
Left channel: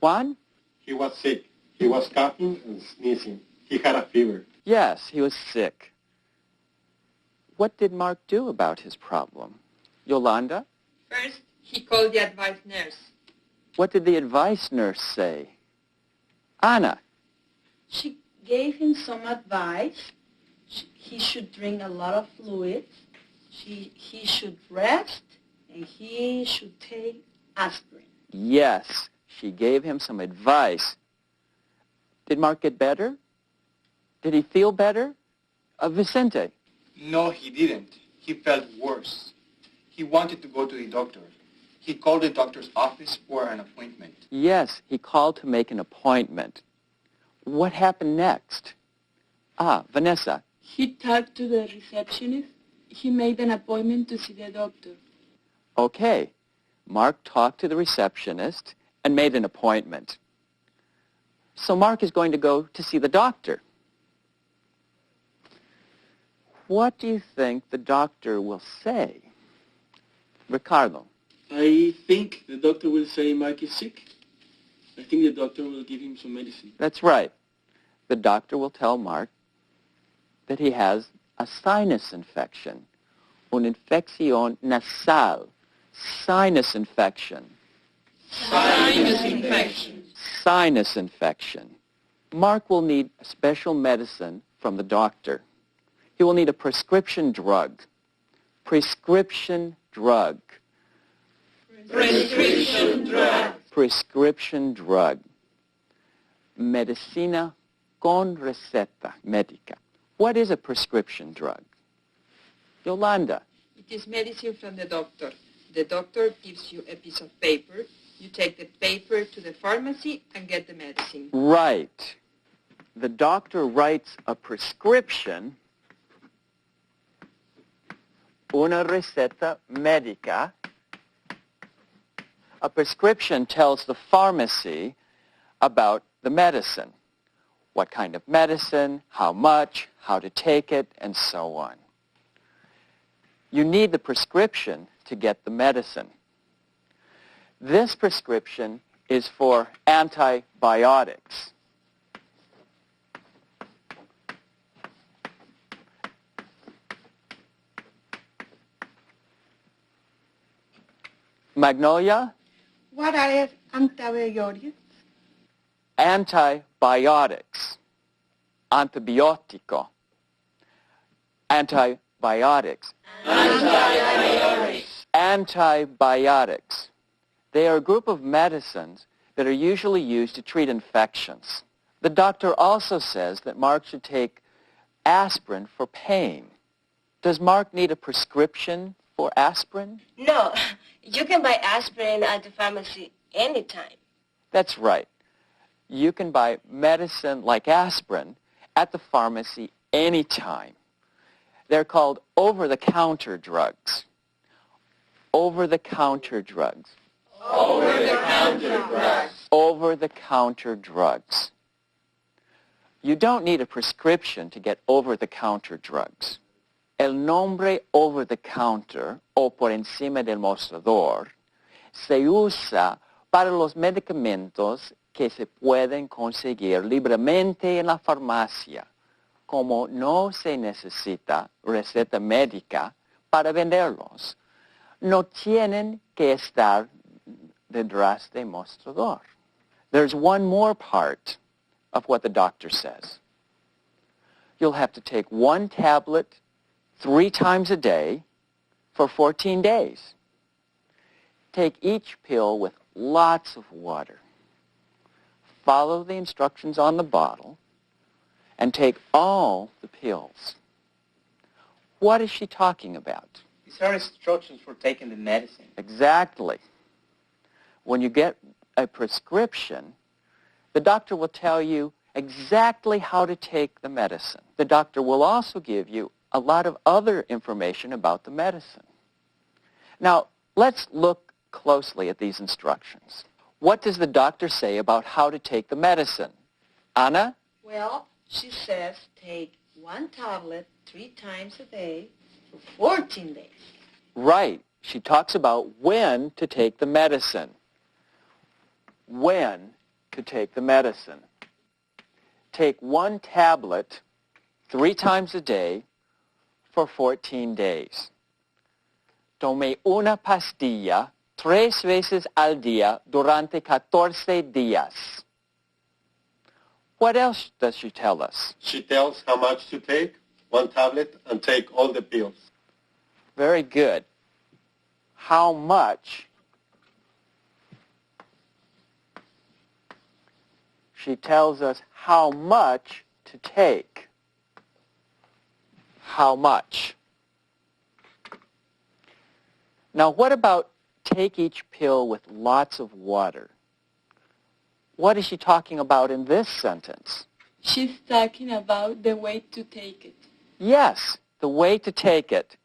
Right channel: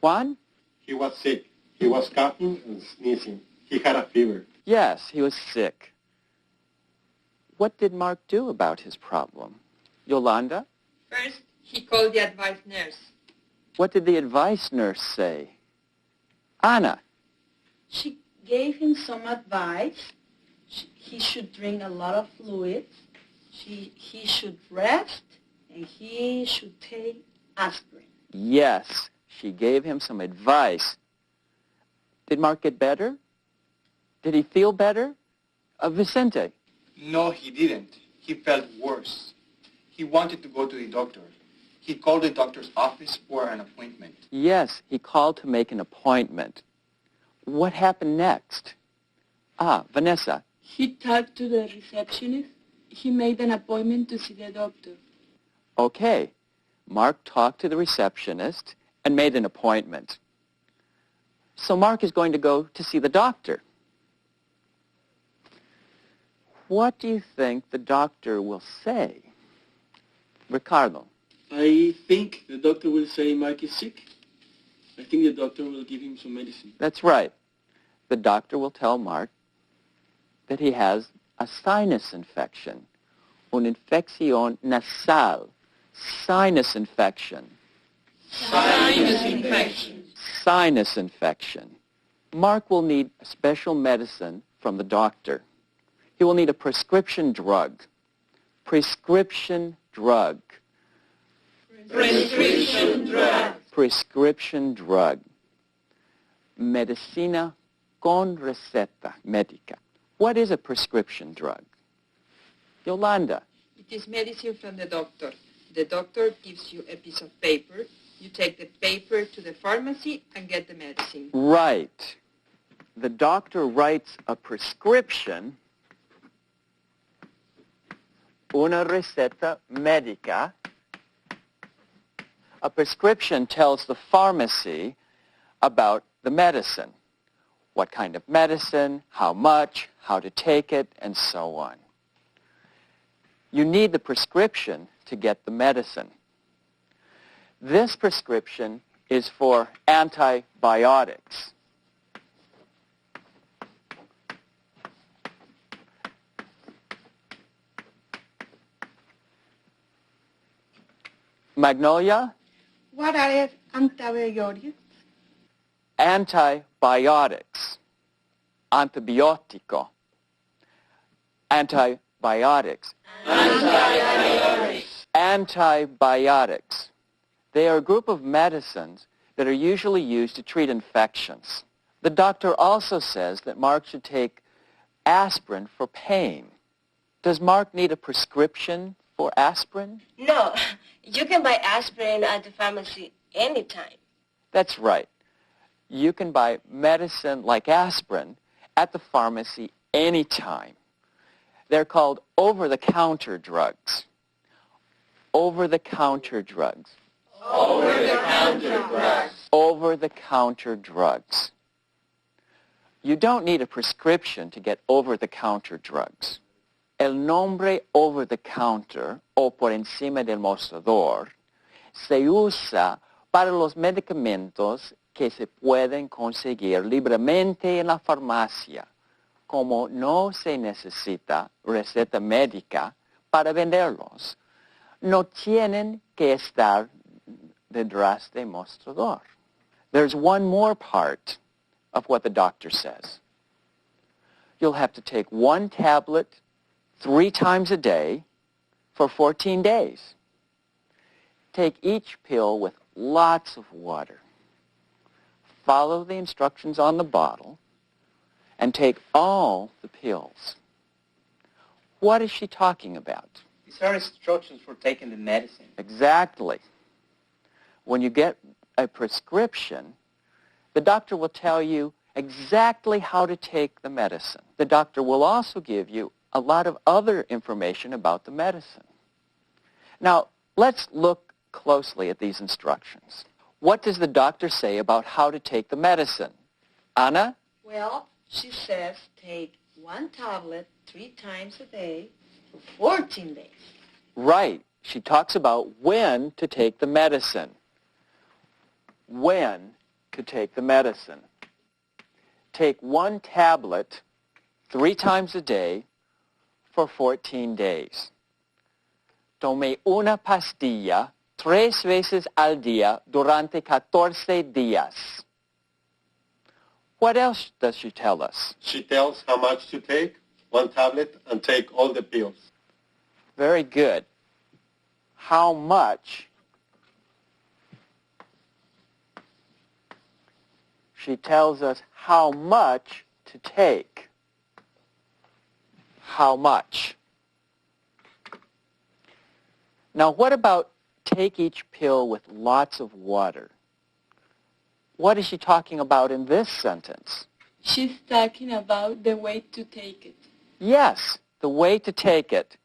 Juan? He was sick. He was coughing and sneezing. He had a fever. Yes, he was sick. What did Mark do about his problem? Yolanda? First, he called the advice nurse. What did the advice nurse say? Anna? She gave him some advice. He should drink a lot of fluids. He should rest, and he should take aspirin. Yes, she gave him some advice. Did Mark get better? Did he feel better? Vicente? No, he didn't. He felt worse. He wanted to go to the doctor. He called the doctor's office for an appointment. Yes, he called to make an appointment. What happened next? Vanessa. He talked to the receptionist. He made an appointment to see the doctor. Okay. Mark talked to the receptionist and made an appointment. So Mark is going to go to see the doctor. What do you think the doctor will say? Ricardo. I think the doctor will say Mark is sick. I think the doctor will give him some medicine. That's right. The doctor will tell Mark that he has a sinus infection, una infección nasal, sinus infection. Sinus infection. Sinus infection. Mark will need special medicine from the doctor. He will need a prescription drug. Prescription drug. Prescription drug. Prescription drug. Medicina con receta médica. What is a prescription drug? Yolanda. It is medicine from the doctor. The doctor gives you a piece of paper. You take the paper to the pharmacy and get the medicine. Right. The doctor writes a prescription, una receta médica. A prescription tells the pharmacy about the medicine. What kind of medicine, how much, how to take it, and so on. You need the prescription to get the medicine. This prescription is for antibiotics. Magnolia? What are antibiotics? Antibiotics. Antibiotico. Antibiotics. Antibiotics. Antibiotics. They are a group of medicines that are usually used to treat infections. The doctor also says that Mark should take aspirin for pain. Does Mark need a prescription for aspirin? No, you can buy aspirin at the pharmacy anytime. That's right. You can buy medicine like aspirin at the pharmacy anytime. They're called over-the-counter drugs. Over-the-counter drugs. Over-the-counter drugs. Over-the-counter drugs. You don't need a prescription to get over-the-counter drugs. El nombre over-the-counter o por encima del mostrador se usa para los medicamentos que se pueden conseguir libremente en la farmacia, como no se necesita receta médica para venderlos. No tienen que estar detrás del mostrador. There's one more part of what the doctor says. You'll have to take one tablet 3 times a day for 14 days. Take each pill with lots of water. Follow the instructions on the bottle and take all the pills. What is she talking about? These are instructions for taking the medicine. Exactly. When you get a prescription, the doctor will tell you exactly how to take the medicine. The doctor will also give you a lot of other information about the medicine. Now, let's look closely at these instructions. What does the doctor say about how to take the medicine? Anna? Well, she says take one tablet 3 times a day for 14 days. Right. She talks about when to take the medicine. When to take the medicine. Take one tablet 3 times a day for 14 days. Tome una pastilla 3 veces al día durante 14 días. What else does she tell us? She tells how much to take, 1 tablet, and take all the pills. Very good. How much? She tells us how much to take. How much? Now, what about take each pill with lots of water? What is she talking about in this sentence? She's talking about the way to take it. Yes, the way to take it.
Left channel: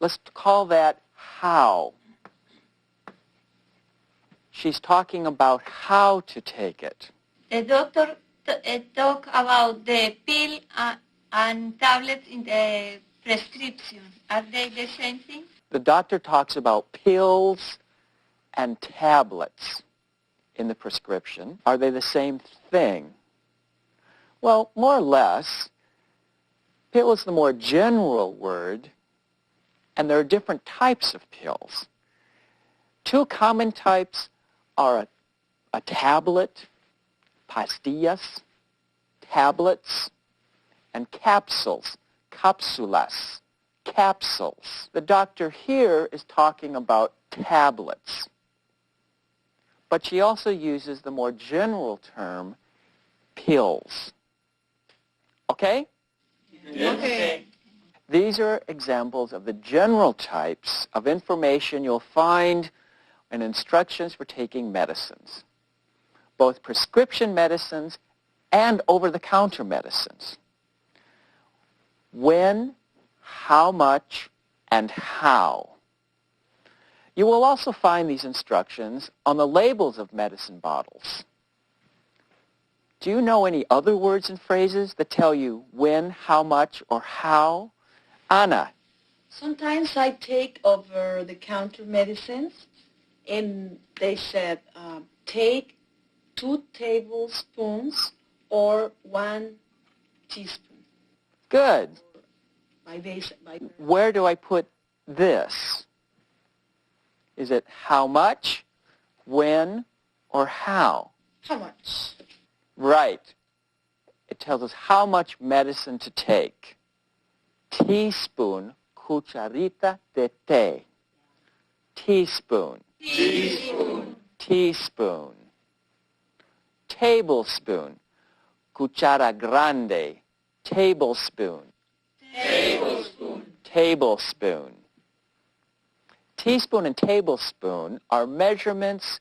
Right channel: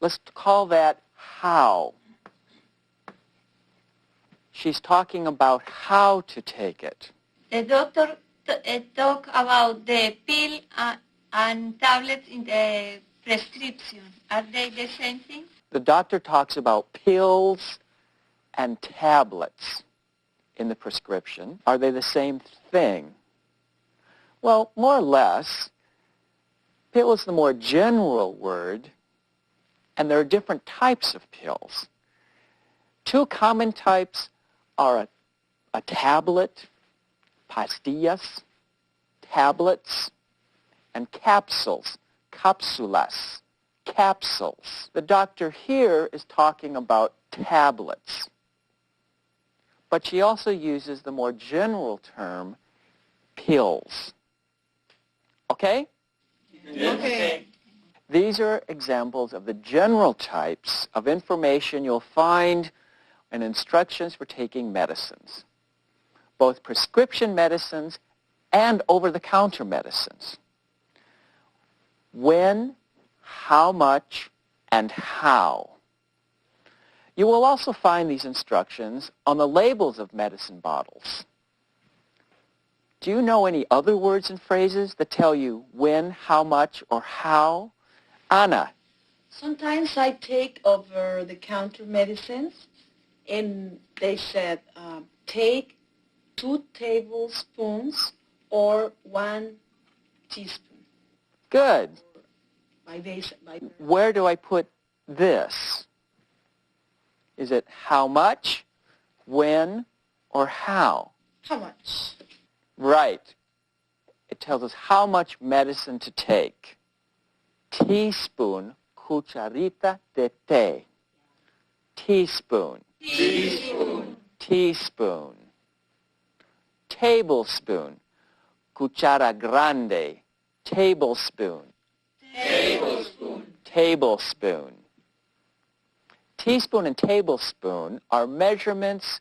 Let's call that how. She's talking about how to take it. The doctor talk about the pill and tablets in the prescription. Are they the same thing? The doctor talks about pills and tablets in the prescription. Are they the same thing? Well, more or less. Pill is the more general word, and there are different types of pills. Two common types are a tablet, pastillas, tablets, and capsules, cápsulas, capsules. The doctor here is talking about tablets, but she also uses the more general term pills. Okay? Okay. These are examples of the general types of information you'll find in instructions for taking medicines, both prescription medicines and over-the-counter medicines. When, how much, and how. You will also find these instructions on the labels of medicine bottles. Do you know any other words and phrases that tell you when, how much, or how? Anna. Sometimes I take over-the-counter medicines, and they said, take 2 tablespoons or 1 teaspoon. Good. By Where do I put this? Is it how much, when, or how? How much? Right. It tells us how much medicine to take. Teaspoon, cucharita de té. Teaspoon. Teaspoon. Teaspoon. Tablespoon, cuchara grande. Tablespoon. Tablespoon. Tablespoon. Teaspoon and tablespoon are measurements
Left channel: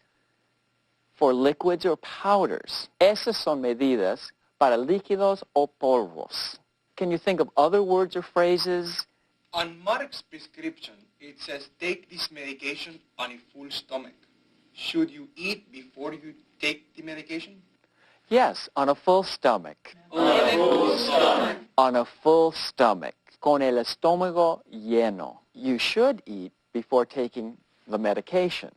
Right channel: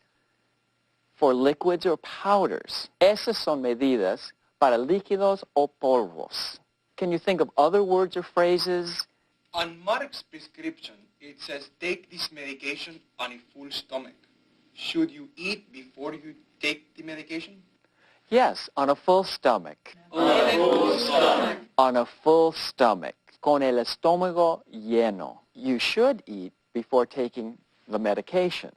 for liquids or powders. Esas son medidas para líquidos o polvos. Can you think of other words or phrases? On Mark's prescription, it says take this medication on a full stomach. Should you eat before you take the medication? Yes, on a full stomach. On a full stomach. On a full stomach. Con el estómago lleno. You should eat before taking the medication.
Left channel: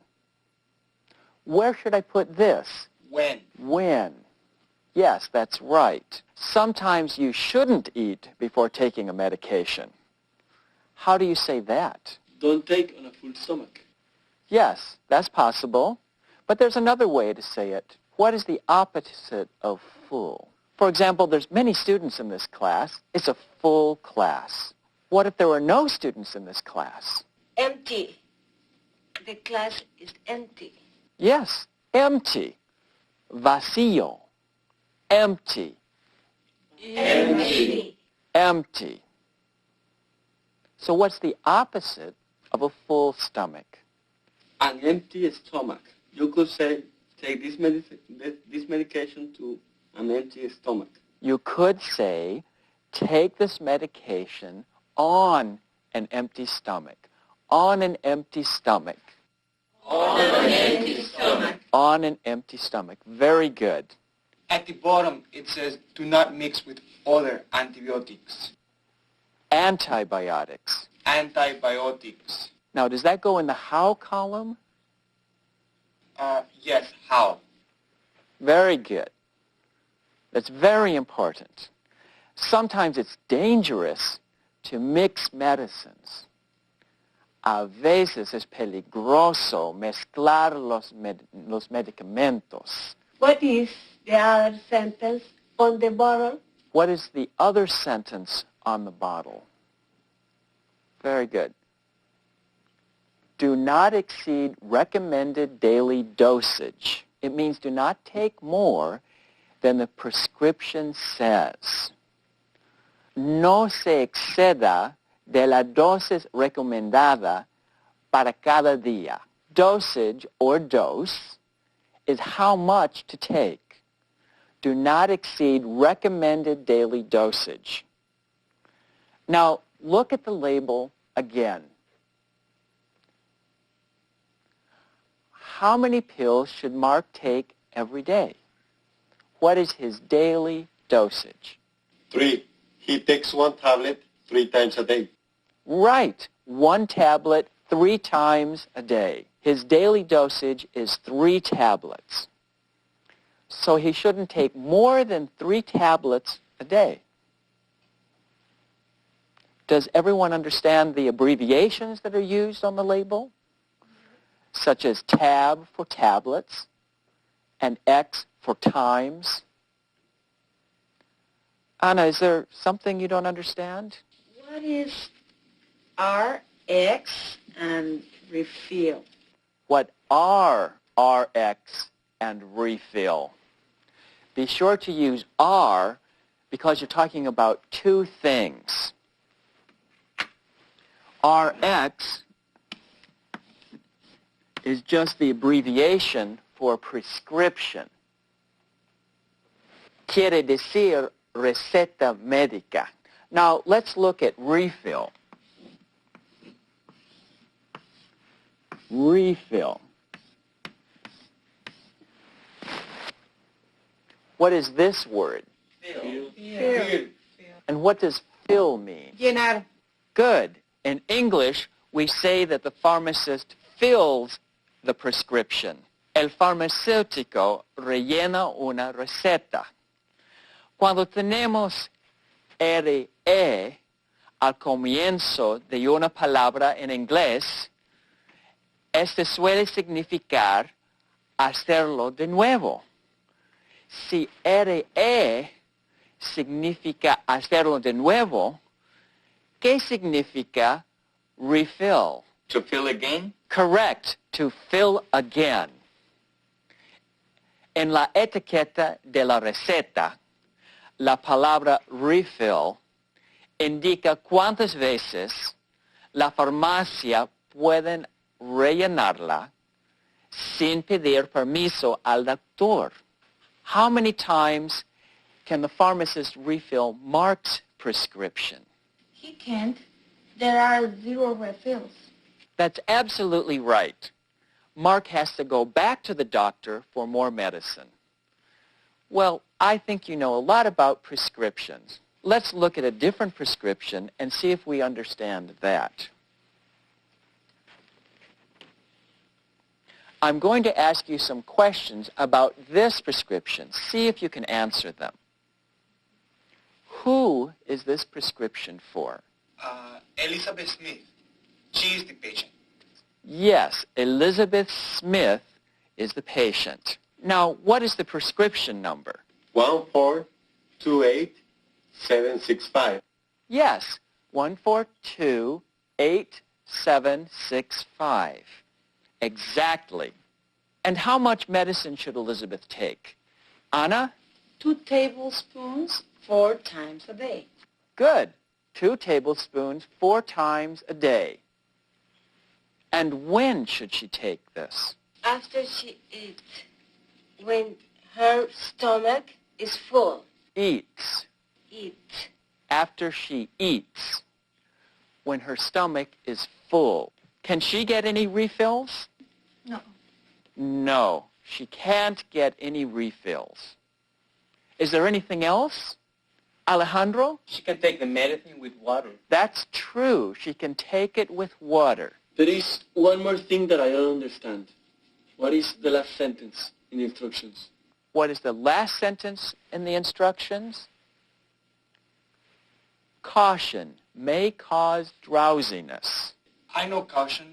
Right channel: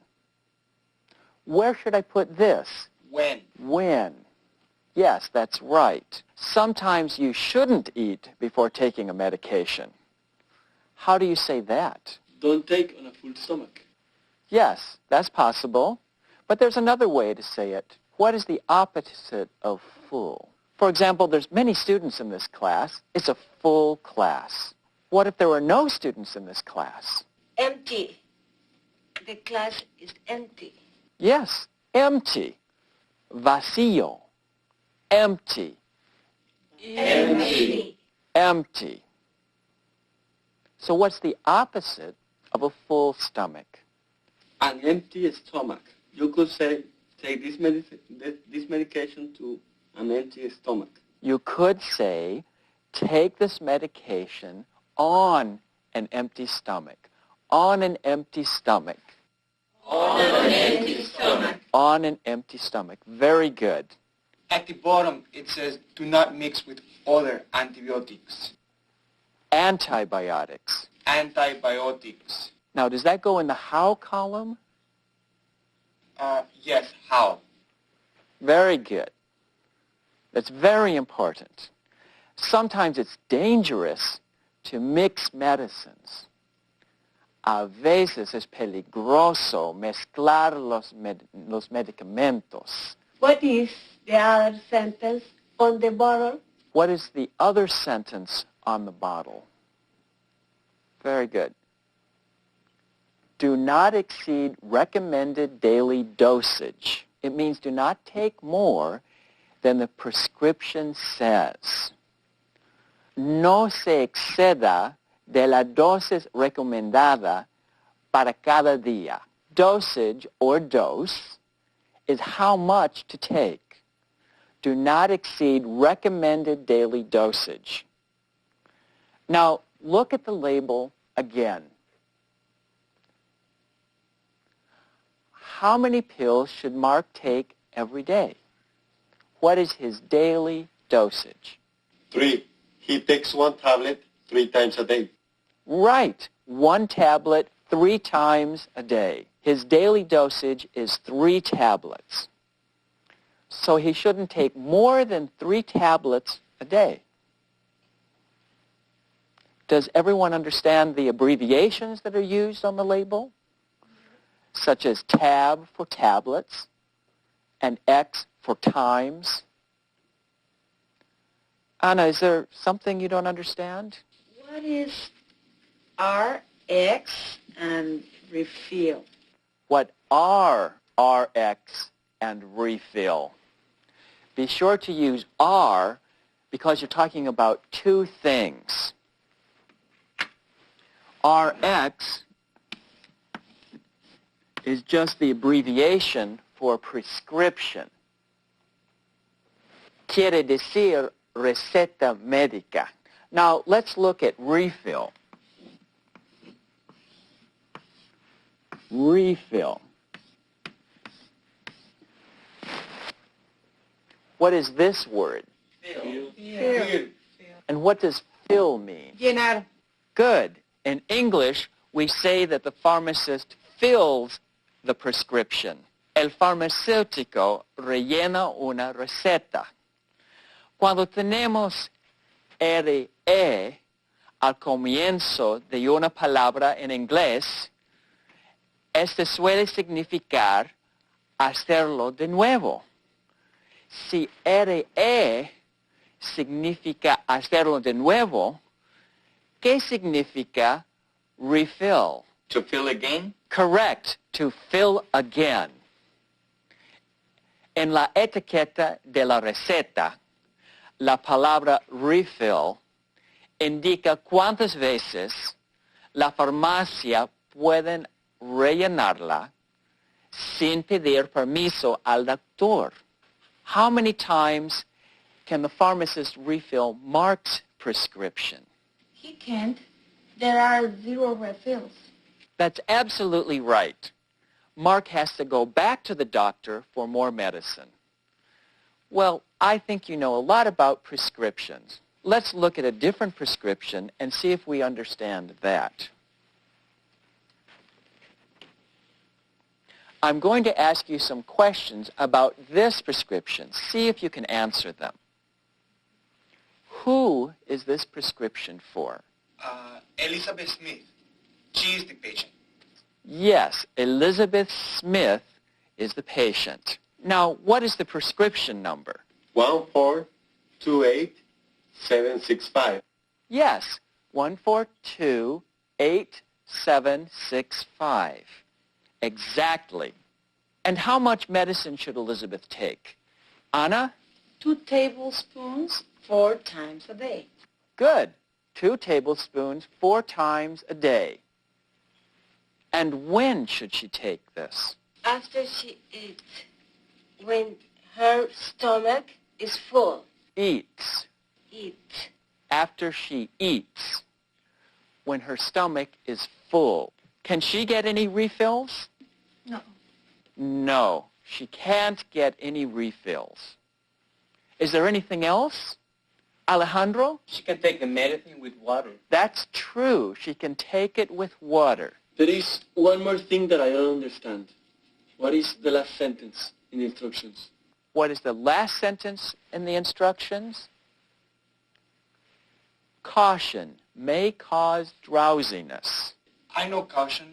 Where should I put this? When? When. Yes, that's right. Sometimes you shouldn't eat before taking a medication. How do you say that? Don't take on a full stomach. Yes, that's possible. But there's another way to say it. What is the opposite of full? For example, there's many students in this class. It's a full class. What if there were no students in this class? Empty. The class is empty. Yes, empty. Vacío. Empty. Empty. Empty. So what's the opposite of a full stomach? An empty stomach. You could say, take this medication to an empty stomach. You could say, take this medication on an empty stomach. On an empty stomach. On an empty stomach. On an empty stomach. Very good. At the bottom, it says do not mix with other antibiotics. Antibiotics. Antibiotics. Now, does that go in the how column? Yes, how? Very good. That's very important. Sometimes it's dangerous to mix medicines. A veces es peligroso mezclar los medicamentos. What is the other sentence on the bottle? What is the other sentence on the bottle? Very good. Do not exceed recommended daily dosage. It means do not take more than the prescription says. No se exceda de la dosis recomendada para cada día. Dosage, or dose, is how much to take. do not exceed recommended daily dosage. Now, look at the label again. How many pills should Mark take every day? What is his daily dosage? 3. He takes 1 tablet 3 times a day. Right. 1 tablet 3 times a day. His daily dosage is 3 tablets. So he shouldn't take more than 3 tablets a day. Does everyone understand the abbreviations that are used on the label? Such as tab for tablets and X for times. Anna, is there something you don't understand? What is RX and refill? What are RX and refill? Be sure to use R because you're talking about 2 things. RX is just the abbreviation for prescription. Quiere decir receta médica. Now, let's look at refill. Refill. What is this word? Fill. And what does fill mean? Llenar. Good. In English, we say that the pharmacist fills the prescription. El farmacéutico rellena una receta. Cuando tenemos RE al comienzo de una palabra en inglés, este suele significar hacerlo de nuevo. Si RE significa hacerlo de nuevo, ¿qué significa refill? To fill again? Correct, to fill again. En la etiqueta de la receta, la palabra refill indica cuántas veces la farmacia pueden rellenarla sin pedir permiso al doctor. How many times can the pharmacist refill Mark's prescription? He can't. There are 0 refills. That's absolutely right. Mark has to go back to the doctor for more medicine. Well, I think you know a lot about prescriptions. Let's look at a different prescription and see if we understand that. I'm going to ask you some questions about this prescription. See if you can answer them. Who is this prescription for? Elizabeth Smith. She is the patient. Yes, Elizabeth Smith is the patient. Now, what is the prescription number? 1428765. Yes, 1428765. Exactly. And how much medicine should Elizabeth take? Anna? 2 tablespoons 4 times a day. Good. 2 tablespoons 4 times a day. And when should she take this? After she eats, when her stomach is full. Eats. Eat. After she eats. When her stomach is full. Can she get any refills? No. No, she can't get any refills. Is there anything else? Alejandro? She can take the medicine with water. That's true. She can take it with water. There is one more thing that I don't understand. What is the last sentence in the instructions? What is the last sentence in the instructions? Caution may cause drowsiness. I know caution.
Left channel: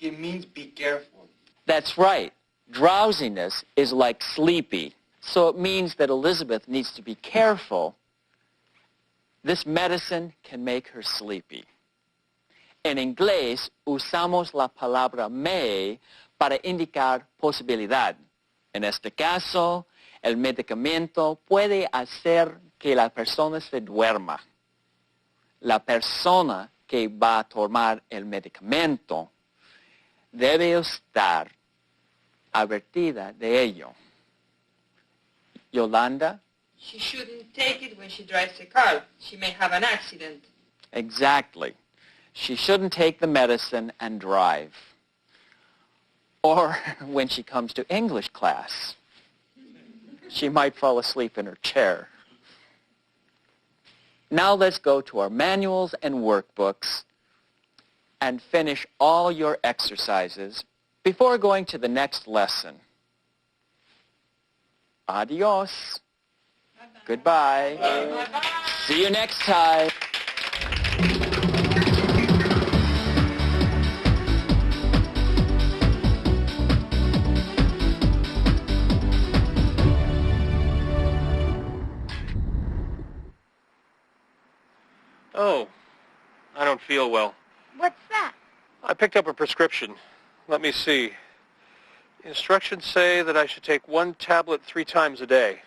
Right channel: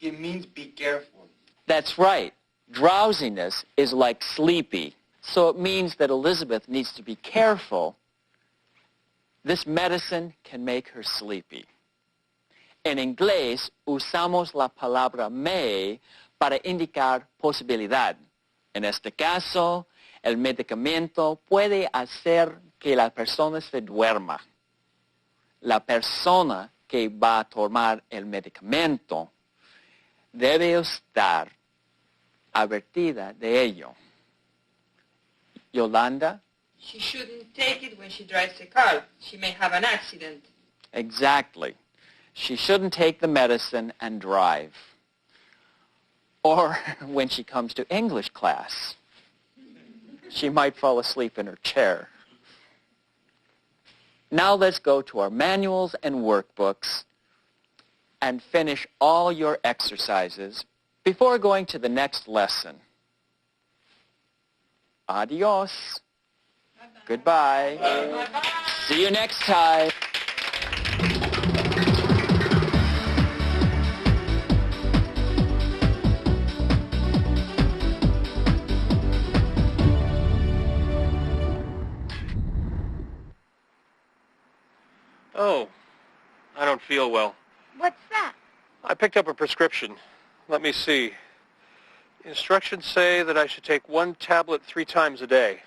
It means be careful. That's right. Drowsiness is like sleepy. So it means that Elizabeth needs to be careful. This medicine can make her sleepy. En inglés usamos la palabra may para indicar posibilidad. En este caso, el medicamento puede hacer que la persona se duerma. La persona que va a tomar el medicamento debe estar advertida de ello. Yolanda, She shouldn't take it when she drives a car. She may have an accident. Exactly. She shouldn't take the medicine and drive. Or when she comes to English class, she might fall asleep in her chair. Now let's go to our manuals and workbooks and finish all your exercises before going to the next lesson. Adios. Goodbye. See you next time. Oh, I don't feel well. What's that? I picked up a prescription. Let me see. Instructions say that I should take 1 tablet 3 times a day.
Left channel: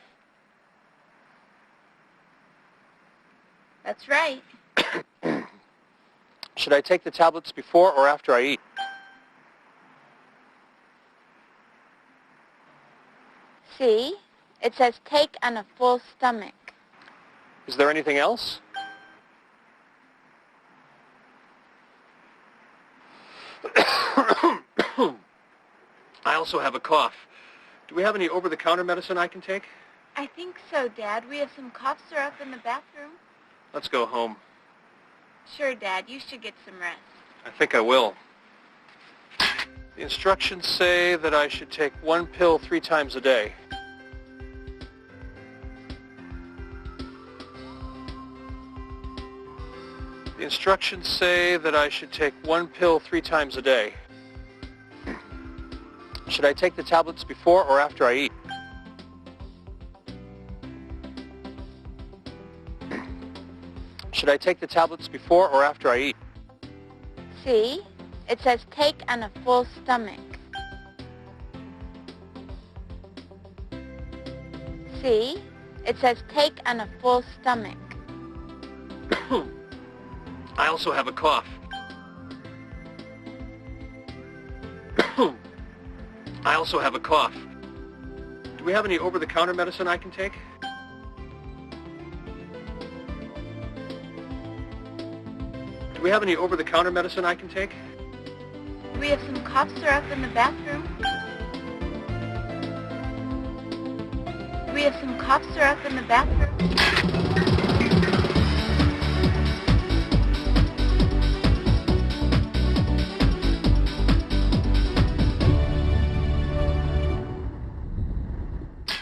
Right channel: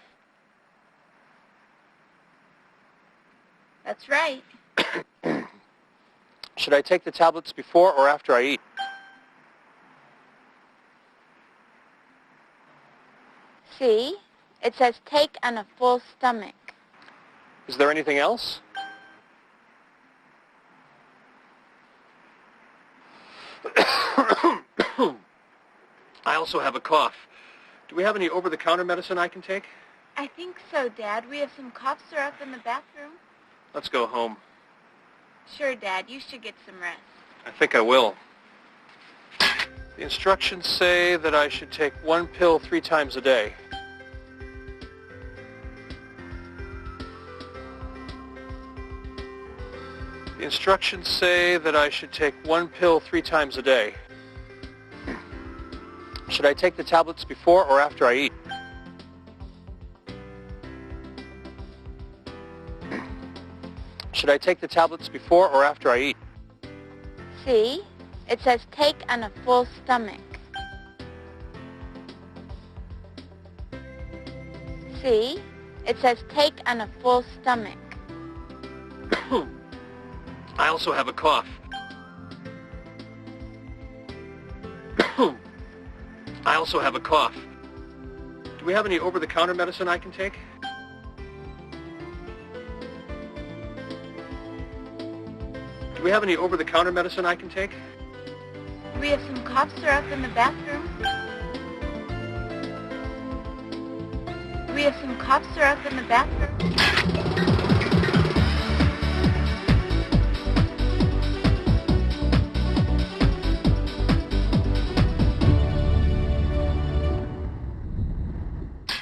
That's right. Should I take the tablets before or after I eat? See? It says take on a full stomach. Is there anything else? I also have a cough. Do we have any over-the-counter medicine I can take? I think so, Dad. We have some cough syrup in the bathroom. Let's go home. Sure, Dad. You should get some rest. I think I will. The instructions say that I should take 1 pill 3 times a day. The instructions say that I should take 1 pill 3 times a day. Should I take the tablets before or after I eat? Should I take the tablets before or after I eat? See? It says take on a full stomach. See? It says take on a full stomach. I also have a cough. I also have a cough. Do we have any over-the-counter medicine I can take? Do we have any over-the-counter medicine I can take? We have some cough syrup in the bathroom. We have some cough syrup in the bathroom.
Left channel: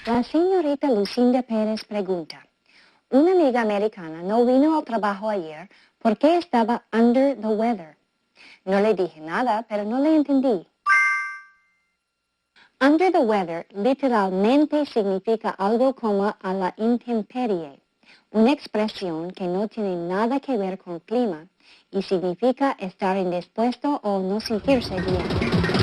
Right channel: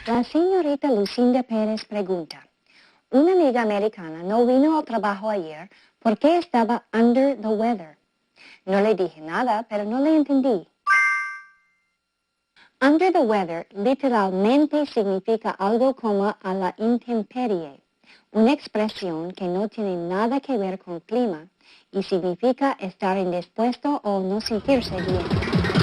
La señorita Lucinda Pérez pregunta, una amiga americana no vino al trabajo ayer porque estaba under the weather. No le dije nada, pero no le entendí. Under the weather literalmente significa algo como a la intemperie, una expresión que no tiene nada que ver con clima y significa estar indispuesto o no sentirse bien.